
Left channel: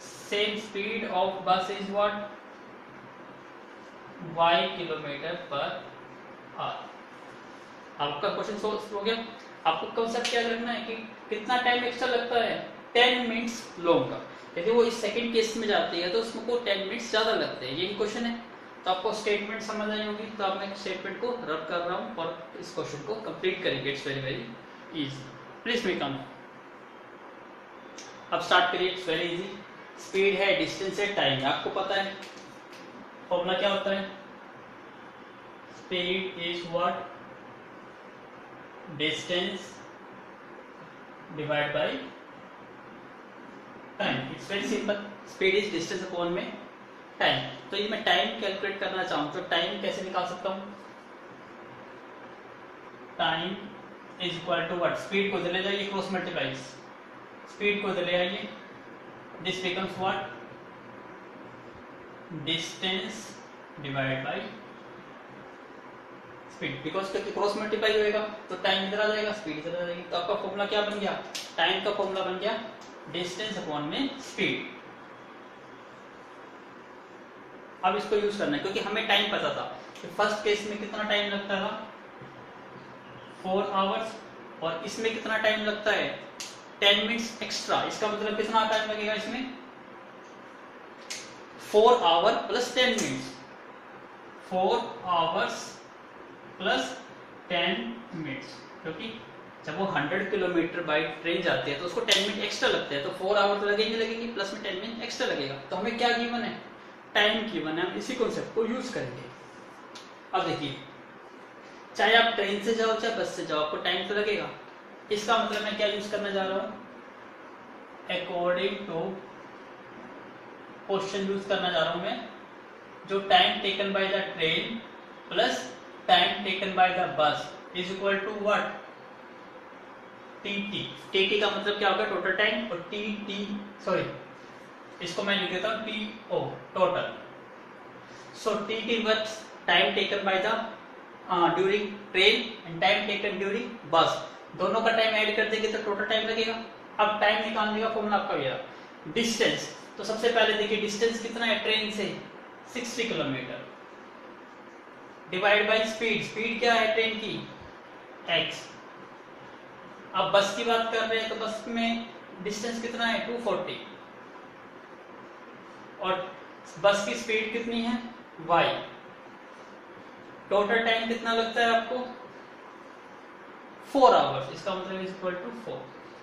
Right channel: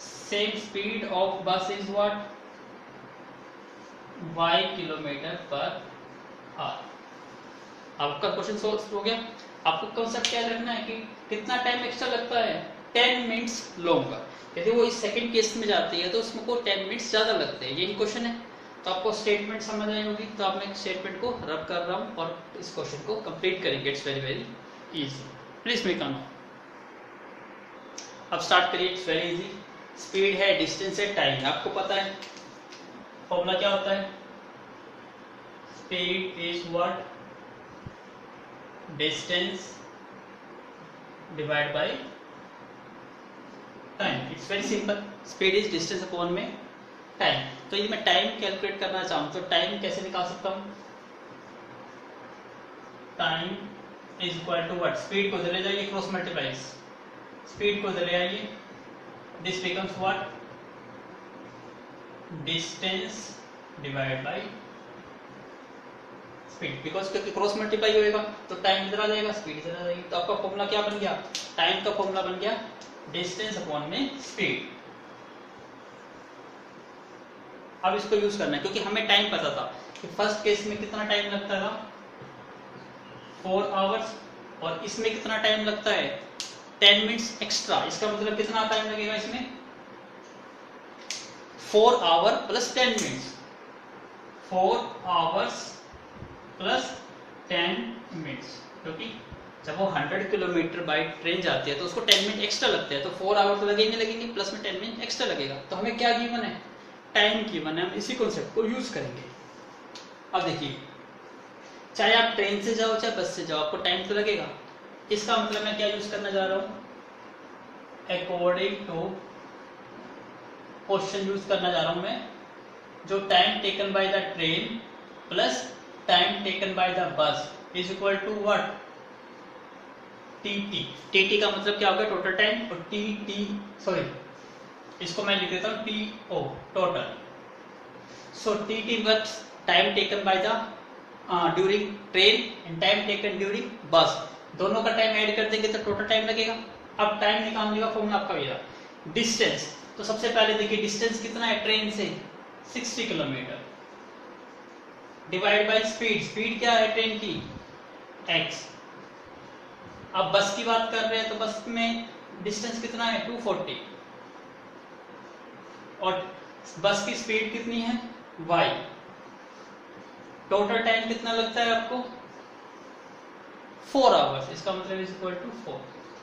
Same speed of bus is what y kilometre पर आवर। आपका क्वेश्चन सोल्व हो गया। आपको कंसेप्ट याद रखना है कि कितना टाइम एक्स्ट्रा लगता है 10 मिनट्स लॉन्गर। यदि वो इस सेकंड केस में जाती है तो उसमें को 10 मिनट्स ज्यादा लगते हैं, यही क्वेश्चन है। तो आपको स्टेटमेंट समझ आई होगी, तो अब मैं स्टेटमेंट को रब कर रहा हूं और इस क्वेश्चन को कंप्लीट करेंगे। It's very very easy. Please make on. अब स्टार्ट करिए। It's very easy. स्पीड है, डिस्टेंस है, टाइम है, आपको पता है फॉर्मूला क्या होता है, speed is what distance divide by time. It's very simple. Speed is distance upon में टाइम। तो ये मैं टाइम कैलकुलेट करना चाहूं तो टाइम कैसे निकाल सकता हूं, time is equal to what, speed को इधर ले जाइए, क्रॉस मल्टीप्लाइज, स्पीड को इधर ले आइए, this becomes what distance divide by speed. Because क्योंकि क्रॉस मल्टीप्लाई होएगा तो टाइम इधर आ जाएगा, स्पीड इधर आ जाएगी। तो आपका फॉर्मूला क्या बन गया, टाइम का फॉर्मूला बन गया डिस्टेंस अपॉन में स्पीड। अब इसको यूज करना है क्योंकि हमें टाइम पता था कि फर्स्ट केस में कितना टाइम लगता था 4 आवर्स, और इसमें कितना टाइम लगता है 10 मिनट्स एक्स्ट्रा। इसका मतलब कितना टाइम लगेगा इसमें 4 hour plus 10 minutes, 4 hours plus 10 minutes, क्योंकि जब वो 100 किलोमीटर बाई ट्रेन जाती है तो उसको 10 मिनट एक्स्ट्रा लगते हैं, तो 4 आवर तो लगेंगे प्लस में 10 मिनट एक्स्ट्रा लगेगा। तो हमें क्या गिवन है, टाइम गिवन है, हम इसी कॉन्सेप्ट को यूज करेंगे। अब देखिए, चाहे आप ट्रेन से जाओ चाहे बस से जाओ, आपको टाइम तो लगेगा। इसका मतलब मैं क्या यूज करना जा रहा हूं, अकॉर्डिंग टू क्वेश्चन यूज करना जा रहा हूं मैं, जो time taken by the train plus time taken by the bus is equal to what, TT. TT का मतलब क्या होगा, टोटल टाइम, और इसको मैं लिख देता हूं TO, total. So TT works time taken by the during train and time taken during bus, दोनों का टाइम ऐड कर देंगे तो टोटल टाइम लगेगा। अब टाइम निकालने का फॉर्मूला आपका ये, डिस्टेंस। तो सबसे पहले देखिए डिस्टेंस कितना है ट्रेन से, 60 kilometre, divide by speed, speed क्या है ट्रेन की, x। अब बस की बात कर रहे हैं तो बस में डिस्टेंस कितना है, 240, और बस की स्पीड कितनी है, y। टोटल टाइम कितना लगता है आपको, 4 आवर्स, इसका मतलब इज इक्वल टू 4।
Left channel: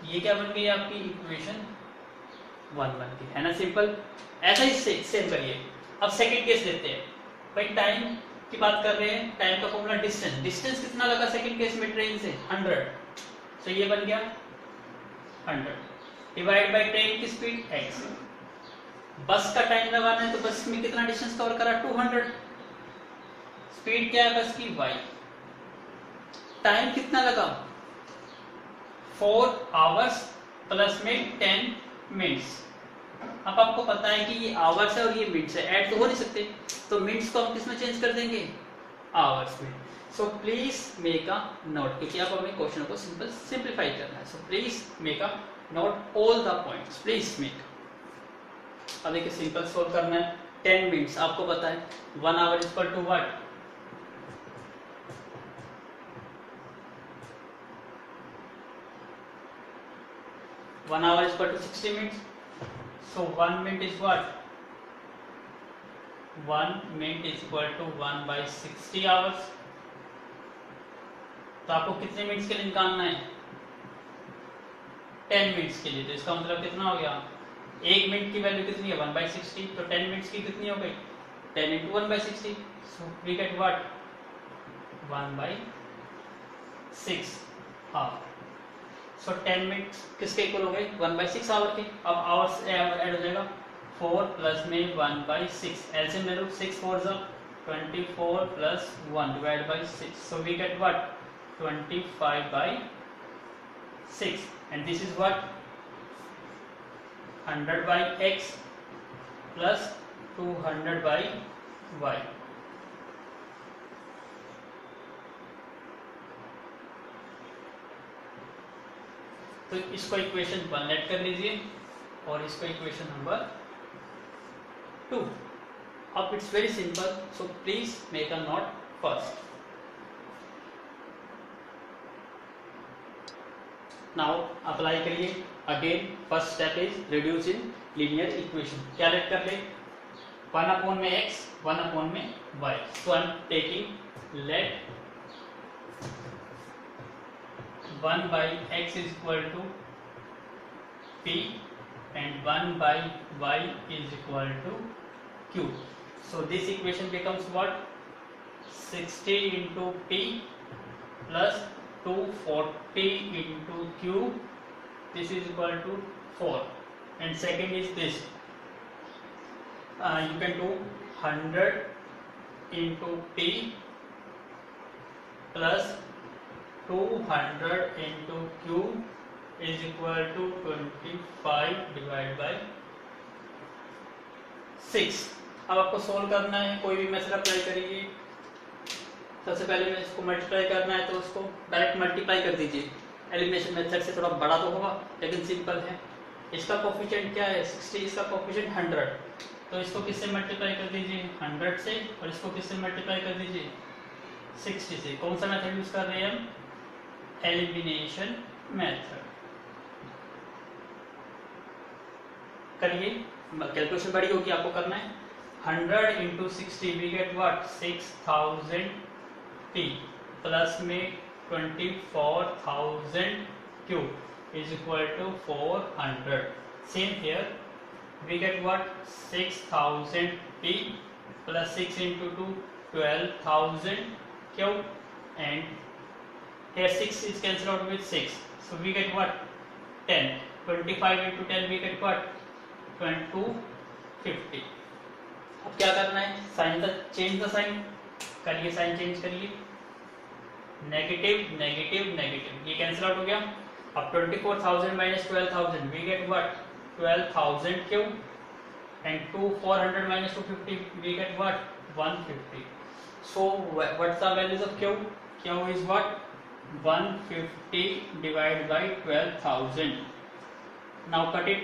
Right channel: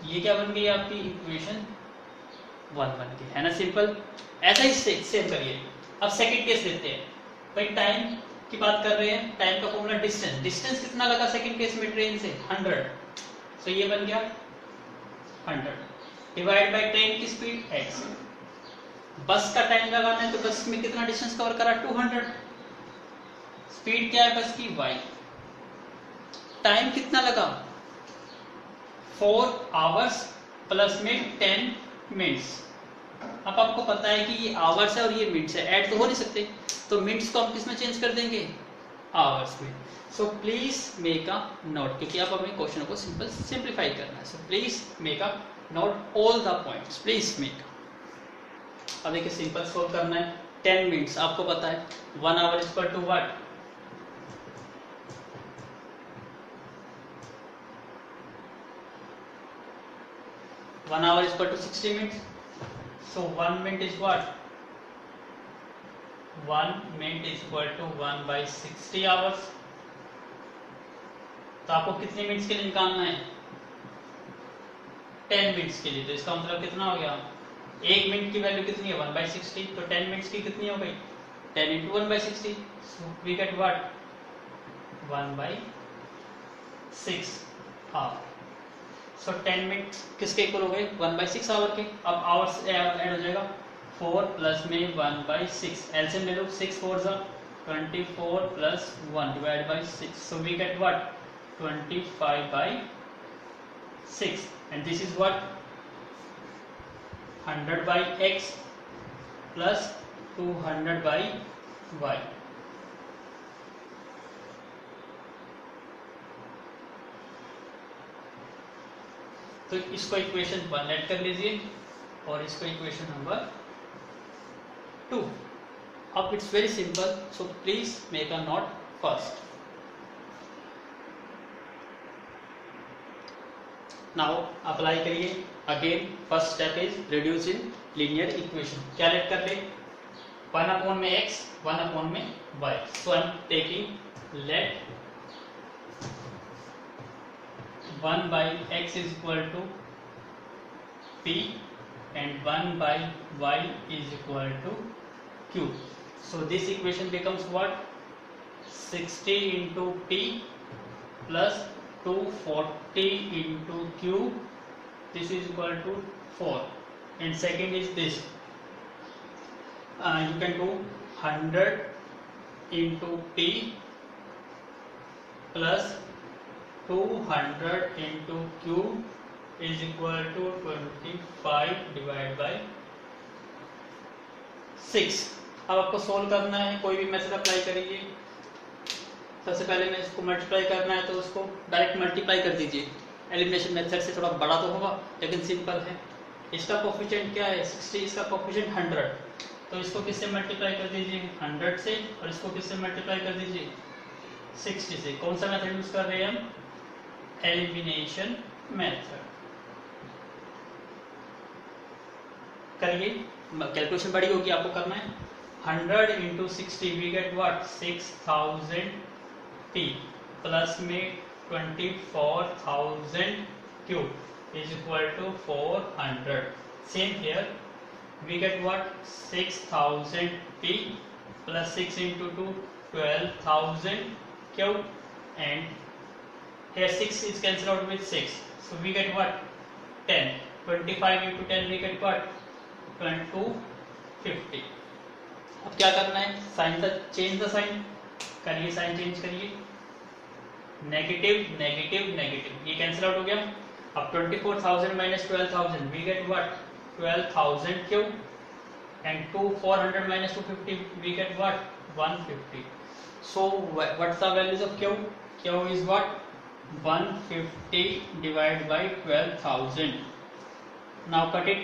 ये क्या बन गई आपकी इक्वेशन 1 बन गई, है ना, सिंपल। ऐसा ही सेम करिए। अब सेकंड केस लेते हैं, भाई टाइम की बात कर रहे हैं, टाइम का फॉर्मूला डिस्टेंस, डिस्टेंस कितना लगा सेकंड केस में ट्रेन से, 100, तो ये बन गया 100 डिवाइड बाय ट्रेन की स्पीड x। बस का टाइम लगाना है तो बस में कितना डिस्टेंस कवर करा, 200, स्पीड क्या है बस की, y। टाइम कितना लगा, 4 आवर्स प्लस में 10 मिनट्स। अब आपको पता है कि ये आवर्स है और ये मिनट्स है, ऐड तो हो नहीं सकते, तो मिनट्स को हम किस में चेंज कर देंगे, आवर्स में। सो प्लीज मेक अ नोट, क्योंकि आप हमें क्वेश्चन को सिंपलीफाई करना है। So please make a note all the points, please make. अब देखिए सिंपल सोल्व करना है, 10 मिनट्स आपको पता है, 1 hour is equal to what, one hour is equal to 60 minutes. So 1 minute is what, 1 minute is equal to 1 by 60 hours. तो आपको कितने मिनट्स के लिए निकालना है, 10 मिनट्स के लिए। तो इसका मतलब कितना हो गया, 1 मिनट की वैल्यू कितनी है, 1 बाई 60, तो 10 मिनट्स की कितनी हो गई, 10 into 1 by 60। So we get what, 1 by 6 half. So 10 minutes किसके इक्वल हो गए, 1 बाई 6 आवर के। अब आवर्स ऐड हो जाएगा, 4 प्लस में 1 बाई 6, एलसीएम ले लो, 6 4 जा 24 plus 1 divide by 6। So we get what, 25 by 6, and this is what, 100 by x plus 200 by y। तो इसको इक्वेशन 1 ऐड कर लीजिए और इसको इक्वेशन नंबर 2। अब it's very simple, so please make a note first. Now apply करिए again. First step is reduce in linear equation. क्या let कर ले, 1 अपॉन में x, 1 अपॉन में y। So I am taking let 1 by x is equal to p and 1 by y is equal to q. So this equation becomes what, 60 into p plus 240 into q, this is equal to 4, and second is this, you can do 100 into p plus 200 into q is equal to 25 divided by 6। अब आपको solve करना है, कोई भी method apply करिए। सबसे पहले में इसको मल्टीप्लाई करना है तो उसको डायरेक्ट मल्टीप्लाई कर दीजिए। एलिमिनेशन मेथड से थोड़ा बड़ा तो होगा लेकिन सिंपल है। इसका कोफिशिएंट क्या है, 60, इसका कोफिशिएंट 100, तो इसको किससे मल्टीप्लाई कर दीजिए, 100 से, और इसको किससे मल्टीप्लाई कर दीजिए, 60 से। कौन सा मेथड यूज कर रहे हैं हम, एलिमिनेशन मेथड। करिए, कैलकुलेशन बड़ी होगी, आपको करना है। 100 into 60 we get what? 6000 P plus में 24,000 Q is equal to 400. Same here, we get what? 6,000 P plus 6 into 2, 12,000 Q, and here 6 is cancelled out with 6, so we get what? 10. 25 into 10 we get what? 250. अब क्या करना है? Sign का change the sign करिए, sign change करिए, negative negative negative, ये cancel out हो गया. अब 24,000 minus 12,000 we get what? 12,000 q, and 400 minus 250 we get what? 150. So what's the values of q? Q is what? 150 divide by 12,000. Now cut it,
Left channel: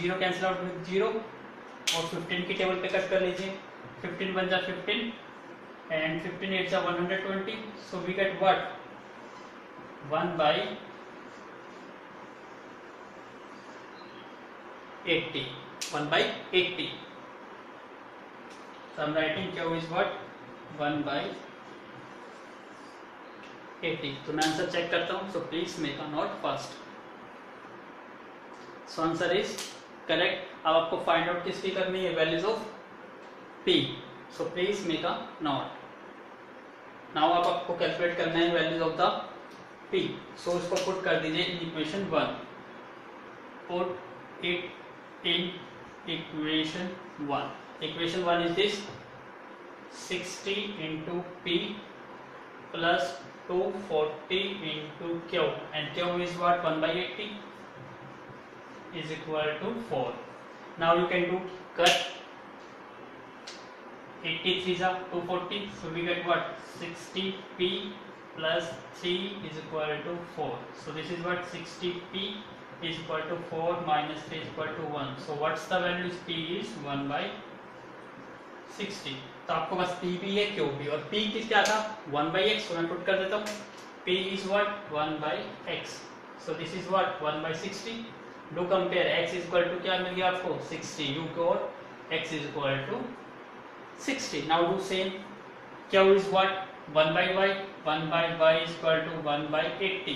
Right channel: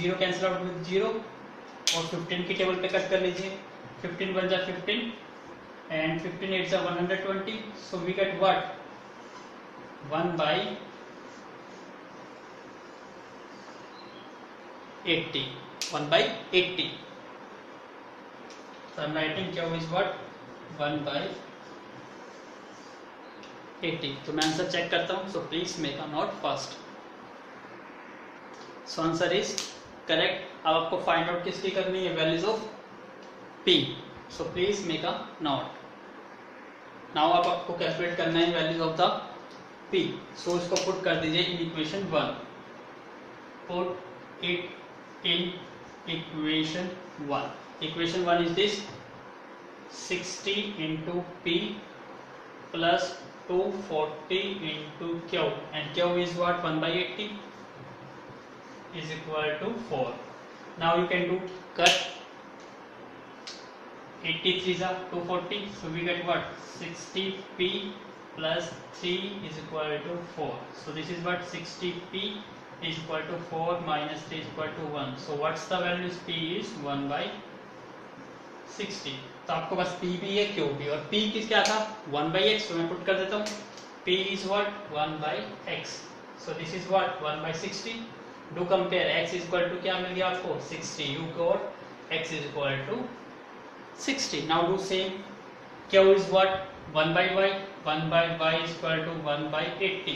0 cancel out with 0 और 15 की table पे cut कर लीजिए. 15 1 जा 15 and 15 8 जा 120. So we get what? 1 by 80. 1 by 80. So I'm writing Q is what? 1 by 80. तो मैं answer check करता हूँ. So please make a note first. So answer is correct. अब आपको फाइंड आउट किसकी करनी है? Values of P. So please make a note. Now अब आपको कैलकुलेट करना है वैल्यूज ऑफ द P. सो इसको पुट कर दीजिए in equation 1. Put it in equation 1. Equation 1 is this 60 into P plus 240 into Q, and Q is what? 1 by 80 is equal to 4. Now you can do cut. 83 is 240, so we get what? 60p plus 3 is equal to 4. So this is what? 60p is equal to 4 minus 3 is equal to 1. So what's the value? P is 1 by 60. तो आपको बस P भी है, Q भी, और P किस क्या था? 1 by x. तो मैं पुट कर देता हूँ. P is what? 1 by x. So this is what? 1 by 60. Do compare. X is equal to क्या मिल गया आपको? 60. You got x is equal to 60. Now do same. Q is what? 1 by y. 1 by y is equal to 1 by 80.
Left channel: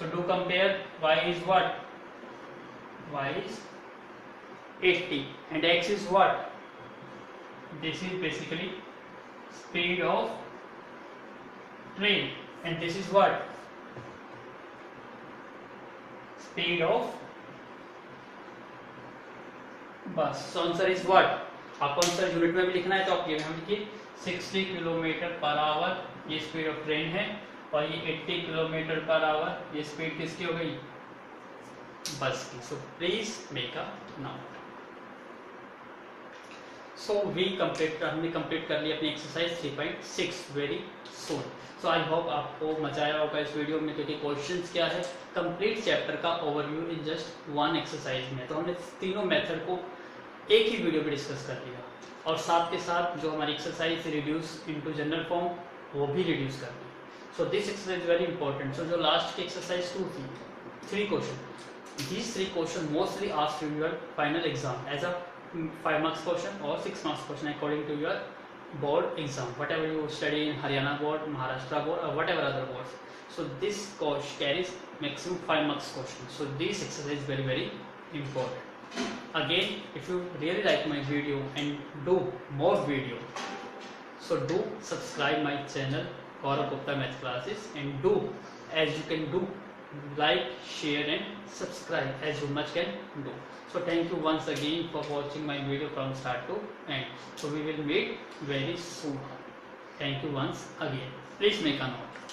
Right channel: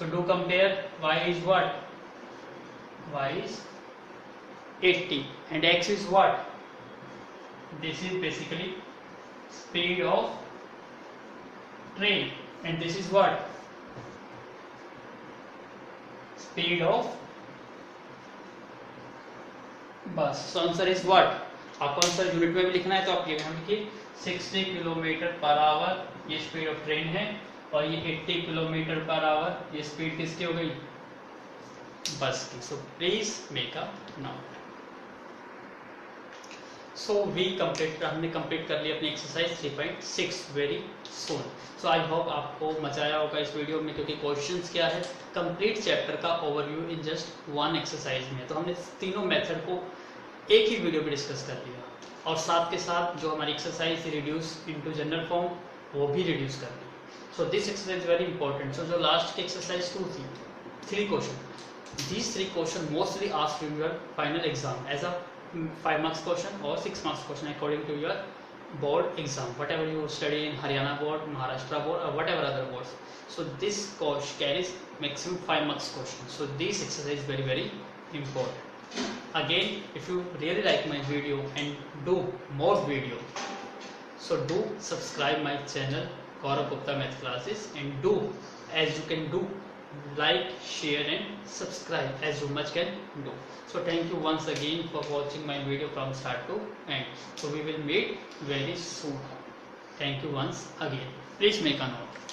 So do compare. Y is what? Y is 80. And x is what? This is basically speed of train. And this is what? Speed of बस. So answer is what? आपको answer unit में भी लिखना है तो आप यहाँ लिखिए 60 किलोमीटर पर आवर ये स्पीड ऑफ ट्रेन है, और ये 80 किलोमीटर पर आवर ये स्पीड किसकी हो गई? बस की. So please make a note. So हमने कंप्लीट कर लिया अपनी exercise 3.6 very soon. So I hope आपको मजा आया होगा इस वीडियो में, क्योंकि क्वेश्चंस क्या है? कंप्लीट चैप्टर का overview in just one exercise में. तो हमने तीनों मेथड को एक ही वीडियो में डिस्कस कर लिया, और साथ के साथ जो हमारी exercise reduce into general form वो भी रिड्यूस कर ली. So this exercise very important. So जो लास्ट की एक्सरसाइज 2 थी, 3 question, these 3 questions mostly asked in your final exam as a 5 marks question or 6 marks question according to your board exam, whatever you study in Haryana board, Maharashtra board, or whatever other boards. So this course carries maximum 5 marks question. So this exercise is very very important. Again, if you really like my video and do more video, so do subscribe my channel Gaurav Gupta Math Classes, and do as you can do like, share and subscribe as you much can do. So thank you once again for watching my video from start to end. So we will meet very soon. Thank you once again. Please make a note.